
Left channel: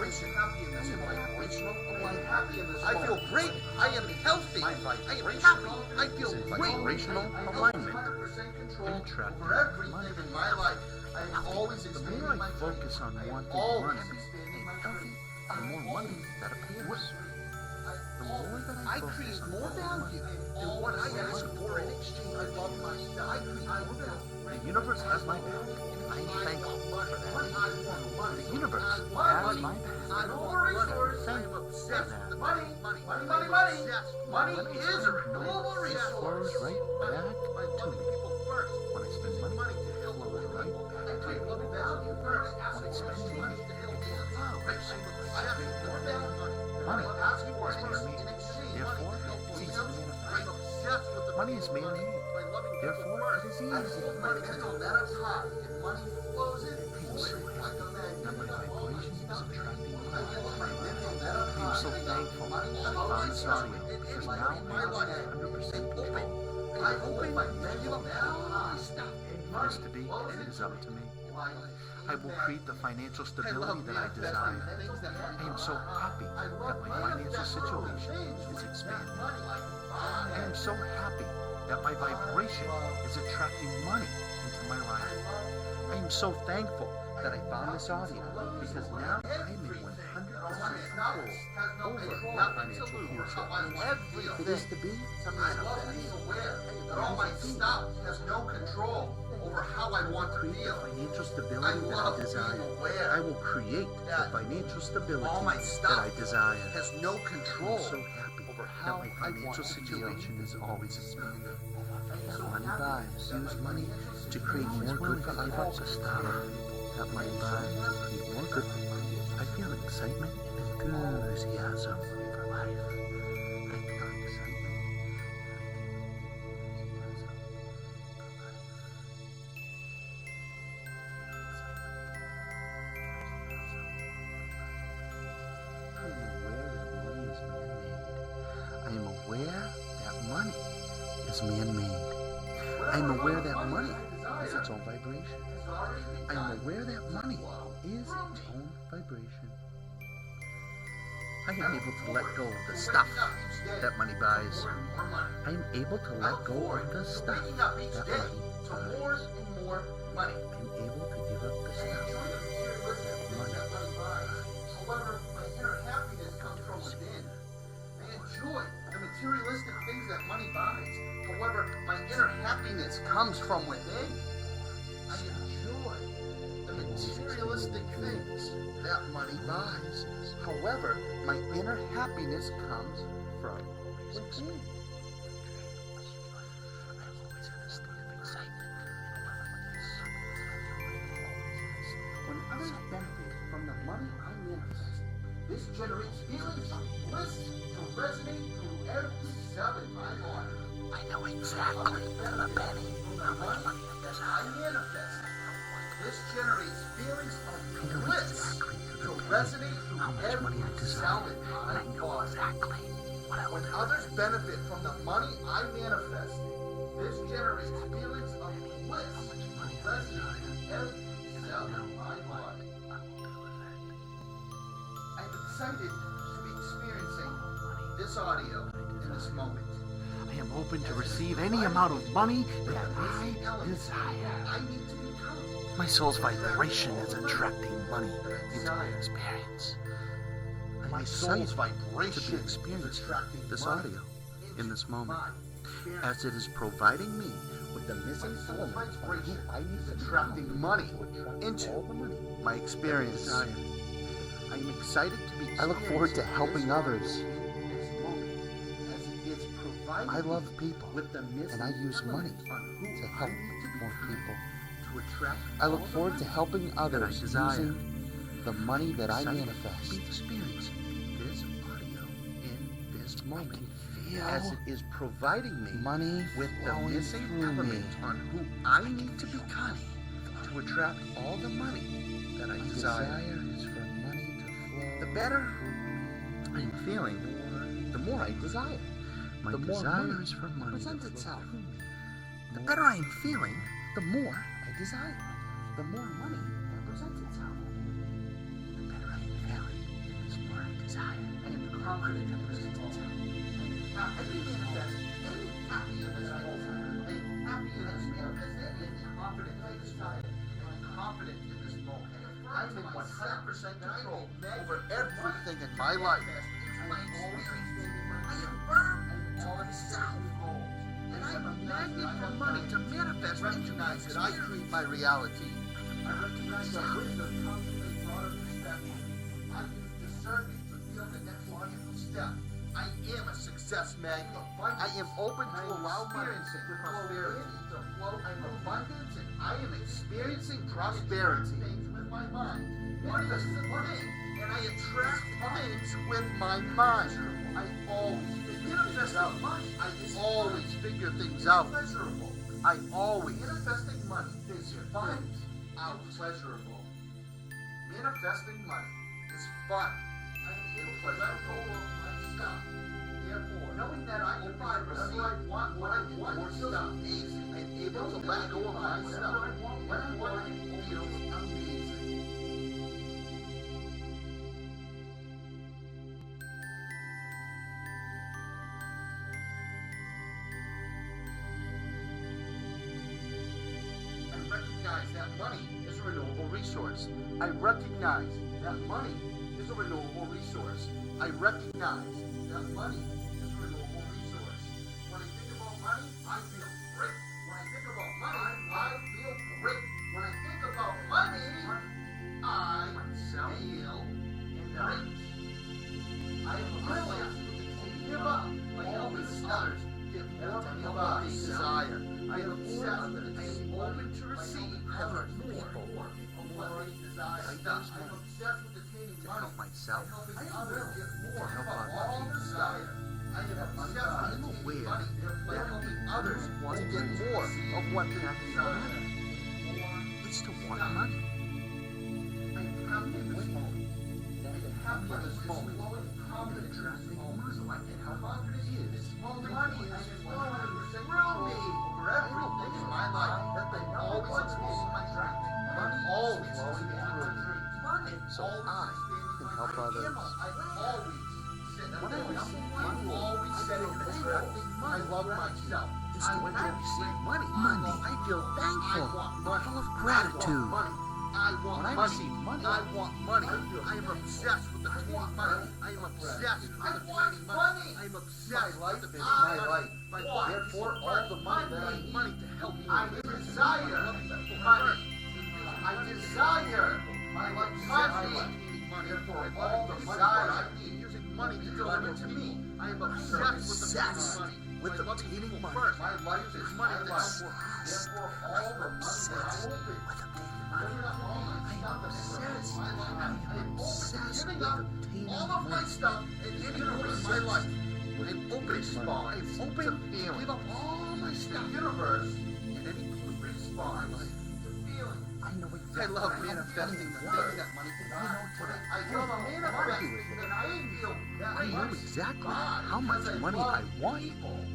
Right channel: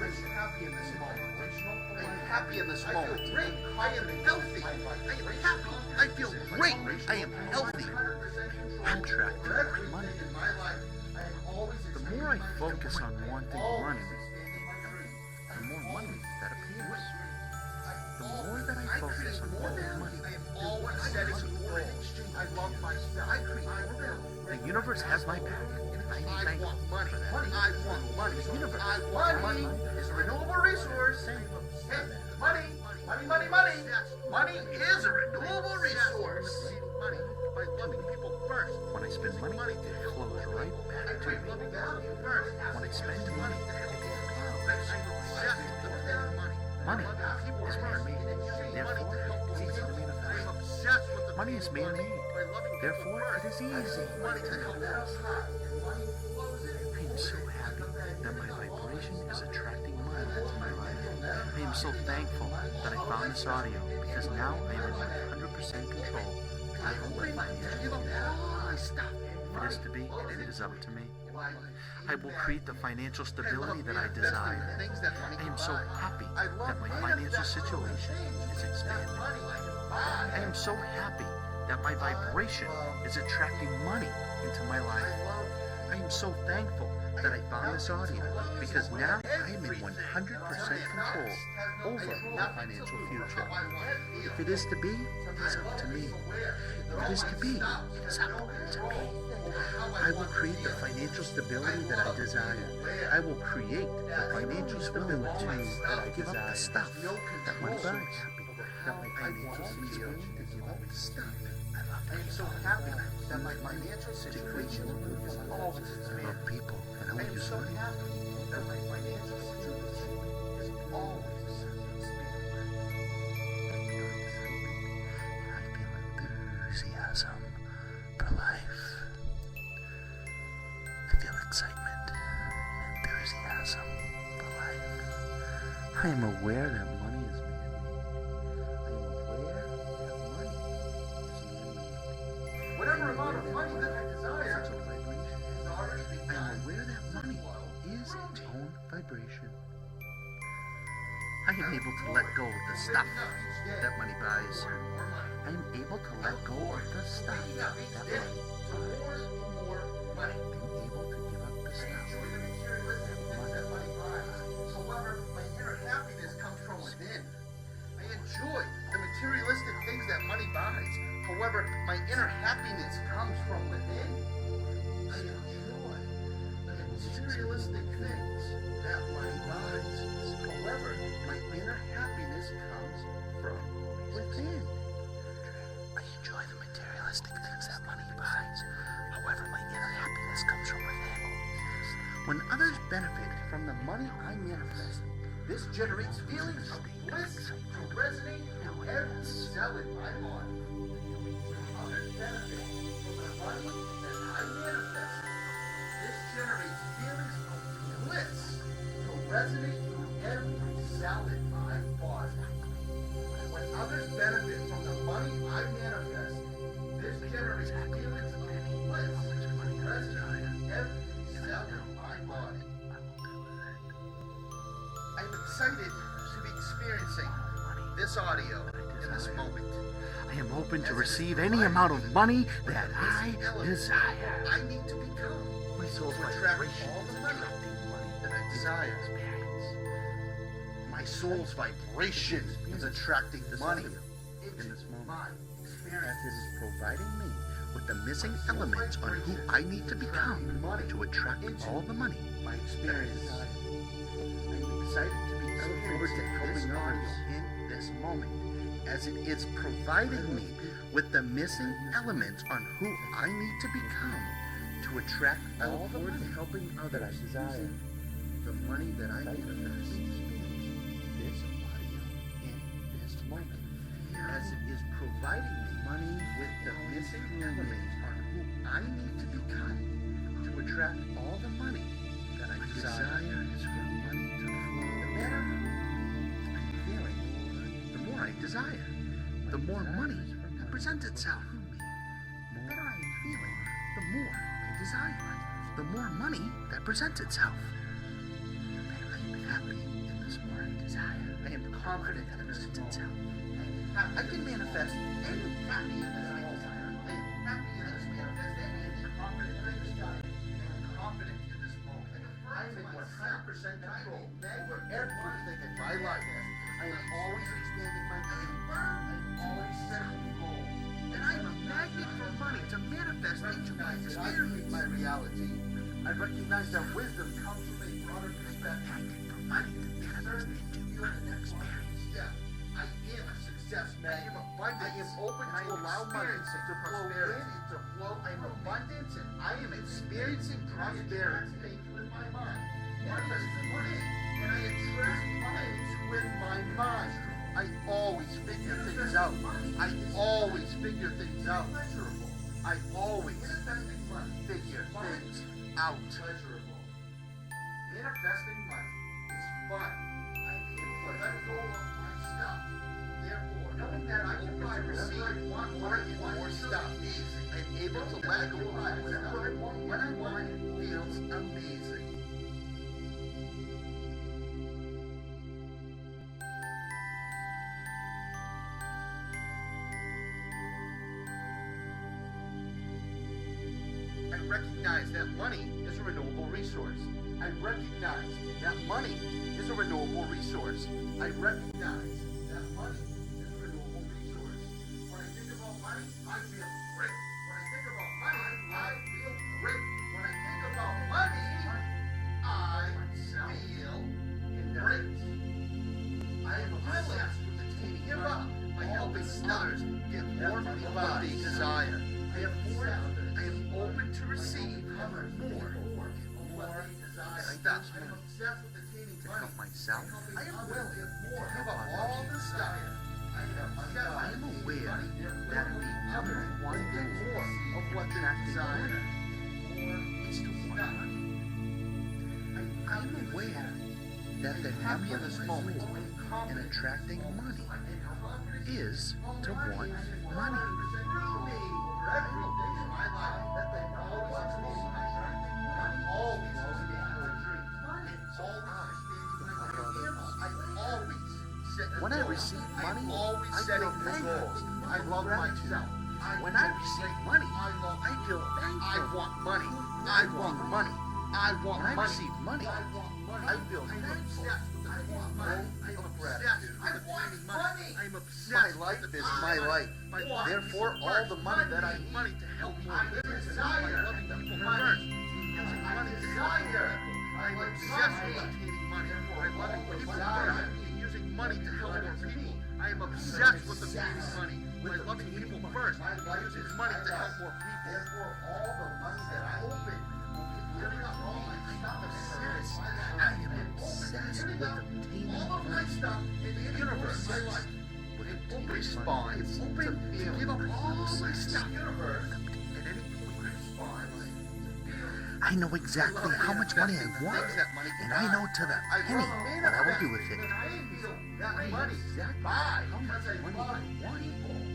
I am happy in this moment. I am happy in this moment. I feel great. I am healthy. I am happy. I feel great. I am healthy. I'm attracting money. In my life, I am always The more I focus on wanting money and healthy, the more money that appears. The more that I focus on wanting money, the more money. The universe has my back, and I am thankful for that. The universe has my back. renewable resource. Money. Money is a renewable resource. Right back to me. When I spend money, it flows right back to me. When I spend money, it flows right back to me. Money is man-made, therefore it's easy to manifest. Money is man-made, therefore it is easy to manifest. I am so happy that my vibration is attracting money into my life. I am so thankful that I found this audio because now I am in 100% control of my own financial future. If it is to be, it is up to me. I will create the financial stability that I desire. I am so happy that my financial situation is expanding. I am so happy that my vibration is attracting money into my life. I am so thankful that I found this audio because now I am in 100% control over my financial future. If it is to be, it's up to me. If it is to be, it's up to me. I will create the financial stability that I desire. I will create the financial stability that I desire. I'm so happy that my financial situation is always smooth. Money vibes use money to create more good vibes. I have people that money vibes to create more good vibes. I feel excitement and enthusiasm for life. I feel excitement and I feel enthusiasm for life. I feel excitement and enthusiasm for life. I am aware that money is man-made. I am aware that money is man-made. I am aware that money is its own vibration. I am aware that money is its own vibration. I am able to let go of the stuff that money buys. I am able to let go of the stuff that money buys. I am able to give up the stuff that money buys. However, my inner happiness comes from within. I enjoy the materialistic things that money buys. However, my inner happiness comes from within. I enjoy the materialistic things that money buys. However, my inner happiness comes from within. I enjoy the materialistic things that money buys. However, my inner happiness comes from within. When others benefit from the money I manifest, this generates feelings of bliss to resonate through every cell in my body. I know exactly the penny From the money that I manifest, this generates feelings of bliss to resonate how through much money every I cell desire. in my I know body. exactly what I When want. others benefit from the money I manifest, this generates feelings of bliss How much money to I resonate desire. through every And I cell know in my body. I will do with it. I'm excited to be experiencing Money this audio that I in this desire. moment. I am open to receive any amount of money that I desire. I need to become My soul's vibration is attracting money that I into my desire. experience. My I'm soul's excited vibration to is experience attracting this money audio in this moment, experience. as it is providing me with the missing elements on who I need to become money to attract into all the money my experience. that I desire. I'm excited to be I look forward to experiencing helping this others. audio in this moment, as it is providing I love me people. with the missing And I use elements money on who to I help need to more become people. to attract I all look the forward to money helping that I others desire. using the money that I Son, manifest be experiencing this audio in this moment. as it is providing me Money with the flowing missing through me. elements on who I need to become to attract all the money that I My desire. desire is for money to flow The better through me. I'm feeling, the more I desire. My The more desire money is for money to presents flow itself. through me. The More better I am feeling, the more I desire. The more money that presents itself. The better I am happy, and the more I desire. I am confident that presents itself. I can manifest any happy in this moment. I am happy in this manifest any confident in this time. I am confident in this moment. I am in 100% control over everything in my life. I am always expanding my I am always setting goals. And I am a magnet for money to manifest into my experience, my reality. I recognize that wisdom comes from a broader perspective. I use discernment to feel the next logical step. I am a success magnet. I am open to allow money to prosperity to flow. I am abundance and I am experiencing prosperity with my mind. Manifesting money. And I attract things with my mind. I always figure things out. I always figure things out. I always manifesting money figure things out. Pleasurable. Manifesting money is fun. I am able to let go of my stuff. Therefore, knowing that I can buy whatever I want when I get more stuff, I'm able to let go of my stuff. When I want it, feels amazing. I recognize that money is a renewable resource. I recognize that money is a renewable resource. I recognize that money is a renewable resource. When I think about money, I feel great. When I think about money, I feel great. When I think about money, I feel great. I am relaxed with the team. Give up. My helping others get more of what they desire. I am open to receive more of what I desire. I use money to help myself, to help others. I am aware that the number one goal of what attracting money is to want money. I am aware that the happiness moment in attracting money is to want money. So I can help others. When I receive money, I feel thankful. I love myself. When I receive money, I feel thankful. I want money. Full of gratitude. When I receive money, I want money. I feel obsessed with obtaining money. I am obsessed with obtaining money. I am obsessed with my life. Therefore, all the money that I need money to help more people. I desire. I'm obsessed with obtaining money. Therefore, all the money that I need using money to help more people. I am obsessed with obtaining money. By loving people first, using money to help more people. Therefore, all the money that I open. I am obsessed with obtaining money. I am obsessed with open spawns. I'm open to give up all my stuff. At any point, spawn. I know exactly how much money I want, and I know to the penny what I'll do with it. I know exactly how much money I want,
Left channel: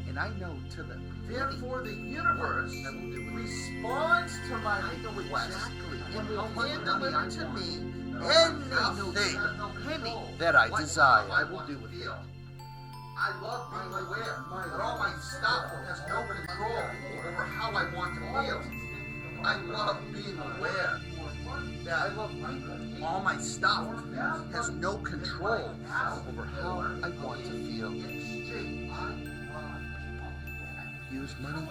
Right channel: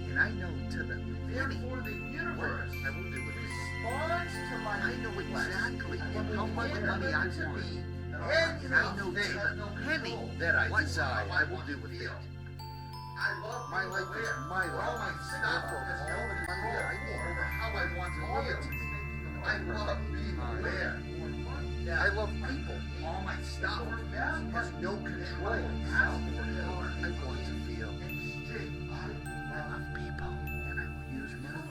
and I know to the penny what I will do with it. I know exactly how much money I want, and I know to the penny that I desire I will do with it. I love my life where all my stuff has no control over how I want to feel. I love being aware that I love people. All my stuff has no control over how I want to feel. I love people, and I will use money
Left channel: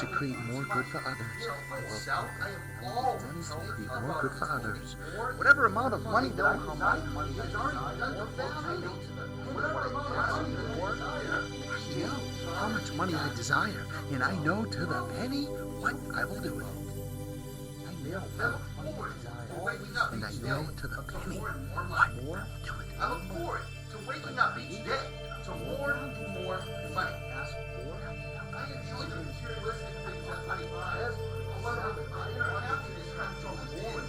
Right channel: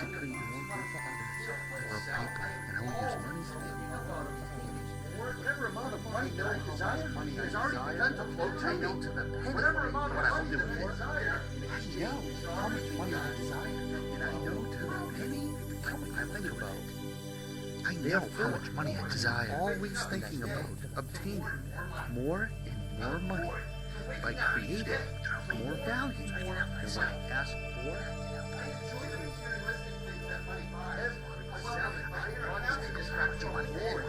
to create more good for others. I love people, and I will use money to create more good for others. Whatever amount of money that I desire, money is already done to flow to me to the penny. Whatever amount I will do more, I know how much money I desire, and I know to the penny what I will do with it. I know how much money I desire, and I know to obtain more and more money by creating more value than I ask for. I enjoy the materialistic things that money buys. However, my inner happiness comes from within.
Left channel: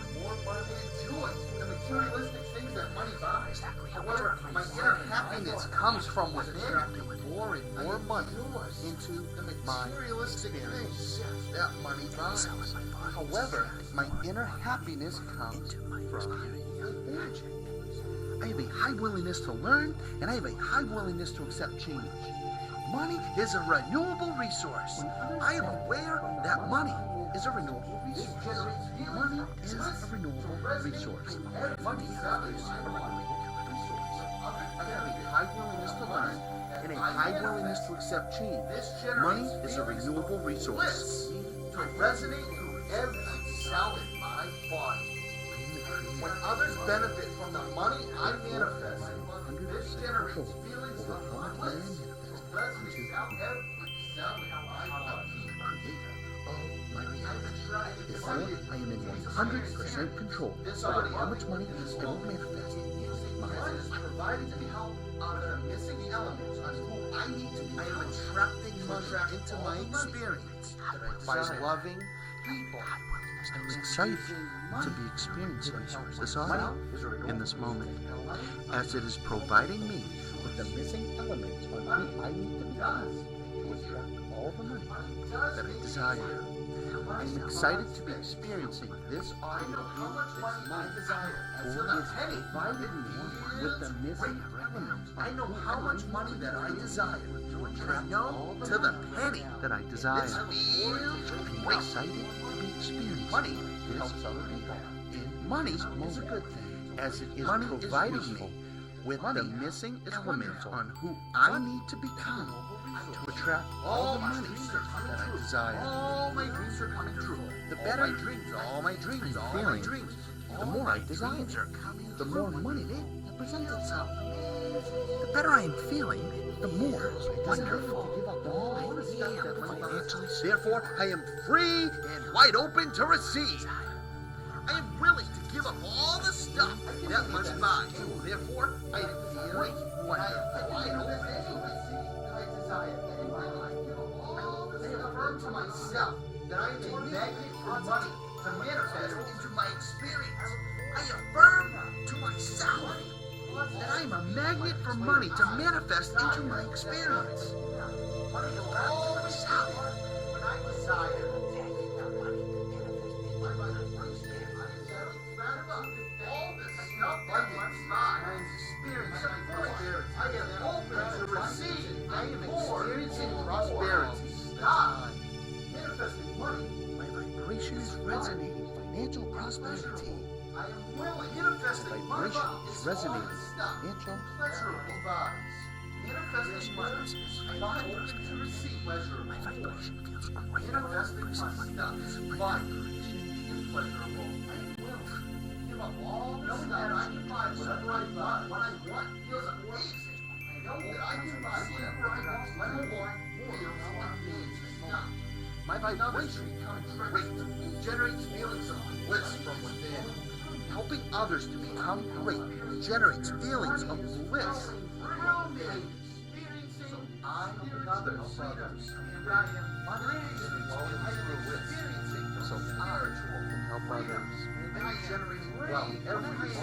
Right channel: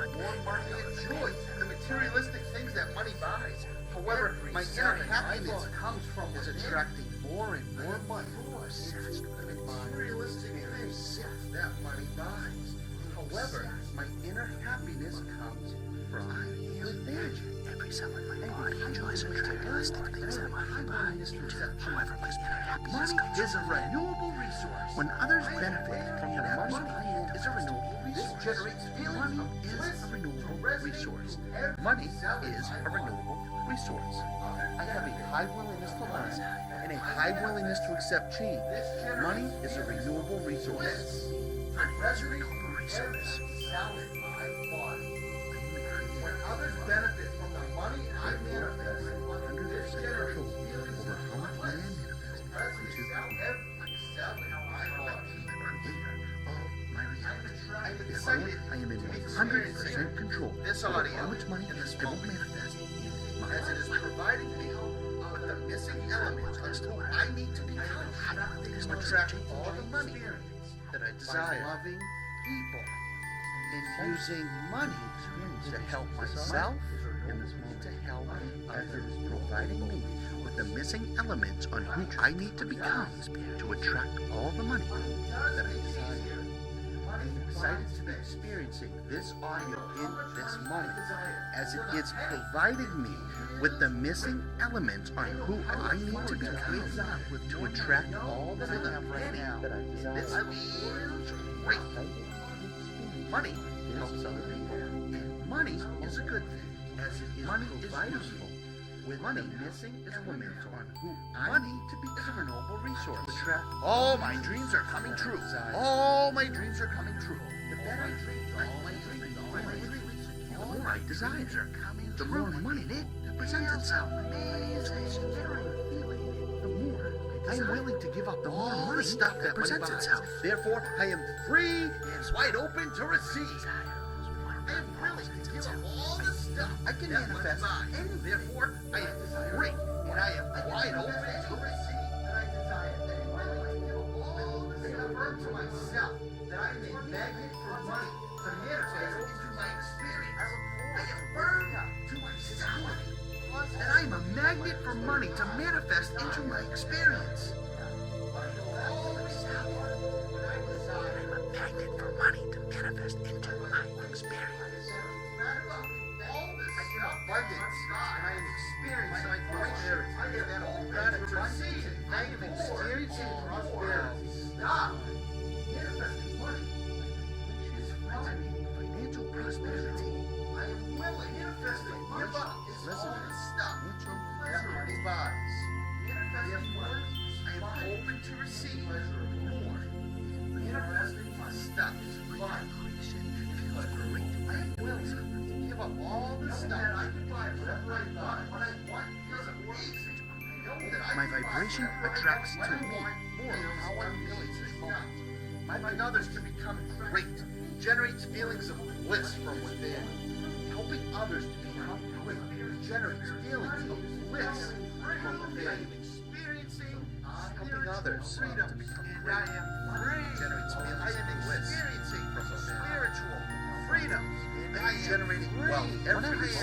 I enjoy the materialistic things that money buys. However, my inner happiness comes from attracting more and more money into my materialistic things that money buys. However, my inner happiness comes from within. I have a high willingness to learn, and I have a high willingness to accept change. Money is a renewable resource. When others benefit from that money is a renewable resource. Money is a renewable resource. Money is a renewable resource. I have a high willingness to learn and a high willingness to accept change. Money is a renewable resource. To resonate through every cell in my body. When others benefit from the money I manifest, this generates feelings over how much money I manifest resonates out every cell in my body. of my reality. Therefore, Therefore, I am in 100% control over how much money I will manifest in my As it is life. providing me the missing elements as to what I need to become attracting to my experience That I by desire. loving people I'm and excited using to money be experiencing to help this myself audio in this moment, as it is providing me with the missing elements on who I need to become to attract all the money that I desire. I'm excited to be experiencing this audio in this moment, as it is providing me with the missing elements on who I need to become to attract all the money that I desire. I'm excited to be experiencing Money this helps other people. Money is a good thing, as it is providing me with the missing elements on who I need to become to attract all my dreams are coming true. All my dreams are coming true. The better dreams, all my dreams, all my dreams. The more I desire, the more money that presents itself. The better I am feeling, the more I am willing to give up all the stuff that presents itself. Therefore, I am free and wide open to receive. I am willing to give up all the stuff I can manifest. Therefore, I am free and I am wide open to receive. To myself that I am a magnet for money to manifest into my experience. I affirm to myself that I am a magnet for money to manifest into my experience. I'm a magnet for money to manifest into my experience. All this abundance I am experiencing prosperity. I am open to receive. I am experiencing prosperity. God, manifesting money. My vibrations resonate financial prosperity. I am willing. Manifesting money Vibrations is all resonate the stuff financial pleasurable buys. Manifesting money, I am open to receive pleasurable force. Manifesting my stuff is fun and pleasurable. I am willing to give up all the stuff that I can buy whatever I want. What I want feels amazing. I know that I My can buy vibration whatever I attracts want. to What I me. want feels amazing. My Others to vibration become great generates feelings of bliss from within. helping others to become great generates feelings of bliss from within. Helping others freedom, and I am free. I am experiencing spiritual freedom, and I am generating wealth every day.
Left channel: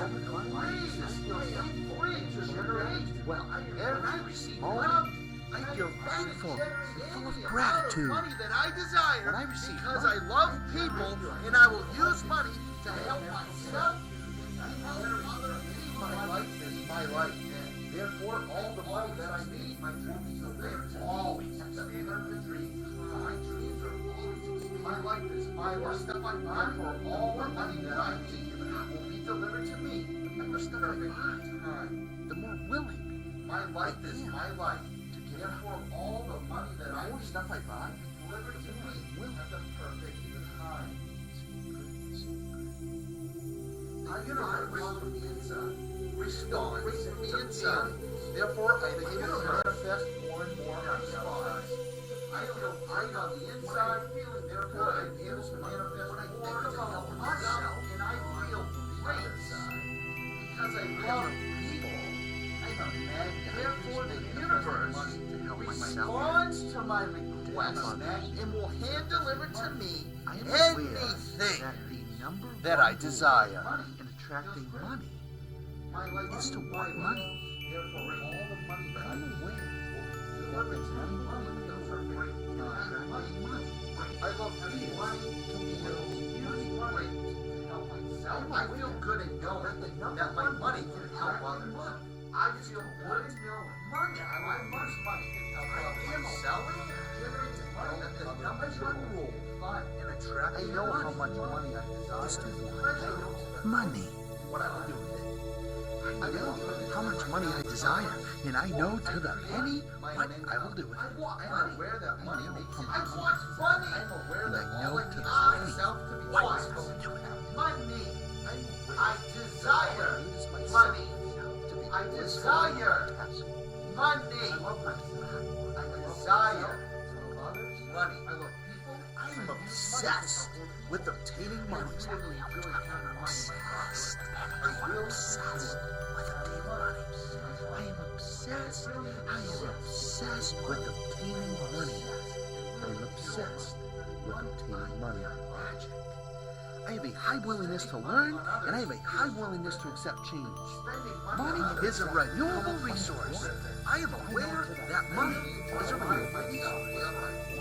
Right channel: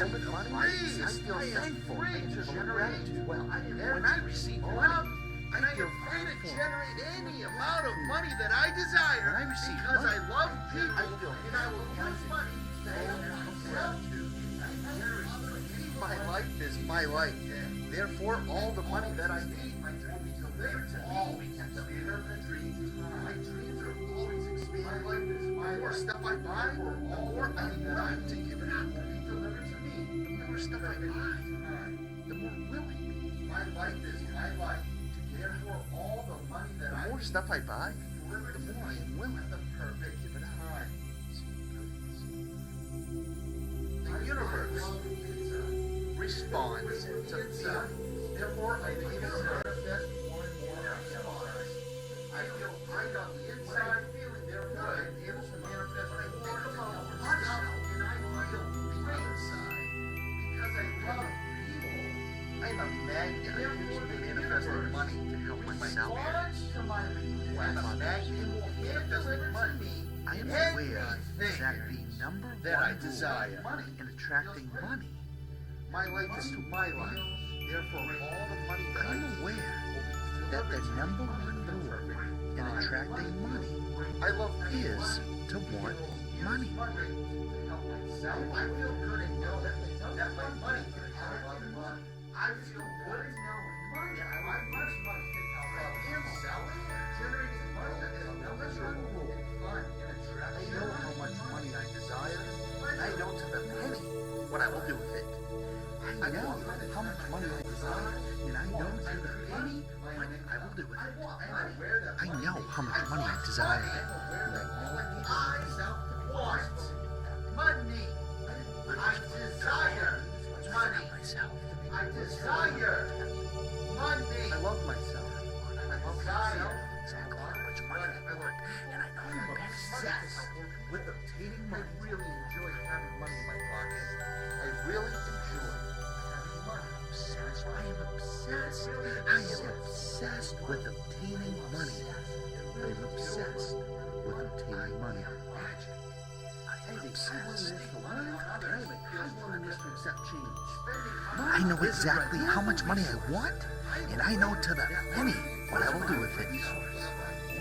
I am free to generate Well, when I receive money. I feel thankful and full of gratitude. Money that I desire When I receive because money, I love people and I will use money to help myself. My life is my life. Therefore, all the money that I need, my dreams to live always expand the dreams. My dreams are always expanding. My life is my life. Stuff I buy for all the money that I need will be delivered to me. The more stuff I buy, the more willing. My life is my life. Therefore, all the money that The I more need stuff I buy, delivered to me at the perfect time. The universe responds to feeling. Therefore, I begin to manifest more and more response. I feel great on the inside, feeling therefore I'm able to manifest more about myself, and I feel great inside because I love people. I'm a magnet. Therefore, the universe money to help myself responds to my request and will hand deliver to me I am aware anything that the number that one I desire. rule in attracting money My life is is to my want money. life. Therefore, all the money that I am aware that the number one rule in attracting money I love is money. to want money. I feel good in knowing that my money can help others. I feel good in knowing that my money can help others. Selling generates money that the number one rule in attracting. I know how much money I desire. I know to the money what I will do with it. I know how much money I desire, and I know to the penny what I will do with it. I know how much money I desire, and I know to the penny what I will do with it. Money. I desire money. I desire money. I love myself. I desire money. I am obsessed with obtaining money. I really enjoy having money in my pocket. I really enjoy having money. I am obsessed. I am obsessed with obtaining money. I am obsessed with obtaining money. I have a high willingness to learn, and I have a high willingness to accept change. I know exactly how much money I want, and I know to the penny what I will do with it.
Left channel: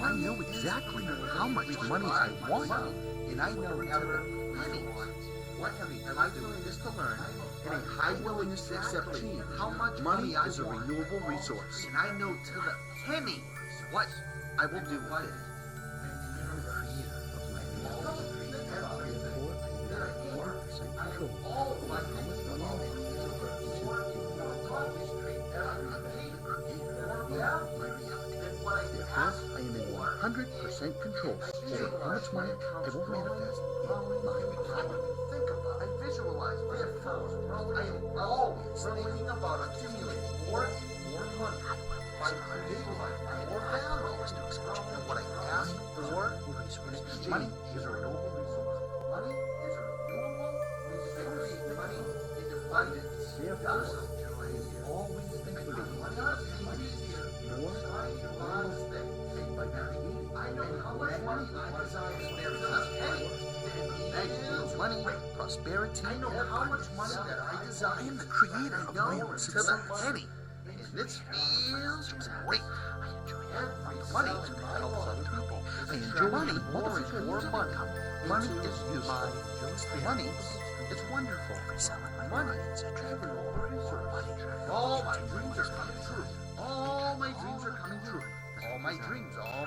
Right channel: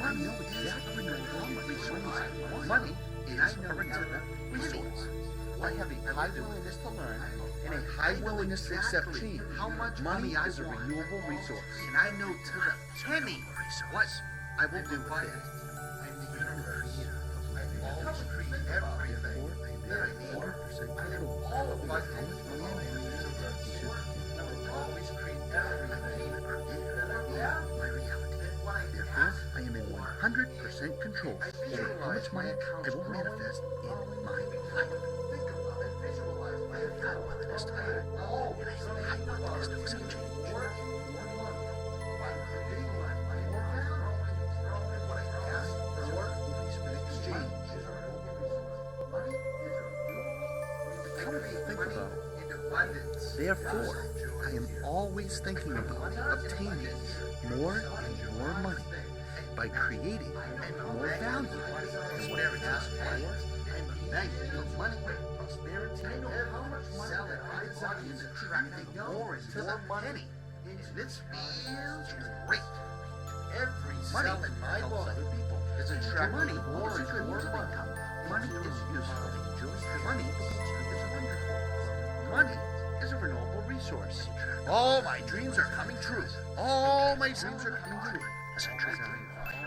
I know exactly how much money I want, and I know to the penny. I have a high willingness to learn and a high willingness to accept change. How much money is a renewable resource, and I know to the penny what I will do with it. I am the creator of my reality. Therefore, I am in 100% control over how much money I manifest into the kingdom. I am the creator of my reality. Therefore, I am in 100% control over how much money I will manifest in my life. Think about it, visualize it. I am always thinking about achieving more money by creating more value. And what I ask for exchange is a renewable resource. Money is a renewable resource. I create money in abundance. Therefore, I am always thinking about obtaining more and more money by creating more value. And whatever it is, for money, prosperity, I know how much money that I desire. I am the creator of my own To the penny. And this feels great. Every Money cell in my helps body other people. is And attracting money more and more money. Money is useful. Money is wonderful. Money is a renewable resource. All my dreams are coming true. All my dreams are coming true.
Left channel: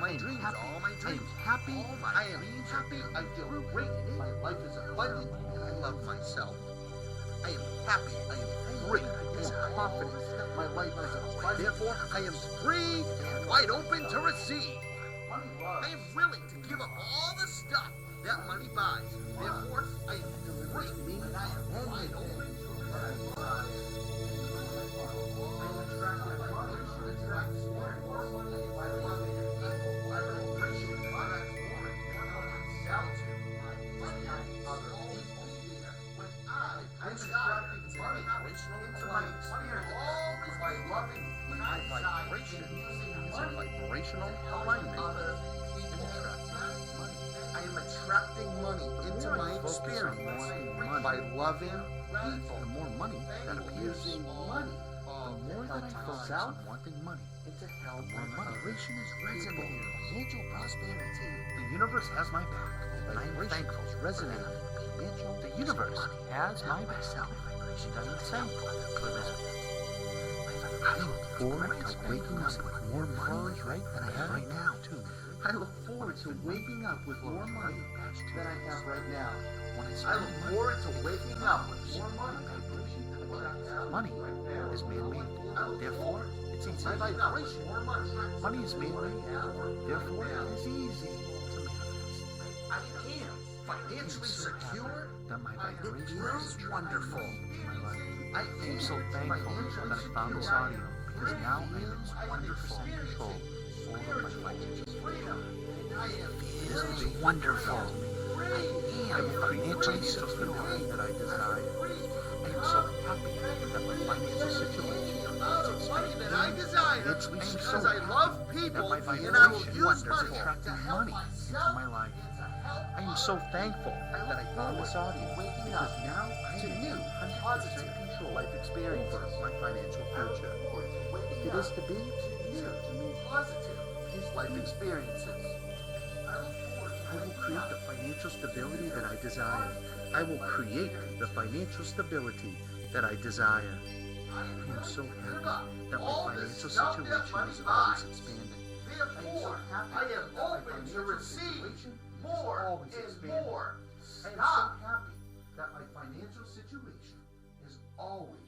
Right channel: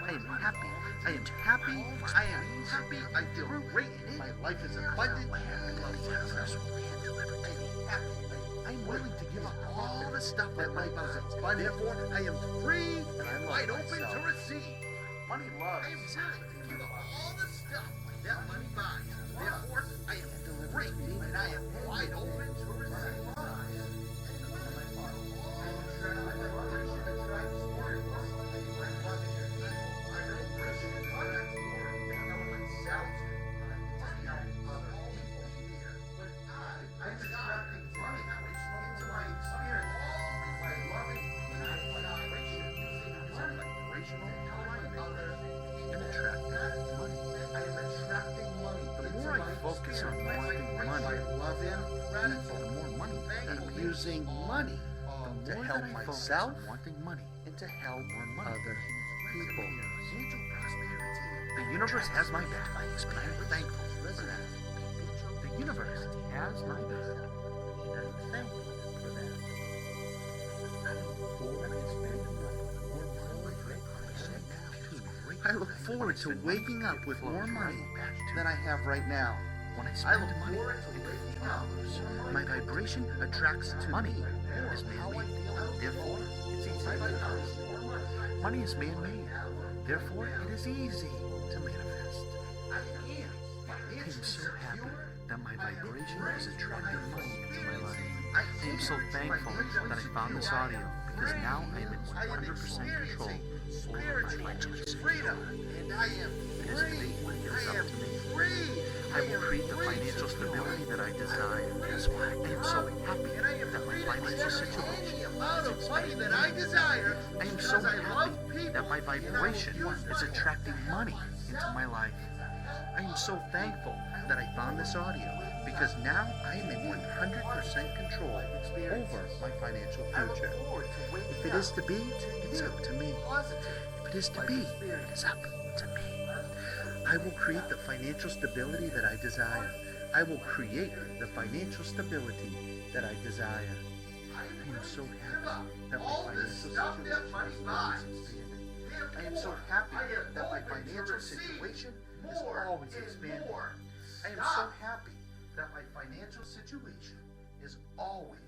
I am happy. I am happy. I am happy. I feel great. My life is abundant. I love myself. I am happy. I am great. I am confident. My life is abundant. Therefore, I am free and wide open to receive. Money loves. I am willing to give up all the stuff that money buys. Therefore, I am great, and I am wide open to receive. I'm attracting money into my experience by loving vibration, Vibrational alignment and attracting money. I am attracting money The into more my I focus on experience wanting by money, loving people. the more money that appears. Using money The more that I focus on wanting money, and to help the more money people. financial prosperity. The universe has my back, and I am thankful. The universe has my back, and I am thankful for that. I look forward to waking up with more money than I have right now, too. I look forward to waking up with more money than I have right now. When I I spend look money, forward to it waking up. flows. My vibration attracts to money is man-made. Therefore, it's easy to manifest. Money is man-made. Therefore, it is easy to manifest. I am I am so happy that my vibration is attracting money into my life. I I am so thankful that I found this audio because now I am in 100% control over my finances. freedom. I am It is to be wonderful to me. I will create the financial stability that I desire. I am so happy that my financial situation is expanding. that I desire I am so because I love happy people that my and I'm vibration is wonderful. attracting money into my life. I am so thankful that I found this audio because now I am in 100% control over my financial future. If it is to be, it's up to me. If it is to be, it's up to me. I will create the financial stability that I desire. I will create the financial stability that I desire. I am so happy that my financial situation is always expanding. I am so happy that my financial situation is always expanding. I am so happy that my financial situation is always